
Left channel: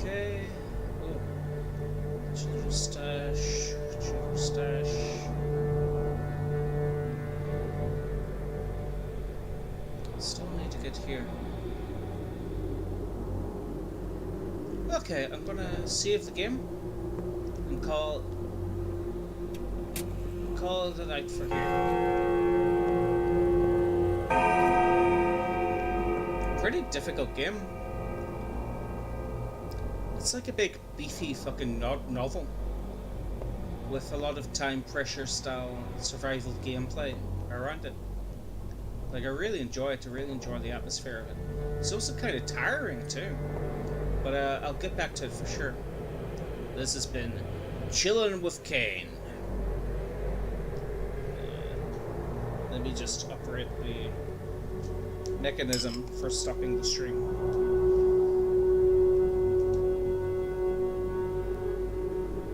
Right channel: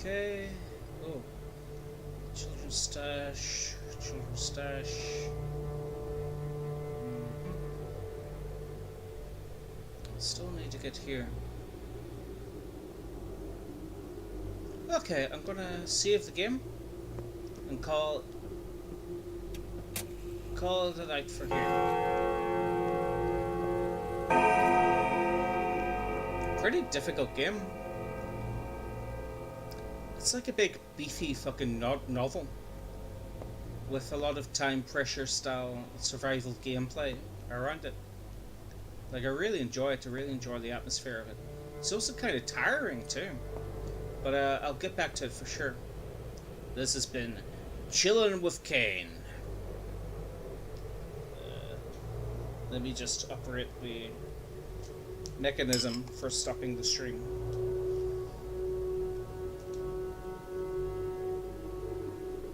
Okay. Oh. Children's stash. Children's stash. Still need to get here. Okay, I'm gonna save the game and call it a night for here. Pretty difficult game. It's like a big beefy fucking novel with a lot of time pressure style survival gameplay around it. Like, I really enjoy it. I really enjoy the atmosphere of it. It's also kind of tiring too, but I'll get back to it for sure. This has been Chillin' with Kaine. Let me just operate the mechanism for stopping the stream.